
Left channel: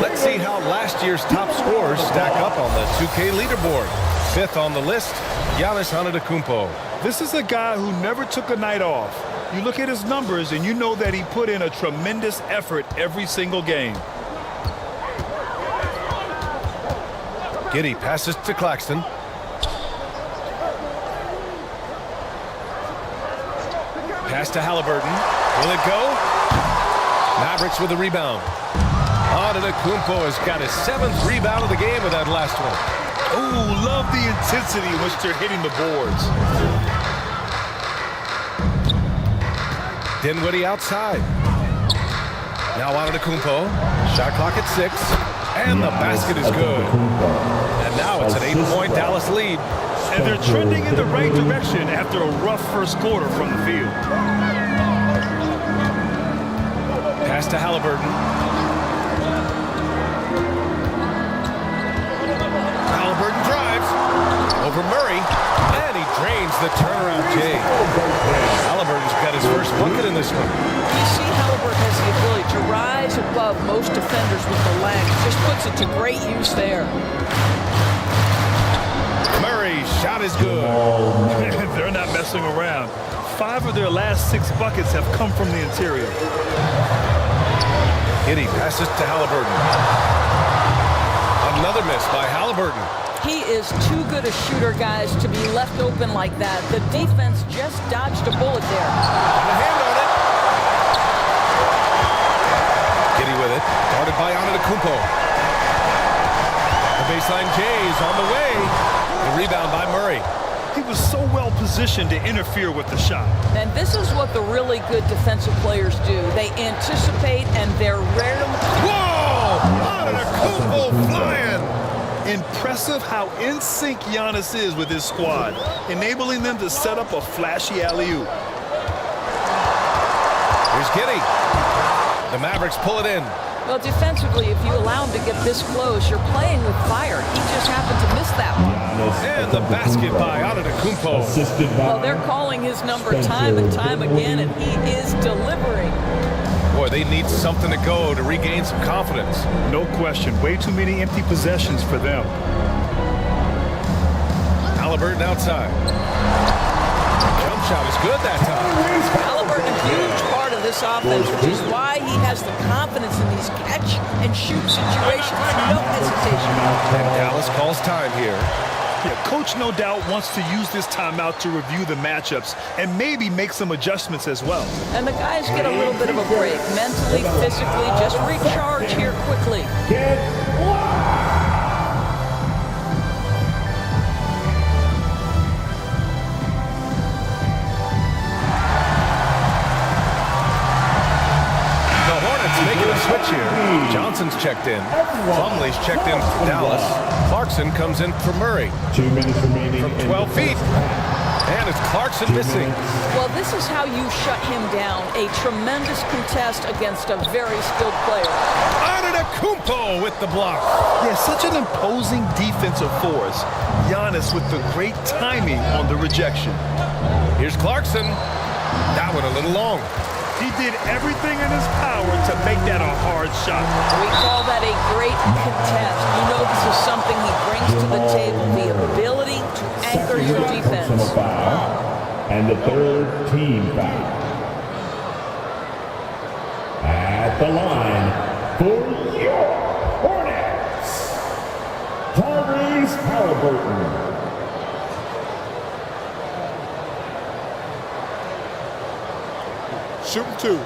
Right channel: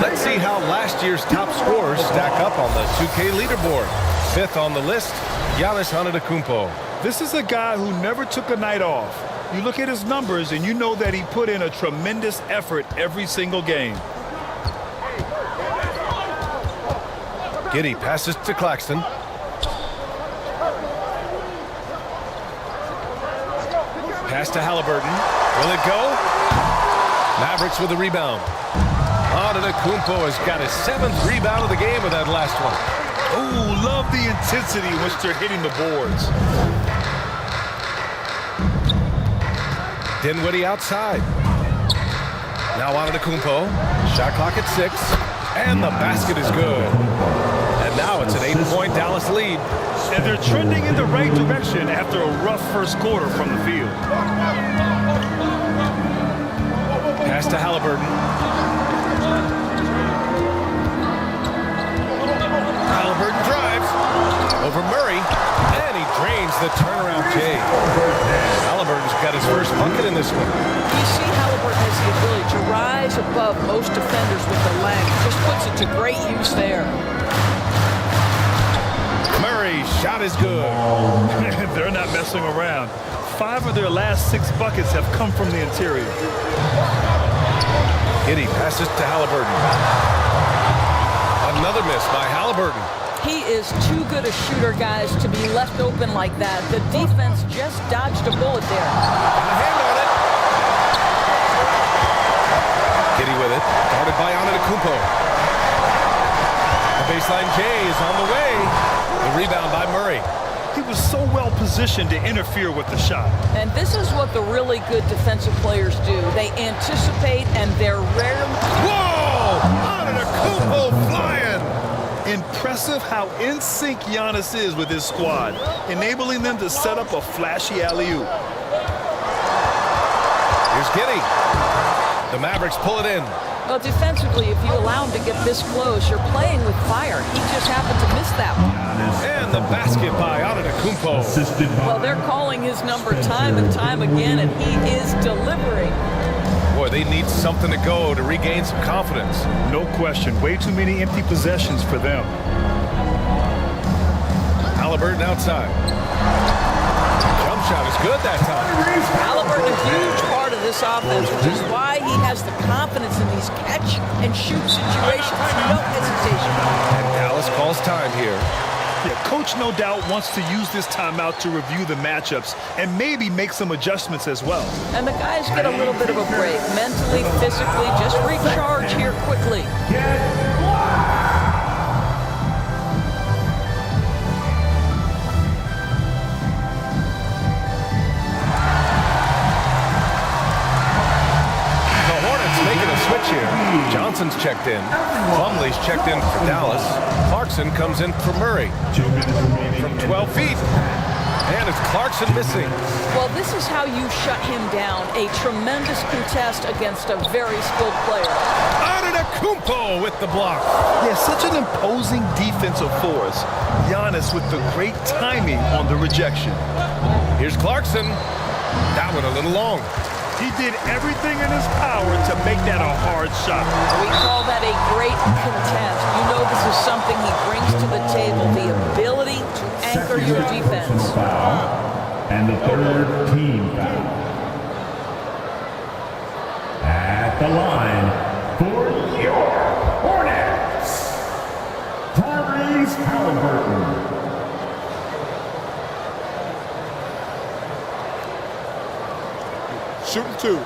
Let's see how last year's top scorers stack up on the 2K leaderboard. 5th on the list, Giannis Antetokounmpo. This is a guy who never took a night off. You look at his numbers and you know that he put in a tremendous effort every single game. Giddey passes to Claxton. Pass to Halliburton. Will it go? Mavericks with the rebound. Antetokounmpo has got his 7th rebound of the game with that last one. Oh, love the intensity in which they're hitting the boards. Dinwiddie outside. Now Antetokounmpo. Shot clock at 6. And the basket is good. And now it's an 8-point Dallas lead. And they're trending in the right direction after a rough first quarter from the field. Pass to Halliburton. Halliburton drives over Murray, and he drains the turnaround J. Halliburton's got his first bucket in this one. You see Halliburton has the ability to rise above most defenders with the length. Just puts it to great use there. Murray's shot is good. They're not messing around. 5 of their last 6 buckets have come from the interior. Giddey passes to Halliburton. Another miss by Halliburton. He is too good a shooter, guys, to be left open like that. The defense just dodged a bullet there. Got a hand on it. Giddy with it. Guarded by Antetokounmpo. The baseline J is on the way. The rebound by Murray. He was so well positioned to interfere with the shot. And this is what the really good defensive players do. They anticipate, and they're rarely... Whoa! Antetokounmpo flying! Impressive how in sync Giannis is with his squad, enabling them to set up a flashy alley-oop. Here's Giddy. The Mavericks pull it in. Well, defensively, if you allow him to get this close, you're playing with fire. He just happened to miss that one. And the basket by Antetokounmpo. Well, they're calling his number time and time again, and he is delivering. Boy, they need something to go to regain some confidence. No question. Way too many empty possessions for them. Halliburton outside. Jump shot is good that time. Halliburton, a huge part of this offense, which is why he has the confidence in these catch and shoot situations. No hesitation. And Dallas calls time here. Yeah, coach no doubt wants to use this timeout to review the matchups and maybe make some adjustments as well. And the guys get a little bit of a break, mentally, physically, just recharge here quickly. The Hornets making a switch here. Johnson's checked in. Plumlee's checked in for Dallas. Clarkson comes in for Murray. 2 minutes remaining. From 12 feet. And it's Clarkson missing. Well, this is how you shut him down. A tremendous contest against a very skilled player. Antetokounmpo with the block. Yeah, such an imposing defensive force. Giannis with the great timing on the rejection. Here's Clarkson. That one a little long. He did everything in his power to make that a hard shot. We call that a great contest. You know this is something he brings to the table, the ability to anchor your defense. Foul, and the third team foul. At the line for your Hornets, Tyrese Halliburton. Shooting 2.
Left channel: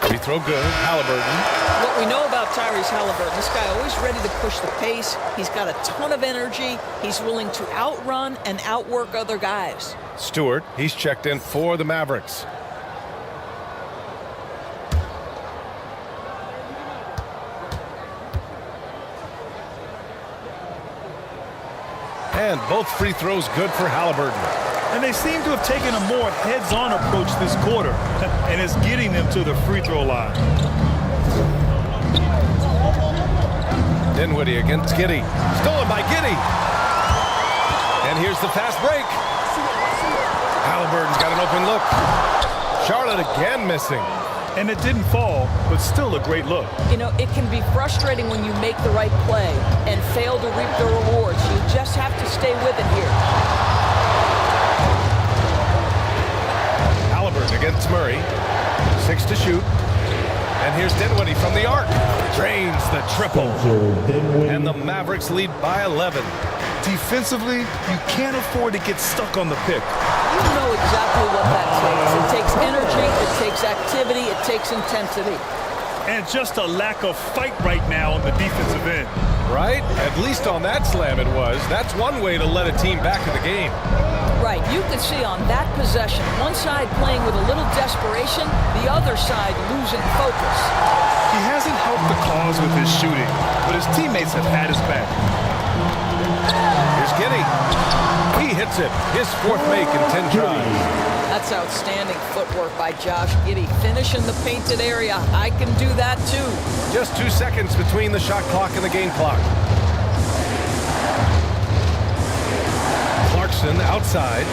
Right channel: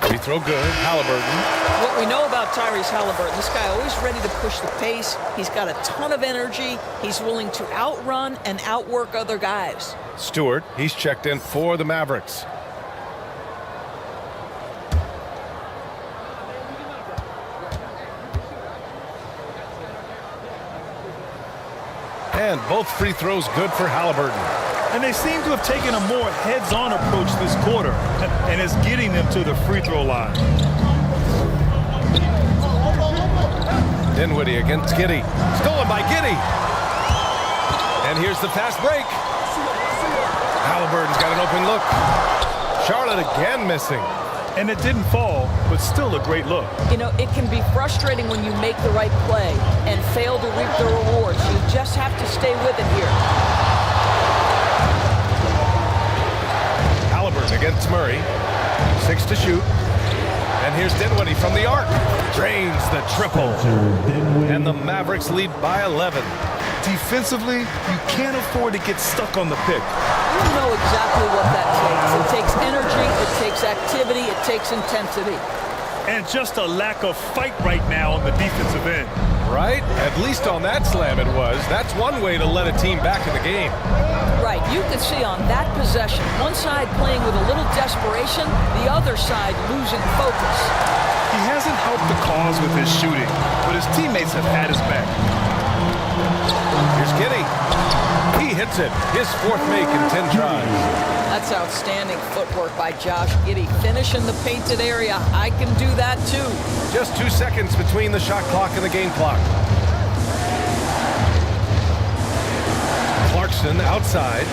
Free throw good. Halliburton. What we know about Tyrese Halliburton, this guy always ready to push the pace. He's got a ton of energy. He's willing to outrun and outwork other guys. Stewart, he's checked in for the Mavericks. And both free throws good for Halliburton. And they seem to have taken a more heads-on approach this quarter, and it's getting them to the free throw line. Dinwiddie against Giddy. Stolen by Giddy. And here's the fast break. Halliburton's got an open look. Charlotte again missing. And it didn't fall, but still a great look. You know, it can be frustrating when you make the right play and fail to reap the rewards. You just have to stay with it here. Halliburton against Murray. 6 to shoot. And here's Dinwiddie from the arc. Drains the triple. And the Mavericks lead by 11. Defensively, you can't afford to get stuck on the pick. You know exactly what that takes. It takes energy, it takes activity, it takes intensity. And just a lack of fight right now on the defensive end. Right? At least on that slam it was. That's one way to let a team back in the game. Right, you could see on that possession, one side playing with a little desperation, the other side losing focus. He hasn't helped the cause with his shooting, but his teammates have had his back. Here's Giddy. He hits it. His 4th make in 10 tries. That's outstanding footwork by Josh Giddy. Finish in the painted area. I can do that too. Just 2 seconds between the shot clock and the game clock. Clarkson outside.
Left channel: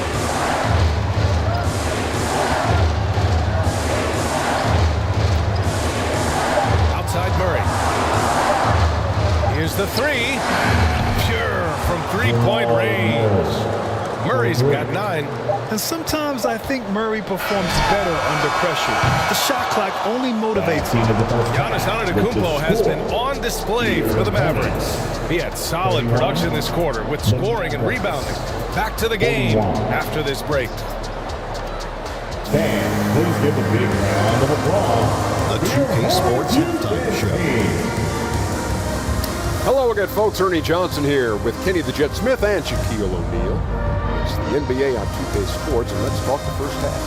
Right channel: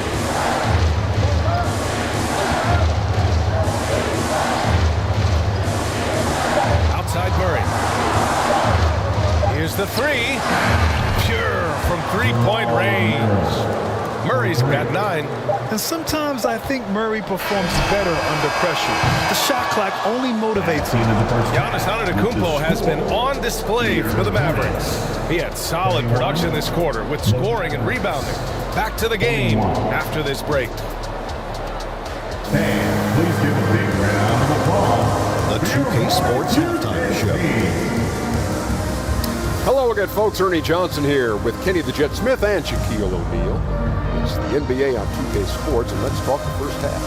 Outside Murray. Here's the 3. Pure from 3-point range. Murray's got 9. And sometimes I think Murray performs better under pressure. The shot clock only motivates him. Giannis Antetokounmpo has been on display for the Mavericks. He had solid production this quarter with scoring and rebounding. Back to the game after this break. Fans, please give a big round of applause. The 2K Sports Halftime Show. Hello again, folks. Ernie Johnson here with Kenny the Jet Smith and Shaquille O'Neal. It's the NBA on 2K Sports, and let's talk the first half.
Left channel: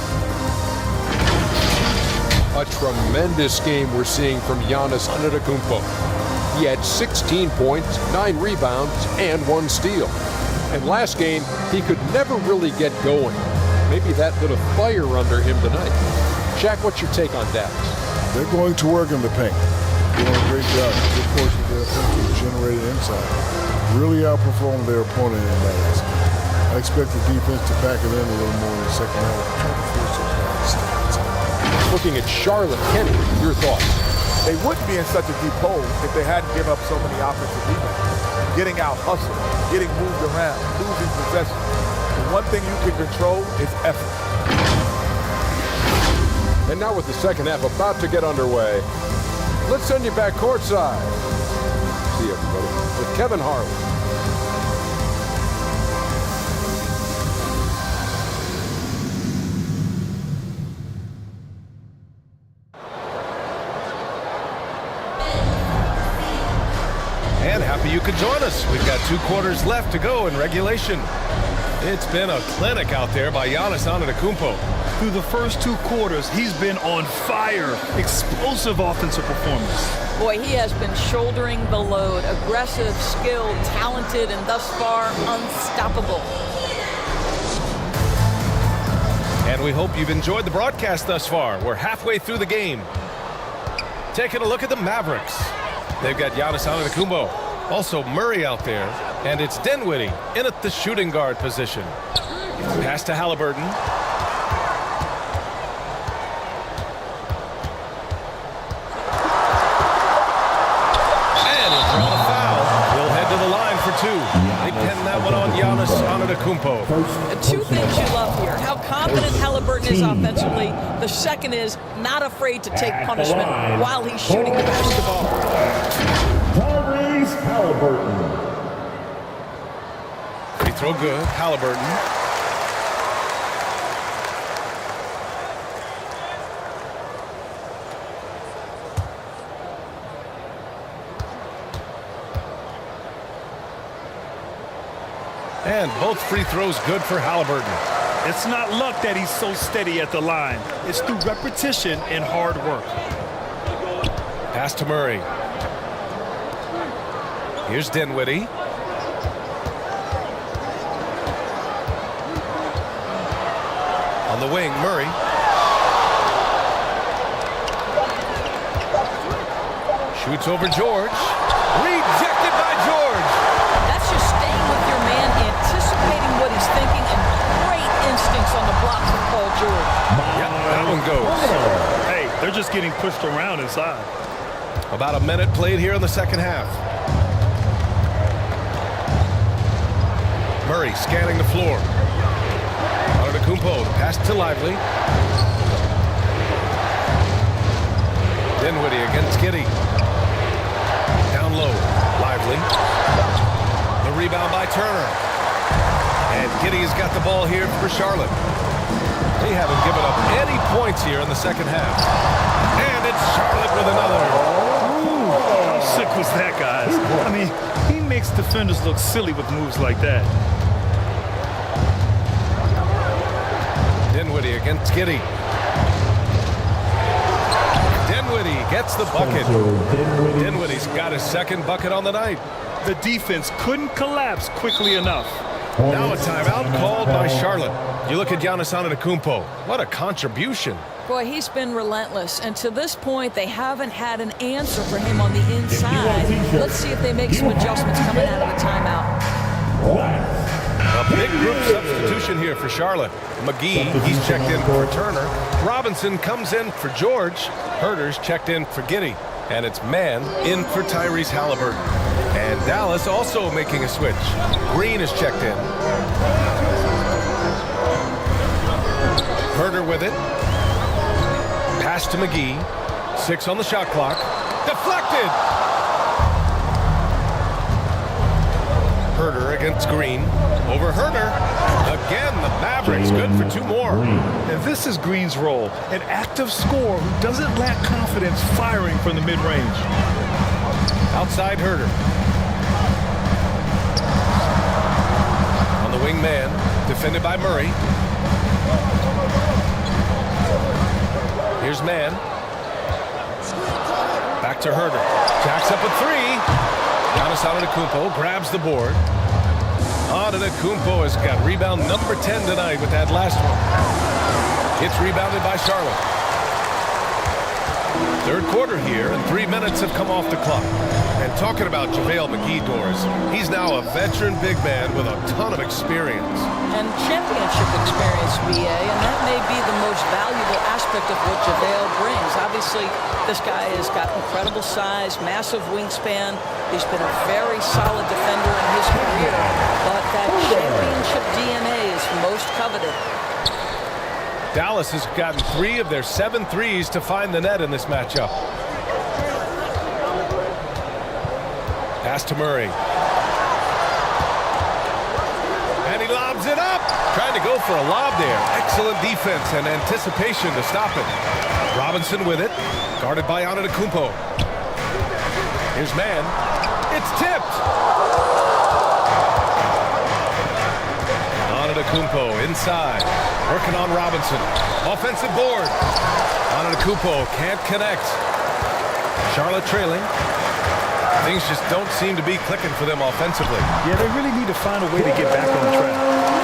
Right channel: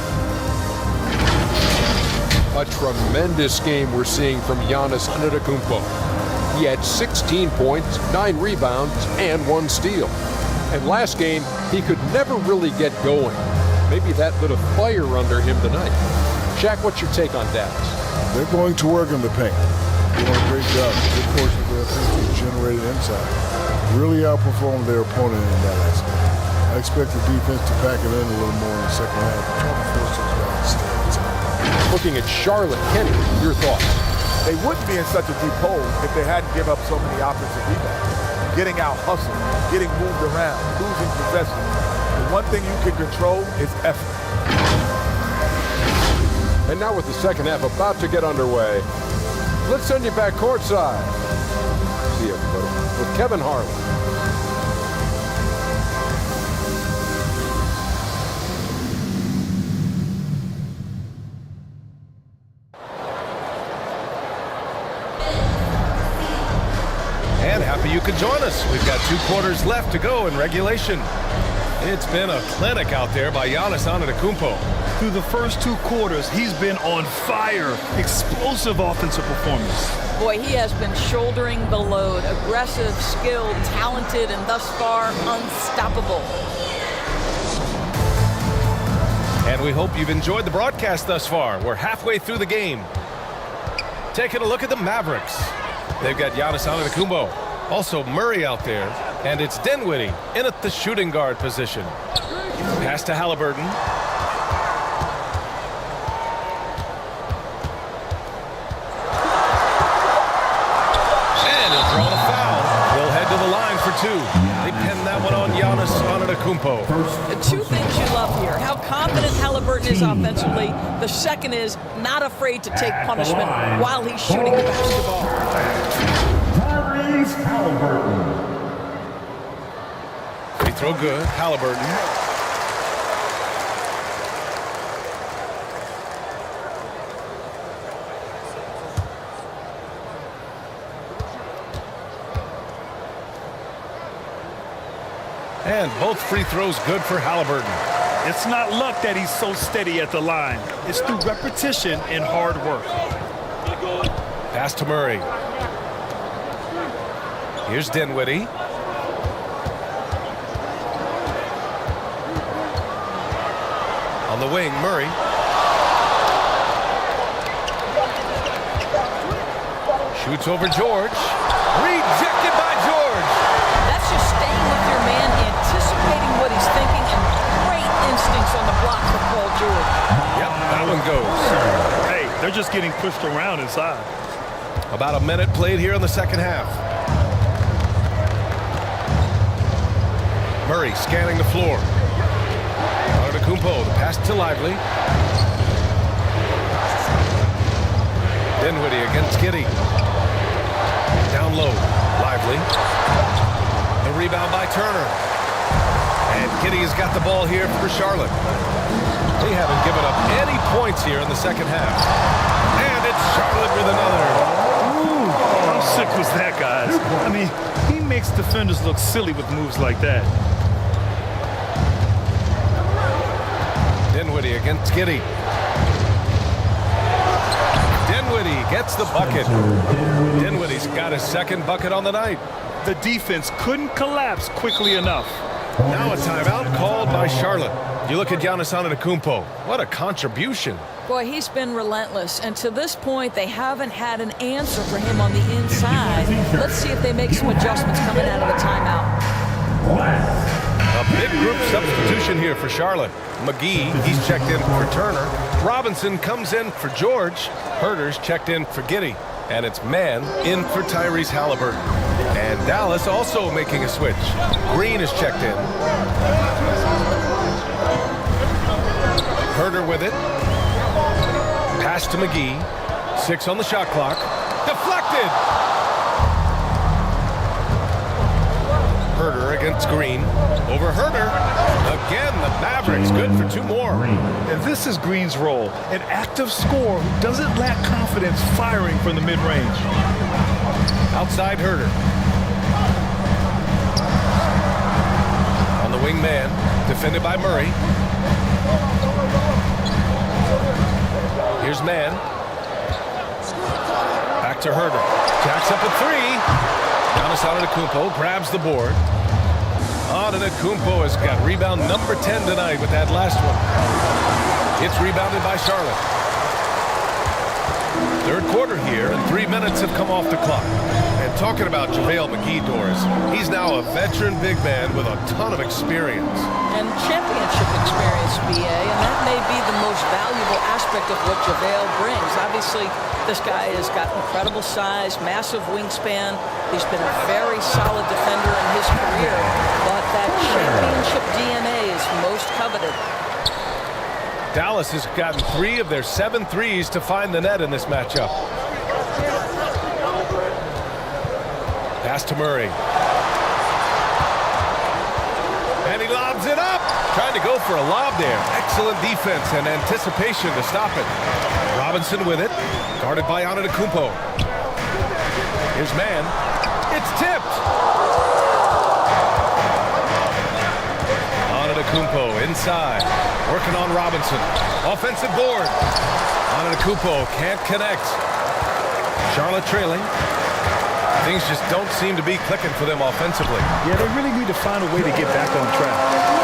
A tremendous game we're seeing from Giannis Antetokounmpo. He had 16 points, 9 rebounds, and 1 steal. And last game, he could never really get going. Maybe that lit a fire under him tonight. Shaq, what's your take on Dallas? They're going to work in the paint. Doing a great job. A good portion of their offense was generated inside. Really outperformed their opponent in that aspect. I expect the defense to pack it in a little more in the second half and try to force those guys to stay outside. Looking at Charlotte, Kenny, your thoughts? They wouldn't be in such a deep hole if they hadn't given up so many offensive rebounds. Getting out hustled, getting moved around, losing possession. The one thing you can control is effort. And now with the second half about to get underway, let's send you back courtside. See you, everybody, with Kevin Harlan. And happy you could join us. We've got 2 quarters left to go in regulation. It's been a clinic out there by Giannis Antetokounmpo. Through the first 2 quarters, he's been on fire. Explosive offensive performance. Boy, he has been shouldering the load. Aggressive, skilled, talented, and thus far, unstoppable. And we hope you've enjoyed the broadcast thus far. We're halfway through the game. Taking a look at the Mavericks. They've got Giannis Antetokounmpo, also Murray out there, and it's Dinwiddie in at the shooting guard position. Pass to Halliburton. And he'll draw the foul. He'll head to the line for 2. They pin that one on Giannis Antetokounmpo. 2 things you love here. How confident Halliburton is offensively. The second is not afraid to take punishment while he's shooting the basketball. Tyrese Halliburton. Free throw good. Halliburton. And both free throws good for Halliburton. It's not luck that he's so steady at the line. It's through repetition and hard work. Pass to Murray. Here's Dinwiddie. On the wing, Murray. Shoots over George. Rejected by George. That's just staying with your man, anticipating what he's thinking, and great instincts on the block for Paul George. Yep, that one goes. Hey, they're just getting pushed around inside. About a minute played here in the second half. Murray scanning the floor. Antetokounmpo, the pass to Lively. Dinwiddie against Giddey. Down low, Lively. The rebound by Turner. And Giddey has got the ball here for Charlotte. They haven't given up any points here in the second half. And it's Charlotte with another. Ooh, how sick was that, guys? I mean, he makes defenders look silly with moves like that. Dinwiddie against Giddey. Dinwiddie gets the bucket. Dinwiddie's got his second bucket on the night. The defense couldn't collapse quickly enough. Now a timeout called by Charlotte. You look at Giannis Antetokounmpo. What a contribution. Boy, he's been relentless, and to this point, they haven't had an answer for him on the inside. Let's see if they make some adjustments coming out of the timeout. A big group substitution here for Charlotte. McGee, he's checked in for Turner. Robinson comes in for George. Herter's checked in for Giddey. And it's Mann in for Tyrese Halliburton. And Dallas also making a switch. Green is checked in. Herder with it. Pass to McGee. 6 on the shot clock. Deflected. Herder against Green. Over Herder. Again, the Mavericks good for 2 more. And this is Green's role, an active scorer who doesn't lack confidence firing from the mid-range. Outside Herder. On the wing man, defended by Murray. Here's Mann. Back to Herder. Jacks up a 3. Giannis Antetokounmpo grabs the board. Antetokounmpo has got rebound number 10 tonight with that last one. It's rebounded by Charlotte. Third quarter here, and 3 minutes have come off the clock. And talking about JaVale McGee, Doris, he's now a veteran big man with a ton of experience. And championship experience, BA, and that may be the most valuable aspect of what JaVale brings. Obviously, this guy has got incredible size, massive wingspan. He's been a very solid defender in his career, but that championship DNA is most coveted. Dallas has gotten 3 of their 7 threes to find the net in this matchup. Pass to Murray. And he lobs it up. Trying to go for a lob there. Excellent defense and anticipation to stop it. Robinson with it. Guarded by Antetokounmpo. Here's Mann. It's tipped. Antetokounmpo inside. Working on Robinson. Offensive board. Antetokounmpo can't connect. Charlotte trailing. Things just don't seem to be clicking for them offensively. Yeah, they really need to find a way to get back on track.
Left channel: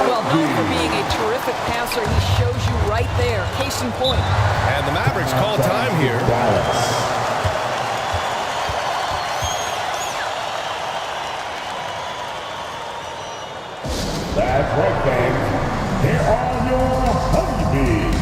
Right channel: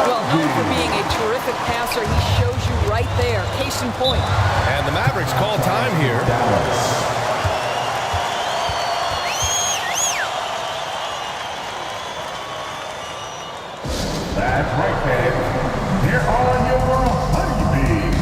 Well, known for being a terrific passer, he shows you right there. Case in point. And the Mavericks call time here. That's right, fans. Here are your honeybees.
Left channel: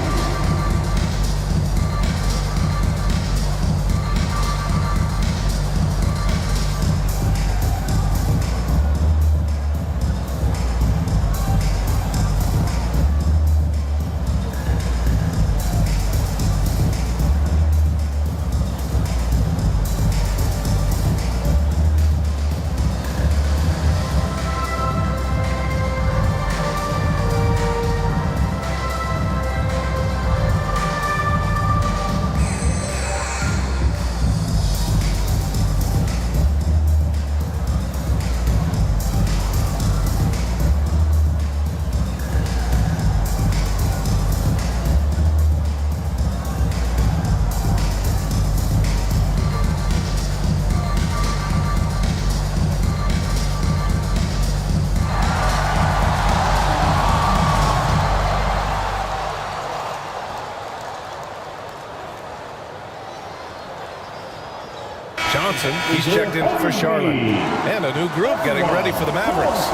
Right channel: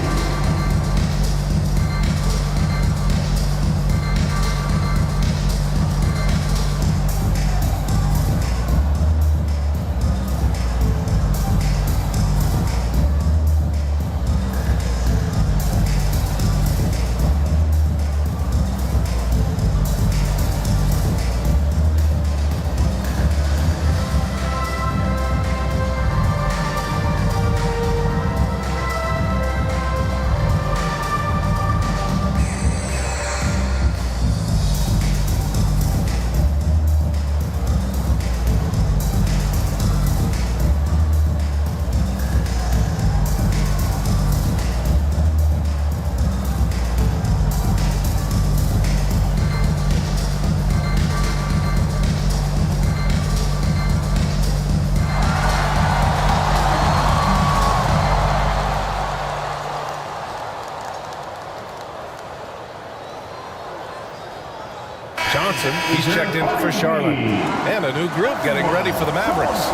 Johnson, he's checked in for Charlotte. And a new group getting ready for the Mavericks.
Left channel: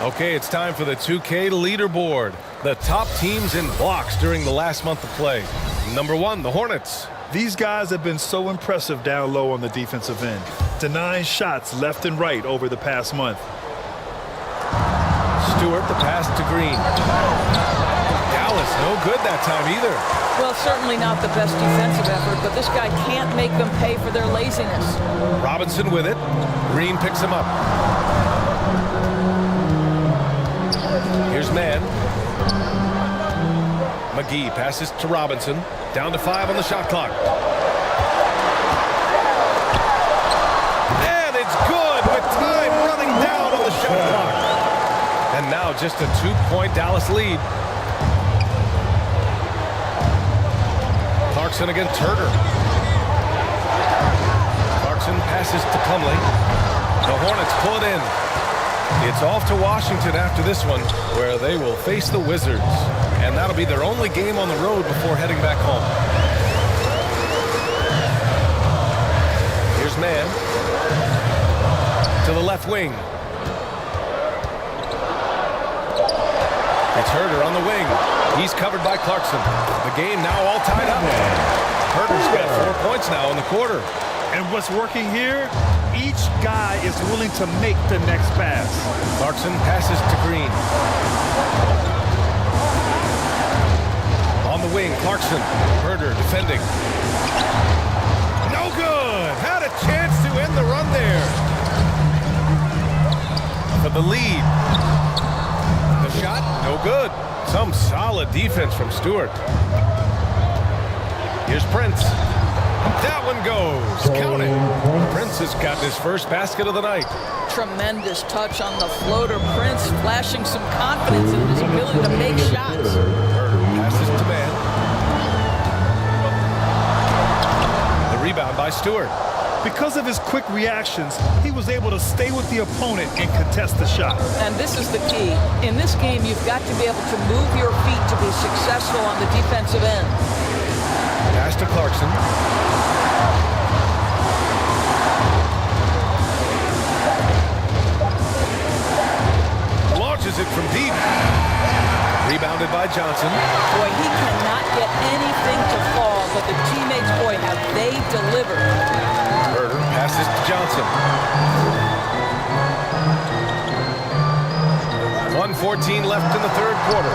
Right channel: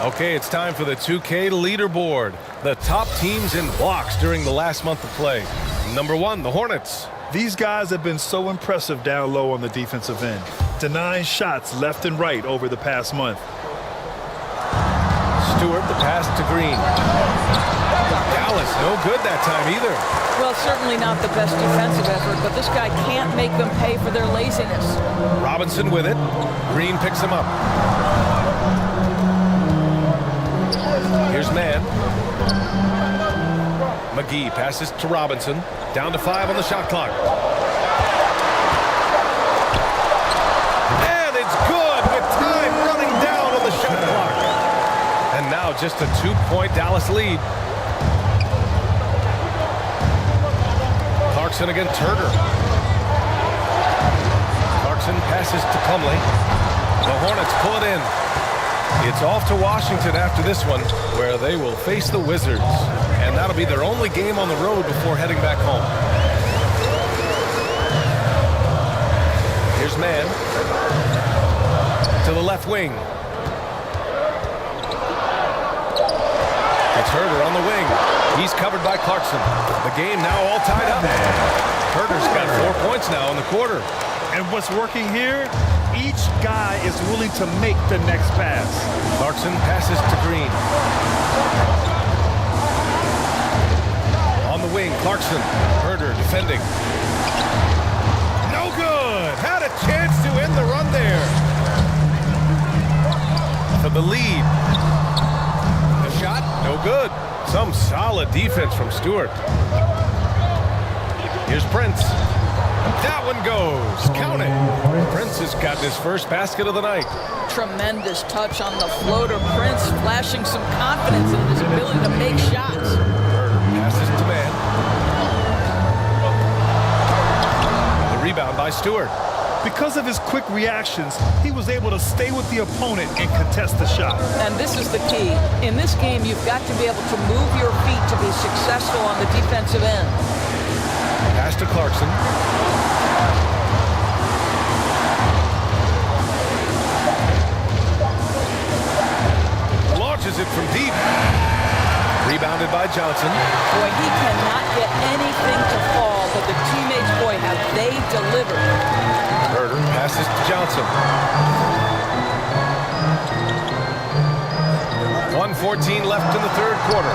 Okay, it's time for the 2K leaderboard. The top teams in blocks during the last month of play. Number 1, the Hornets. These guys have been so impressive down low on the defensive end. Denying shots left and right over the past month. Stewart, the pass to Green. Dallas, no good that time either. Well, certainly not the best defensive effort, but this guy can't make them pay for their laziness. Robinson with it. Green picks him up. Here's Mann. McGee passes to Robinson. Down to 5 on the shot clock. And it's good with time running down on the shot clock. And now just a 2-point Dallas lead. Clarkson against Herder. Clarkson passes to Plumlee. The Hornets pull it in. It's off to Washington after this one, where they will face the Wizards. And that'll be their only game on the road before heading back home. Here's Mann. To the left wing. It's Herder on the wing. He's covered by Clarkson. The game now all tied up. Herder's got 4 points now in the quarter. And what's working here? Each guy is willing to make the next pass. Clarkson passes to Green. On the wing, Clarkson. Herder defending. No good. Had a chance to end the run there. For the lead. The shot, no good. Some solid defense from Stewart. Here's Prince. That one goes. Count it. Prince has got his first basket of the night. Tremendous touch on the floater. Prince flashing some confidence in his ability to make shots. Herder passes to man. The rebound by Stewart. Because of his quick reactions, he was able to stay with the opponent and contest the shot. And this is the key. In this game, you've got to be able to move your feet to be successful on the defensive end. Pass to Clarkson. Launches it from deep. Rebounded by Johnson. Boy, he cannot get anything to fall, but the teammates, boy, have they delivered. Herder passes to Johnson. 1:14 left in the third quarter.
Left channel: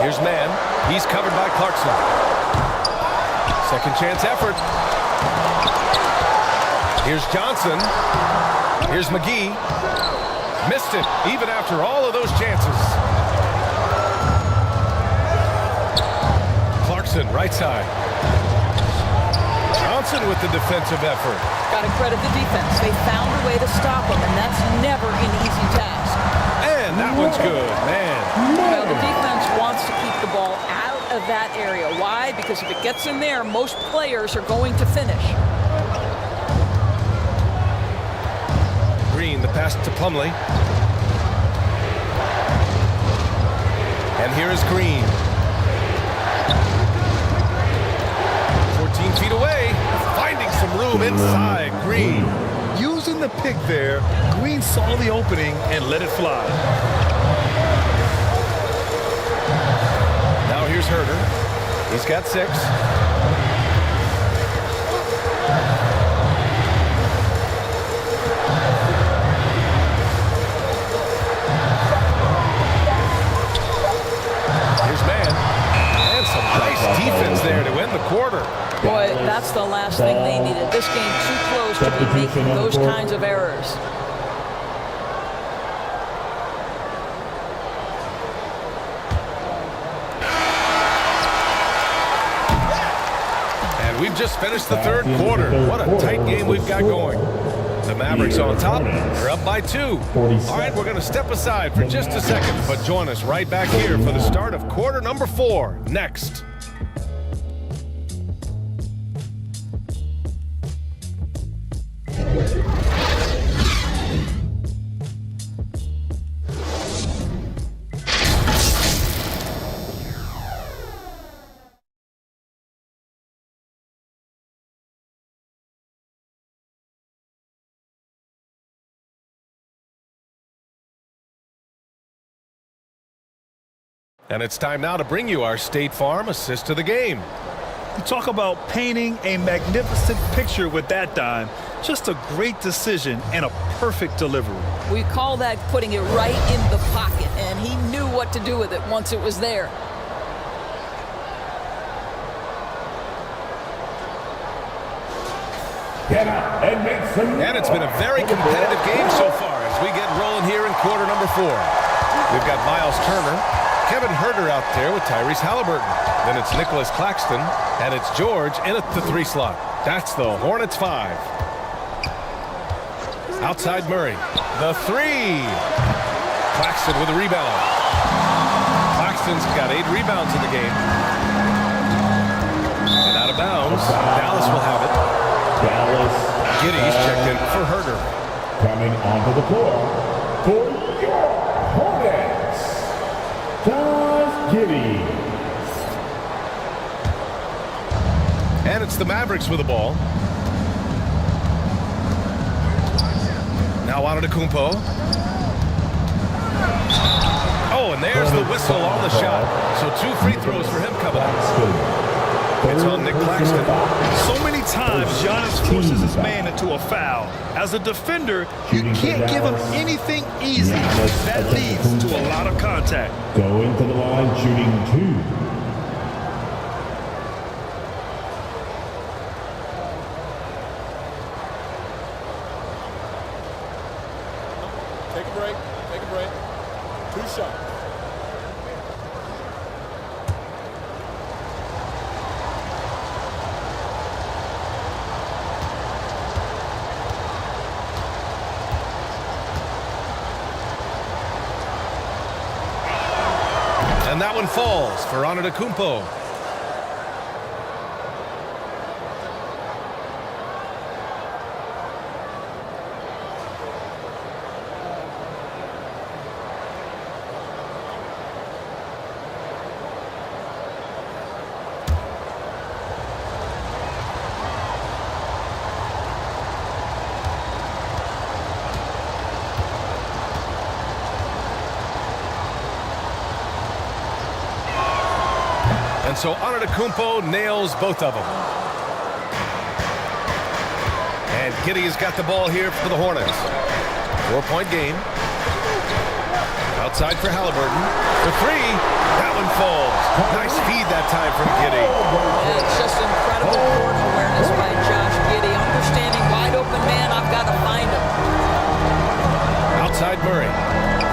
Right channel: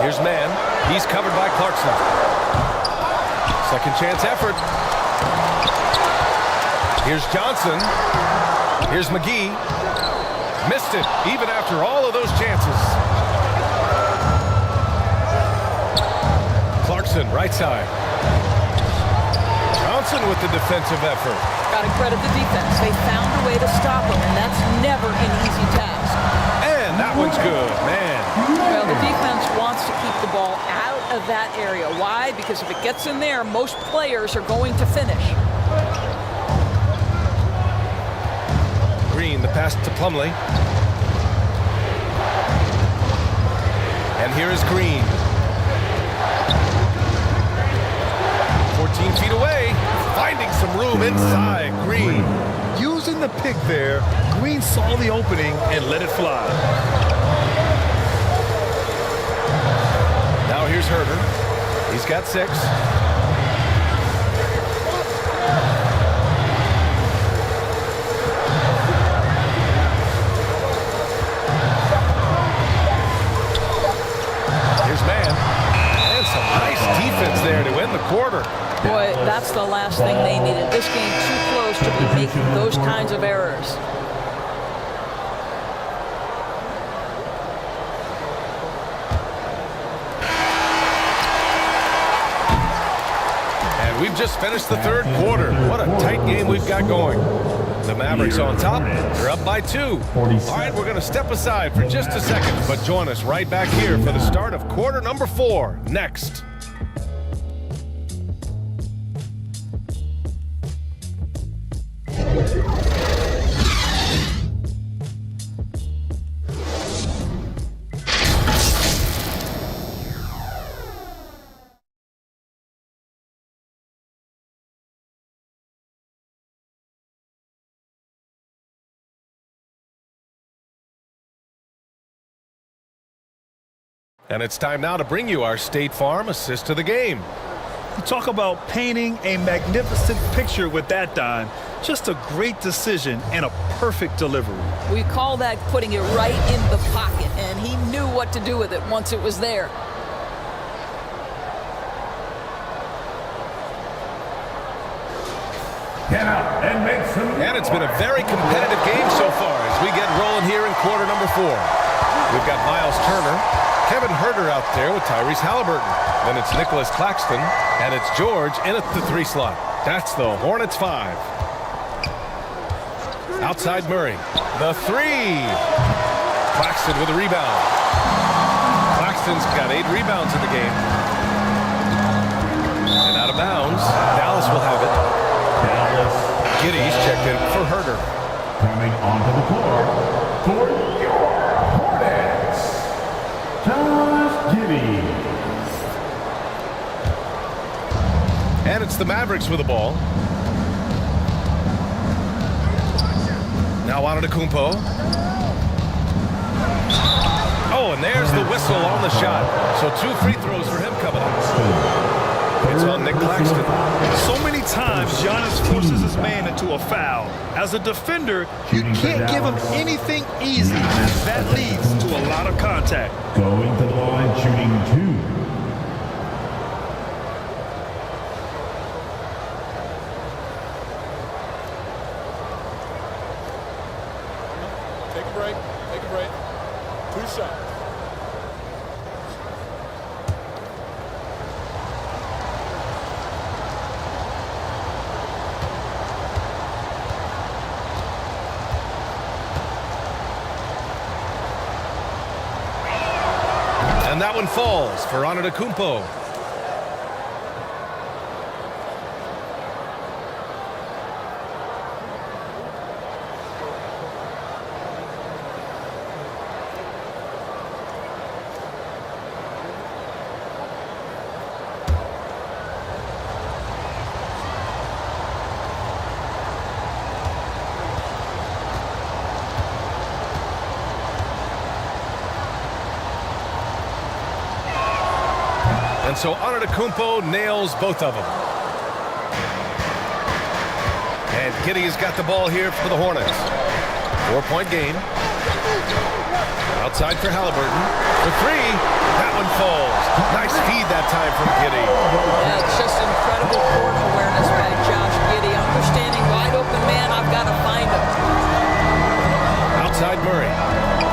Here's Mann. He's covered by Clarkson. Second chance effort. Here's Johnson. Here's McGee. Missed it, even after all of those chances. Clarkson, right side. Johnson with the defensive effort. Got to credit the defense. They found a way to stop him, and that's never an easy task. And that one's good, man. Well, the defense wants to keep the ball out of that area. Why? Because if it gets in there, most players are going to finish. Green, the pass to Plumlee. And here is Green. 14 feet away, finding some room inside. Green. Using the pick there, Green saw the opening and let it fly. Now here's Herder. He's got 6. Here's Mann. And some nice defense there to end the quarter. Boy, that's the last thing they needed. This game too close to be making those kinds of errors. And we've just finished the third quarter. What a tight game we've got going. The Mavericks on top. They're up by 2. All right, we're going to step aside for just a second, but join us right back here for the start of quarter number 4 next. And it's time now to bring you our State Farm assist to the game. You talk about painting a magnificent picture with that dime. Just a great decision and a perfect delivery. We call that putting it right in the pocket, and he knew what to do with it once it was there. And it's been a very competitive game so far as we get rolling here in quarter number 4. We've got Miles Turner, Kevin Herder out there with Tyrese Halliburton. Then it's Nicholas Claxton, and it's George in at the 3 slot. That's the Hornets 5. Outside Murray, the 3. Claxton with a rebound. Claxton's got 8 rebounds in the game. And out of bounds, Dallas will have it. Giddy's checked in for Herder. Coming onto the floor for your Hornets, Josh Giddey. And it's the Mavericks with the ball. Now Antetokounmpo. Oh, and there's the whistle on the shot. So 2 free throws for him coming up. It's on Nick Claxton. So many times, Giannis forces his man into a foul. As a defender, you can't give him anything easy. That leads to a lot of contact. Going to the line, shooting 2. Take a break. Take a break. 2 shots. And that one falls for Antetokounmpo. And so Antetokounmpo nails both of them. And Giddey has got the ball here for the Hornets. 4-point game. Outside for Halliburton. For 3. That one falls. Nice feed that time from Giddey. Yeah, it's just incredible court awareness by Josh Giddey. Understanding wide open man, I've got to find him. Outside Murray.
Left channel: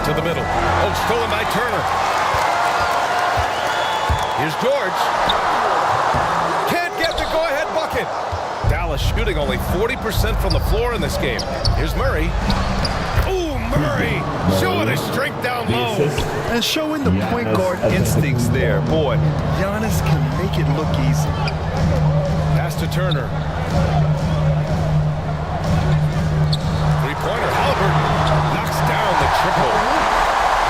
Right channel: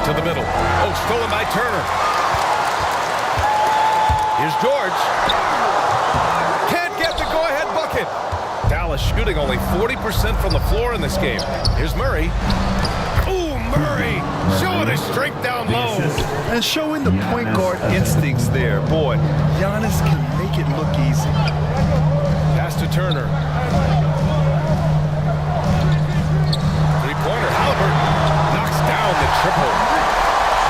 To the middle. Oh, stolen by Turner. Here's George. Can't get the go-ahead bucket. Dallas shooting only 40% from the floor in this game. Here's Murray. Ooh, Murray showing his strength down low. And showing the point guard instincts there. Boy, Giannis can make it look easy. Pass to Turner. Three-pointer. Halliburton knocks down the triple.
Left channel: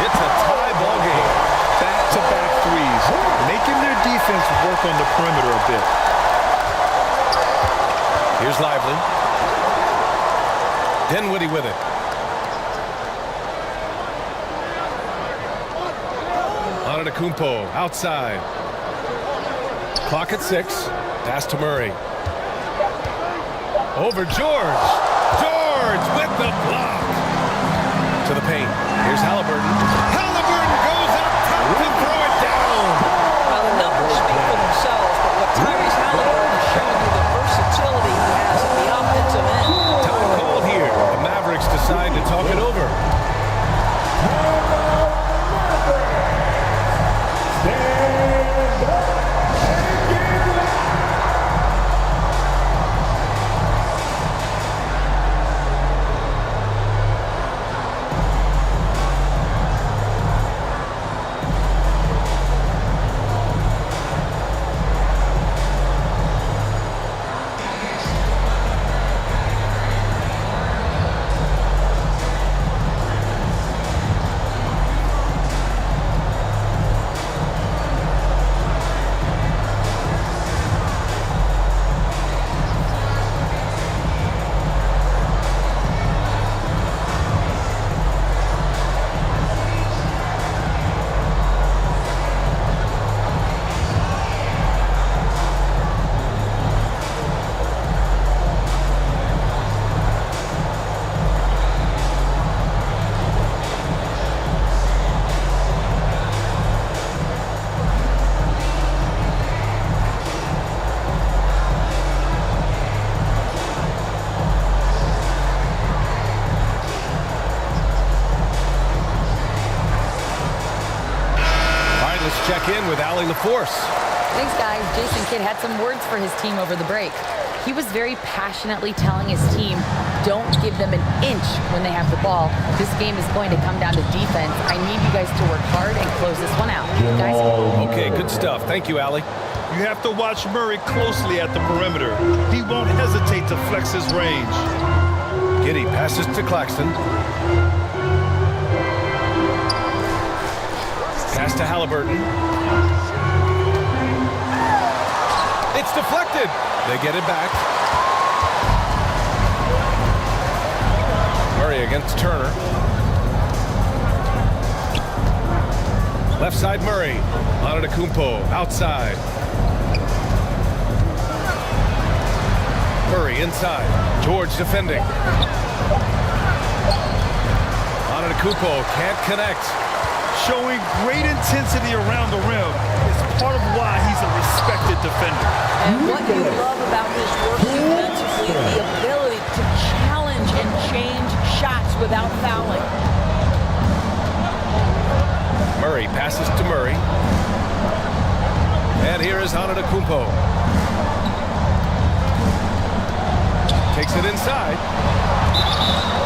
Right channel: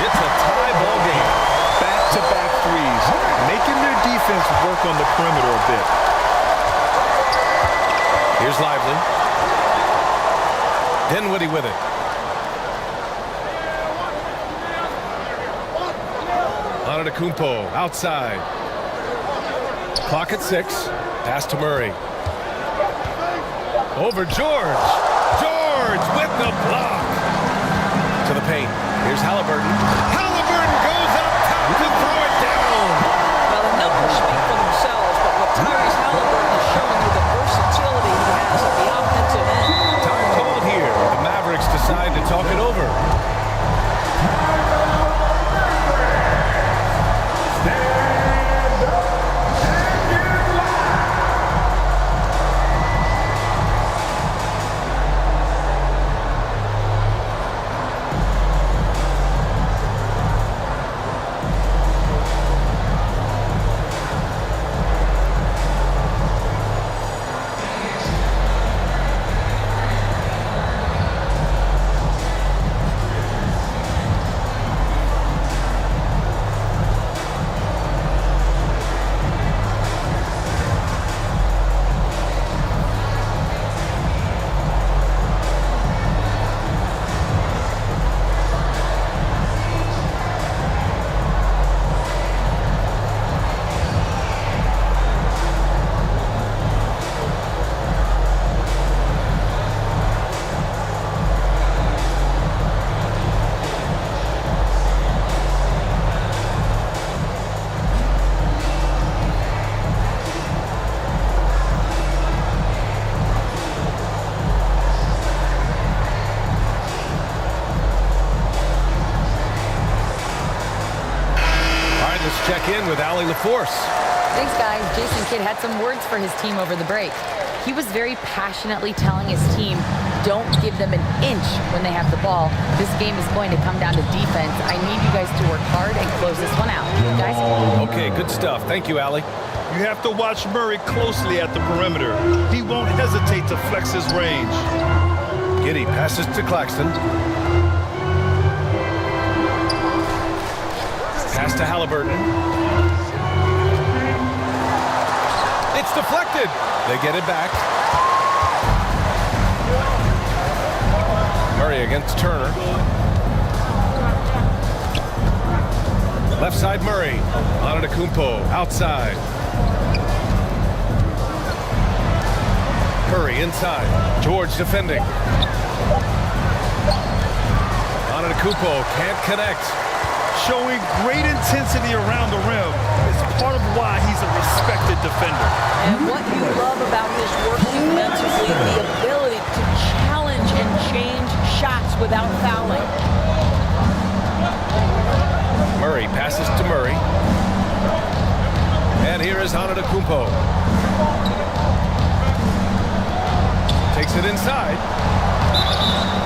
It's a tie ball game. Back-to-back threes, making their defense work on the perimeter a bit. Here's Lively. Dinwiddie with it. Antetokounmpo outside. Clock at 6. Pass to Murray. Over George. George with the block. To the paint. Here's Halliburton. Halliburton goes up top to throw it down. Now, the numbers speak for themselves, but what Tyrese Halliburton is showing you the versatility he has at the offensive end. Time called here. The Mavericks decide to talk it over. Stand up and get live. Let's check in with Allie LaForce. Thanks, guys. Jason Kidd had some words for his team over the break. He was very passionately telling his team, don't give them an inch when they have the ball. This game is going to come down to defense. I need you guys to work hard and close this one out. Guys? Okay, good stuff. Thank you, Allie. You have to watch Murray closely at the perimeter. He won't hesitate to flex his range. Giddey passes to Claxton. Pass to Halliburton. It's deflected. They get it back. Murray against Turner. Left side Murray. Antetokounmpo outside. Murray inside. George defending. Antetokounmpo can't connect. Showing great intensity around the rim is part of why he's a respected defender. And what you love about his work defensively, the ability to challenge and change shots without fouling. Murray passes to Murray. And here is Antetokounmpo. Takes it inside.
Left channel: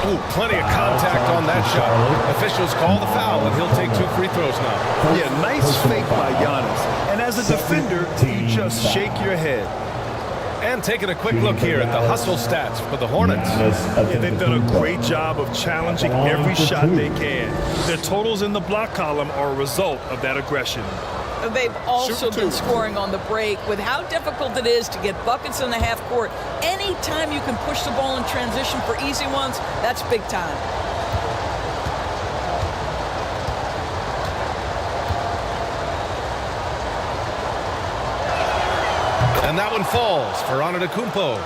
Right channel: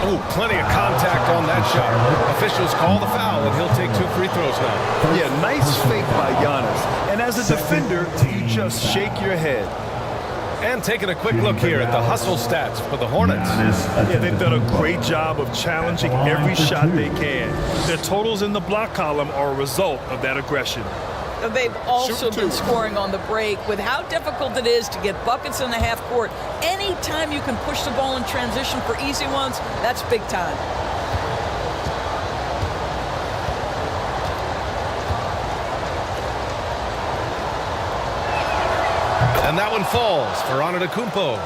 Oh, plenty of contact on that shot. Officials call the foul, and he'll take 2 free throws now. Yeah, nice fake by Giannis. And as a defender, you just shake your head. And taking a quick look here at the hustle stats for the Hornets. Yeah, they've done a great job of challenging every shot they can. Their totals in the block column are a result of that aggression. They've also been scoring on the break. With how difficult it is to get buckets in the half court, anytime you can push the ball in transition for easy ones, that's big time. And that one falls for Antetokounmpo.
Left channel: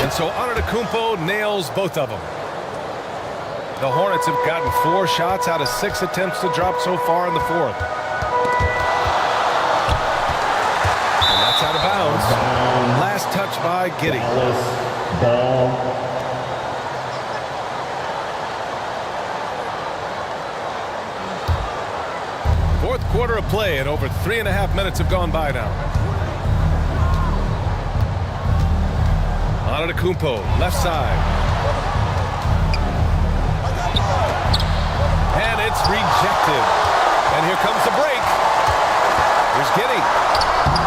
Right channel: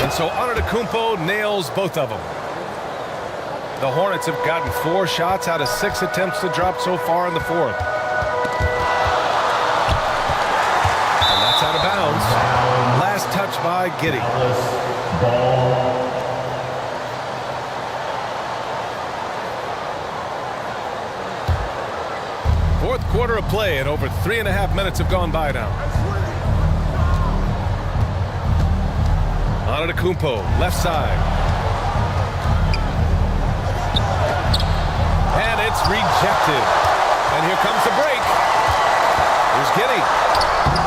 And so Antetokounmpo nails both of them. The Hornets have gotten 4 shots out of 6 attempts to drop so far in the 4th. And that's out of bounds. Last touch by Giddey. Ball. Fourth quarter of play, and over 3.5 minutes have gone by now. Antetokounmpo, left side. And it's rejected. And here comes the break. Here's Giddey.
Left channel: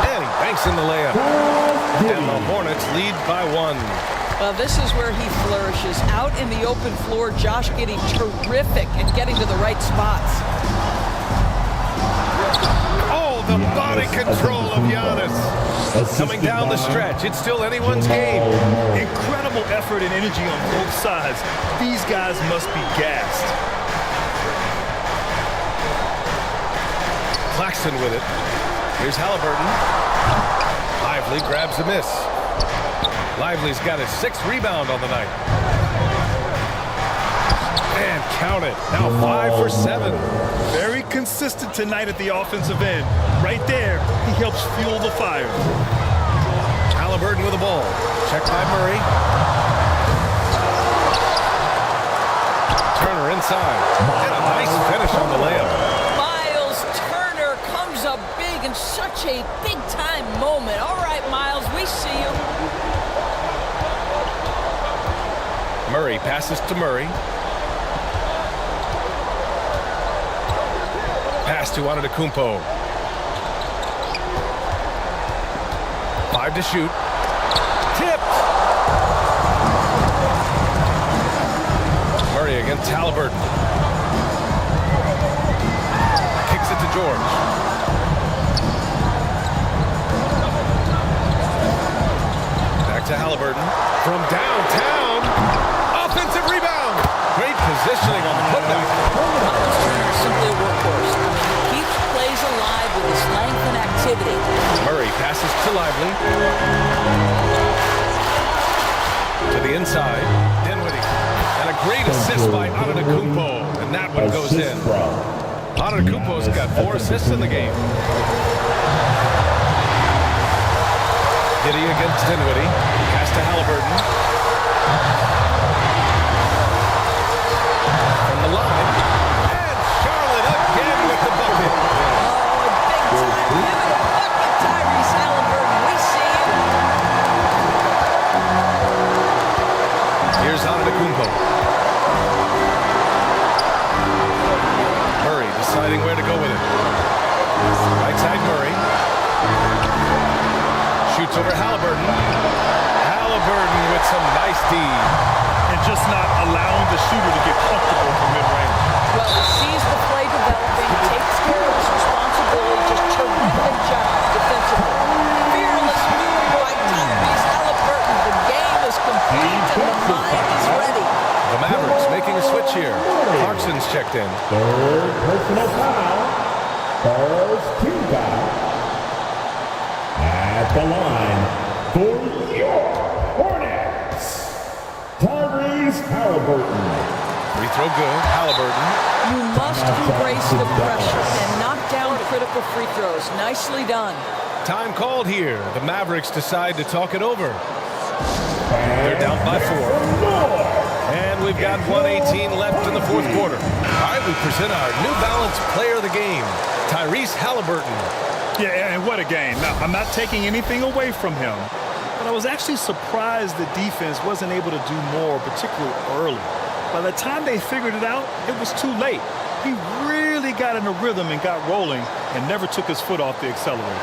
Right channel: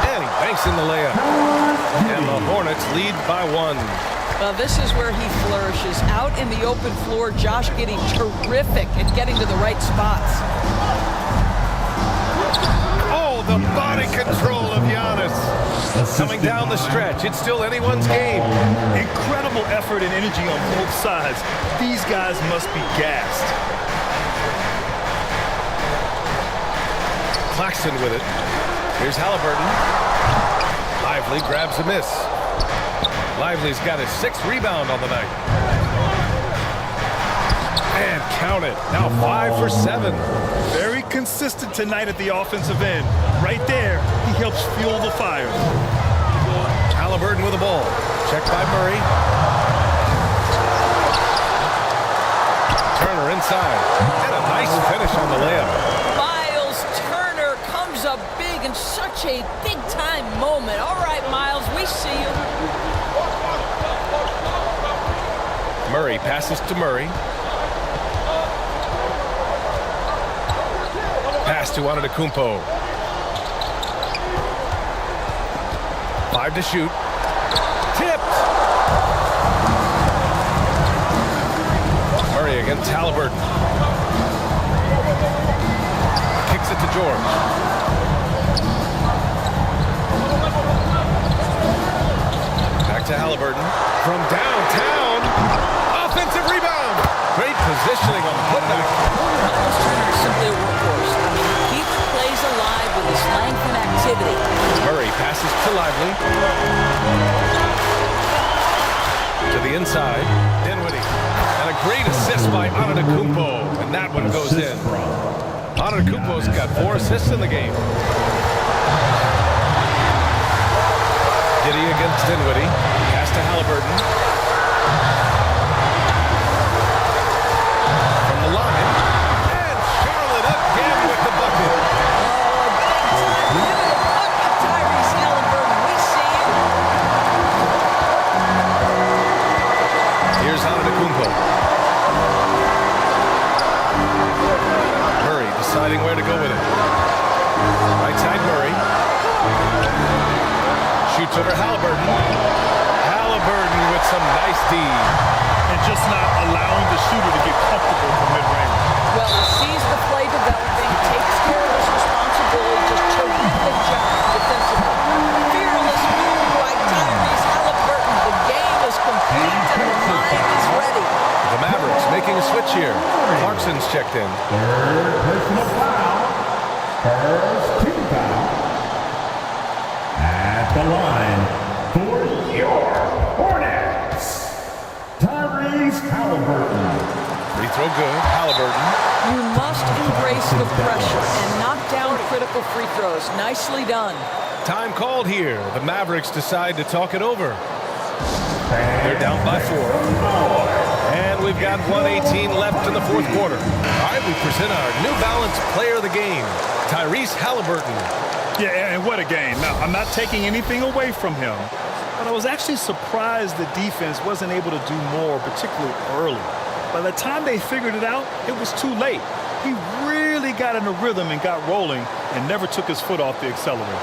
And he banks in the layup. And the Hornets lead by 1. Well, this is where he flourishes. Out in the open floor, Josh Giddey terrific at getting to the right spots. Oh, the body control of Giannis. Coming down the stretch. It's still anyone's game. Incredible effort and energy on both sides. These guys must be gassed. Claxton with it. Here's Halliburton. Lively grabs a miss. Lively's got his 6th rebound on the night. And count it. Now 5 for 7. Very consistent tonight at the offensive end. Right there, he helps fuel the fire. Halliburton with the ball. Checked by Murray. Turner inside. And a nice finish on the layup. Miles Turner comes up big in such a big-time moment. All right, Miles, we see you. Murray passes to Murray. Pass to Antetokounmpo. 5 to shoot. Tipped. Murray against Halliburton. Kicks it to George. Back to Halliburton. From downtown. Offensive rebound. Great positioning on the putback. Miles Turner is simply a workhorse. I mean, he keeps plays alive with his length and activity. Murray passes to Lively. To the inside. Dinwiddie. And a great assist by Antetokounmpo. And that one goes in. Antetokounmpo's got 4 assists in the game. Giddey against Dinwiddie. Pass to Halliburton. From the line. And Charlotte again with the bucket. Oh, a big-time pivotal bucket, Tyrese Halliburton. We see you. Here's Antetokounmpo. Murray deciding where to go with it. Right side Murray. Shoots over Halliburton. Halliburton with some nice D. and just not allowing the shooter to get comfortable from mid-range. Well, he sees the play developing, takes care of his responsibility, just terrific job defensively. Fearless move by Tyrese Halliburton. The game is complete and the mind is ready. The Mavericks making a switch here. Clarkson's checked in. Third personal foul. First team foul. At the line for your Hornets, Tyrese Halliburton. Free throw good. Halliburton. You must embrace the pressure and knock down critical free throws. Nicely done. Time called here. The Mavericks decide to talk it over. They're down by 4. And we've got 1:18 left in the fourth quarter. All right, we present our New Balance Player of the Game, Tyrese Halliburton. Yeah, and what a game. Now, I'm not taking anything away from him, but I was actually surprised the defense wasn't able to do more, particularly early. By the time they figured it out, it was too late. He really got in a rhythm and got rolling and never took his foot off the accelerator.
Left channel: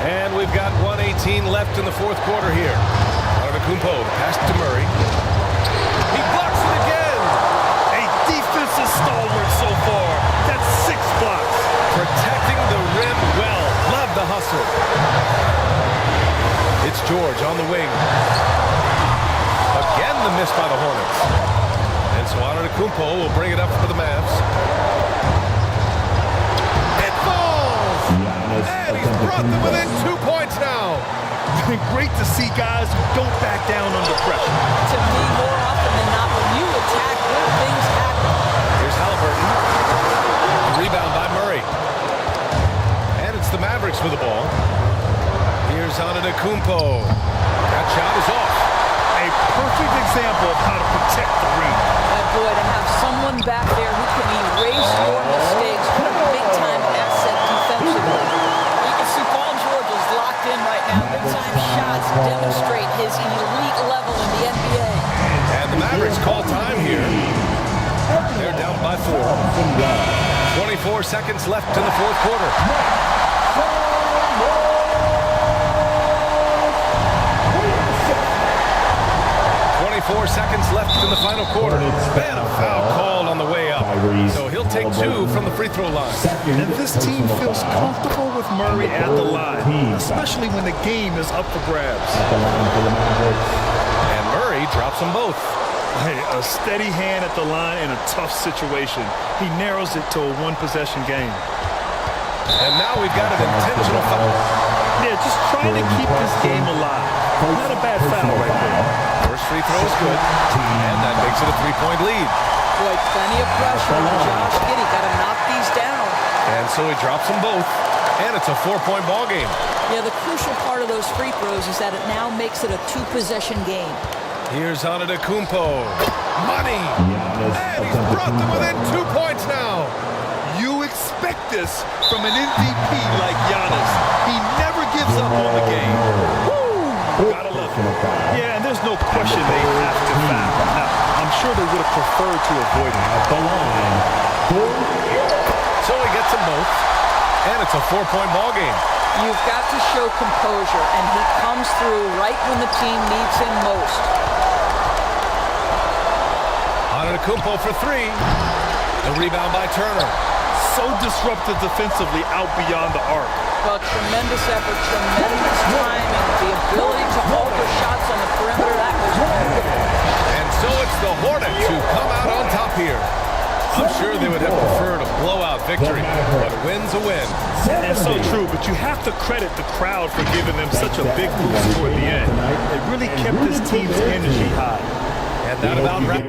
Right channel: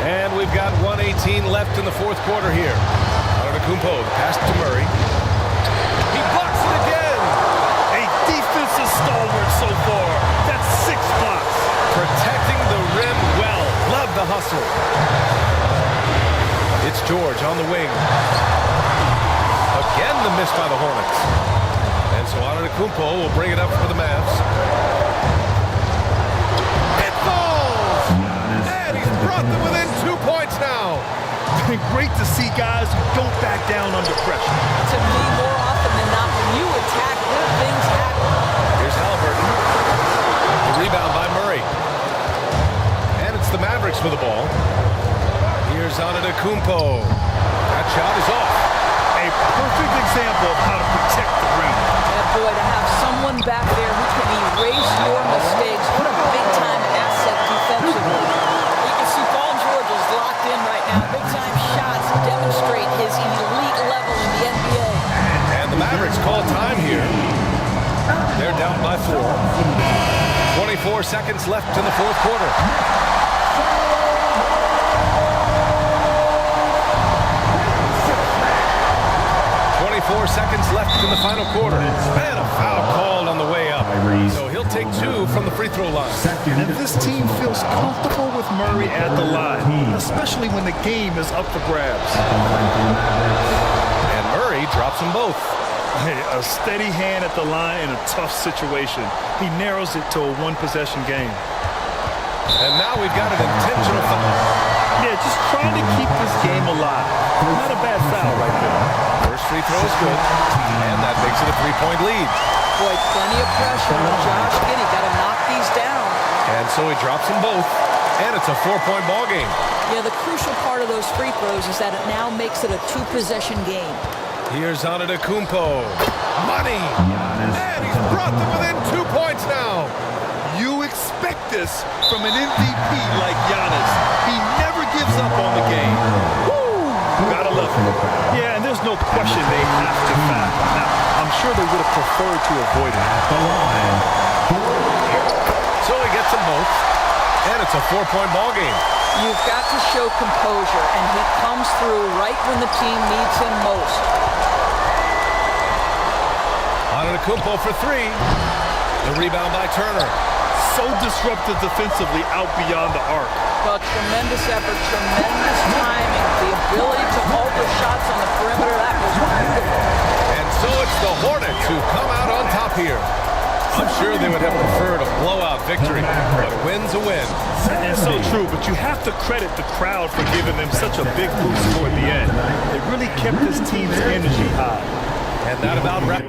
And we've got 1:18 left in the fourth quarter here. Antetokounmpo, the pass to Murray. He blocks it again. A defensive stalwart so far. That's 6 blocks. Protecting the rim well. Love the hustle. It's George on the wing. Again, the miss by the Hornets. And so Antetokounmpo will bring it up for the Mavs. It falls! And he's brought them within 2 points now. Great to see guys who don't back down under pressure. To me, more often than not, when you attack, good things happen. Here's Halliburton. The rebound by Murray. And it's the Mavericks with the ball. Here's Antetokounmpo. That shot is off. A perfect example of how to protect the rim. Boy, to have someone back there who can erase your mistakes, what a big-time asset defensively. You can see Paul George is locked in right now. Big-time shots demonstrate his elite level in the NBA. And the Mavericks call time here. They're down by 4. 24 seconds left in the fourth quarter. 24 seconds left in the final quarter. And a foul called on the way up. So he'll take 2 from the free throw line. And this team feels comfortable with Murray at the line, especially when the game is up for grabs. And Murray drops them both. Hey, a steady hand at the line in a tough situation. He narrows it to a one-possession game. And now we've got an intentional foul. Yeah, just trying to keep this game alive. Not a bad foul right there. First free throw is good, and that makes it a 3-point lead. Boy, plenty of pressure on Josh Giddey. Got to knock these down. And so he drops them both, and it's a 4-point ball game. Yeah, the crucial part of those free throws is that it now makes it a 2-possession game. Here's Antetokounmpo. Money! And he's brought them within 2 points now. You expect this from an MVP like Giannis. He never gives up on the game. Woo! Gotta love him. Yeah, and there's no question they have to foul. Now, I'm sure they would have preferred to avoid it. At the line for So he gets them both, and it's a 4-point ball game. You've got to show composure, and he comes through right when the team needs him most. Antetokounmpo for 3. The rebound by Turner. So disruptive defensively out beyond the arc. Well, tremendous effort, tremendous timing, the ability to alter shots on the perimeter. That was beautiful. And so it's the Hornets who come out on top here. I'm sure they would have preferred a blowout victory, but a win's a win. And so true, but you have to credit the crowd for giving them such a big boost toward the end. It really kept this team's energy high. And that about wraps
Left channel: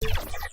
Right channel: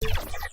you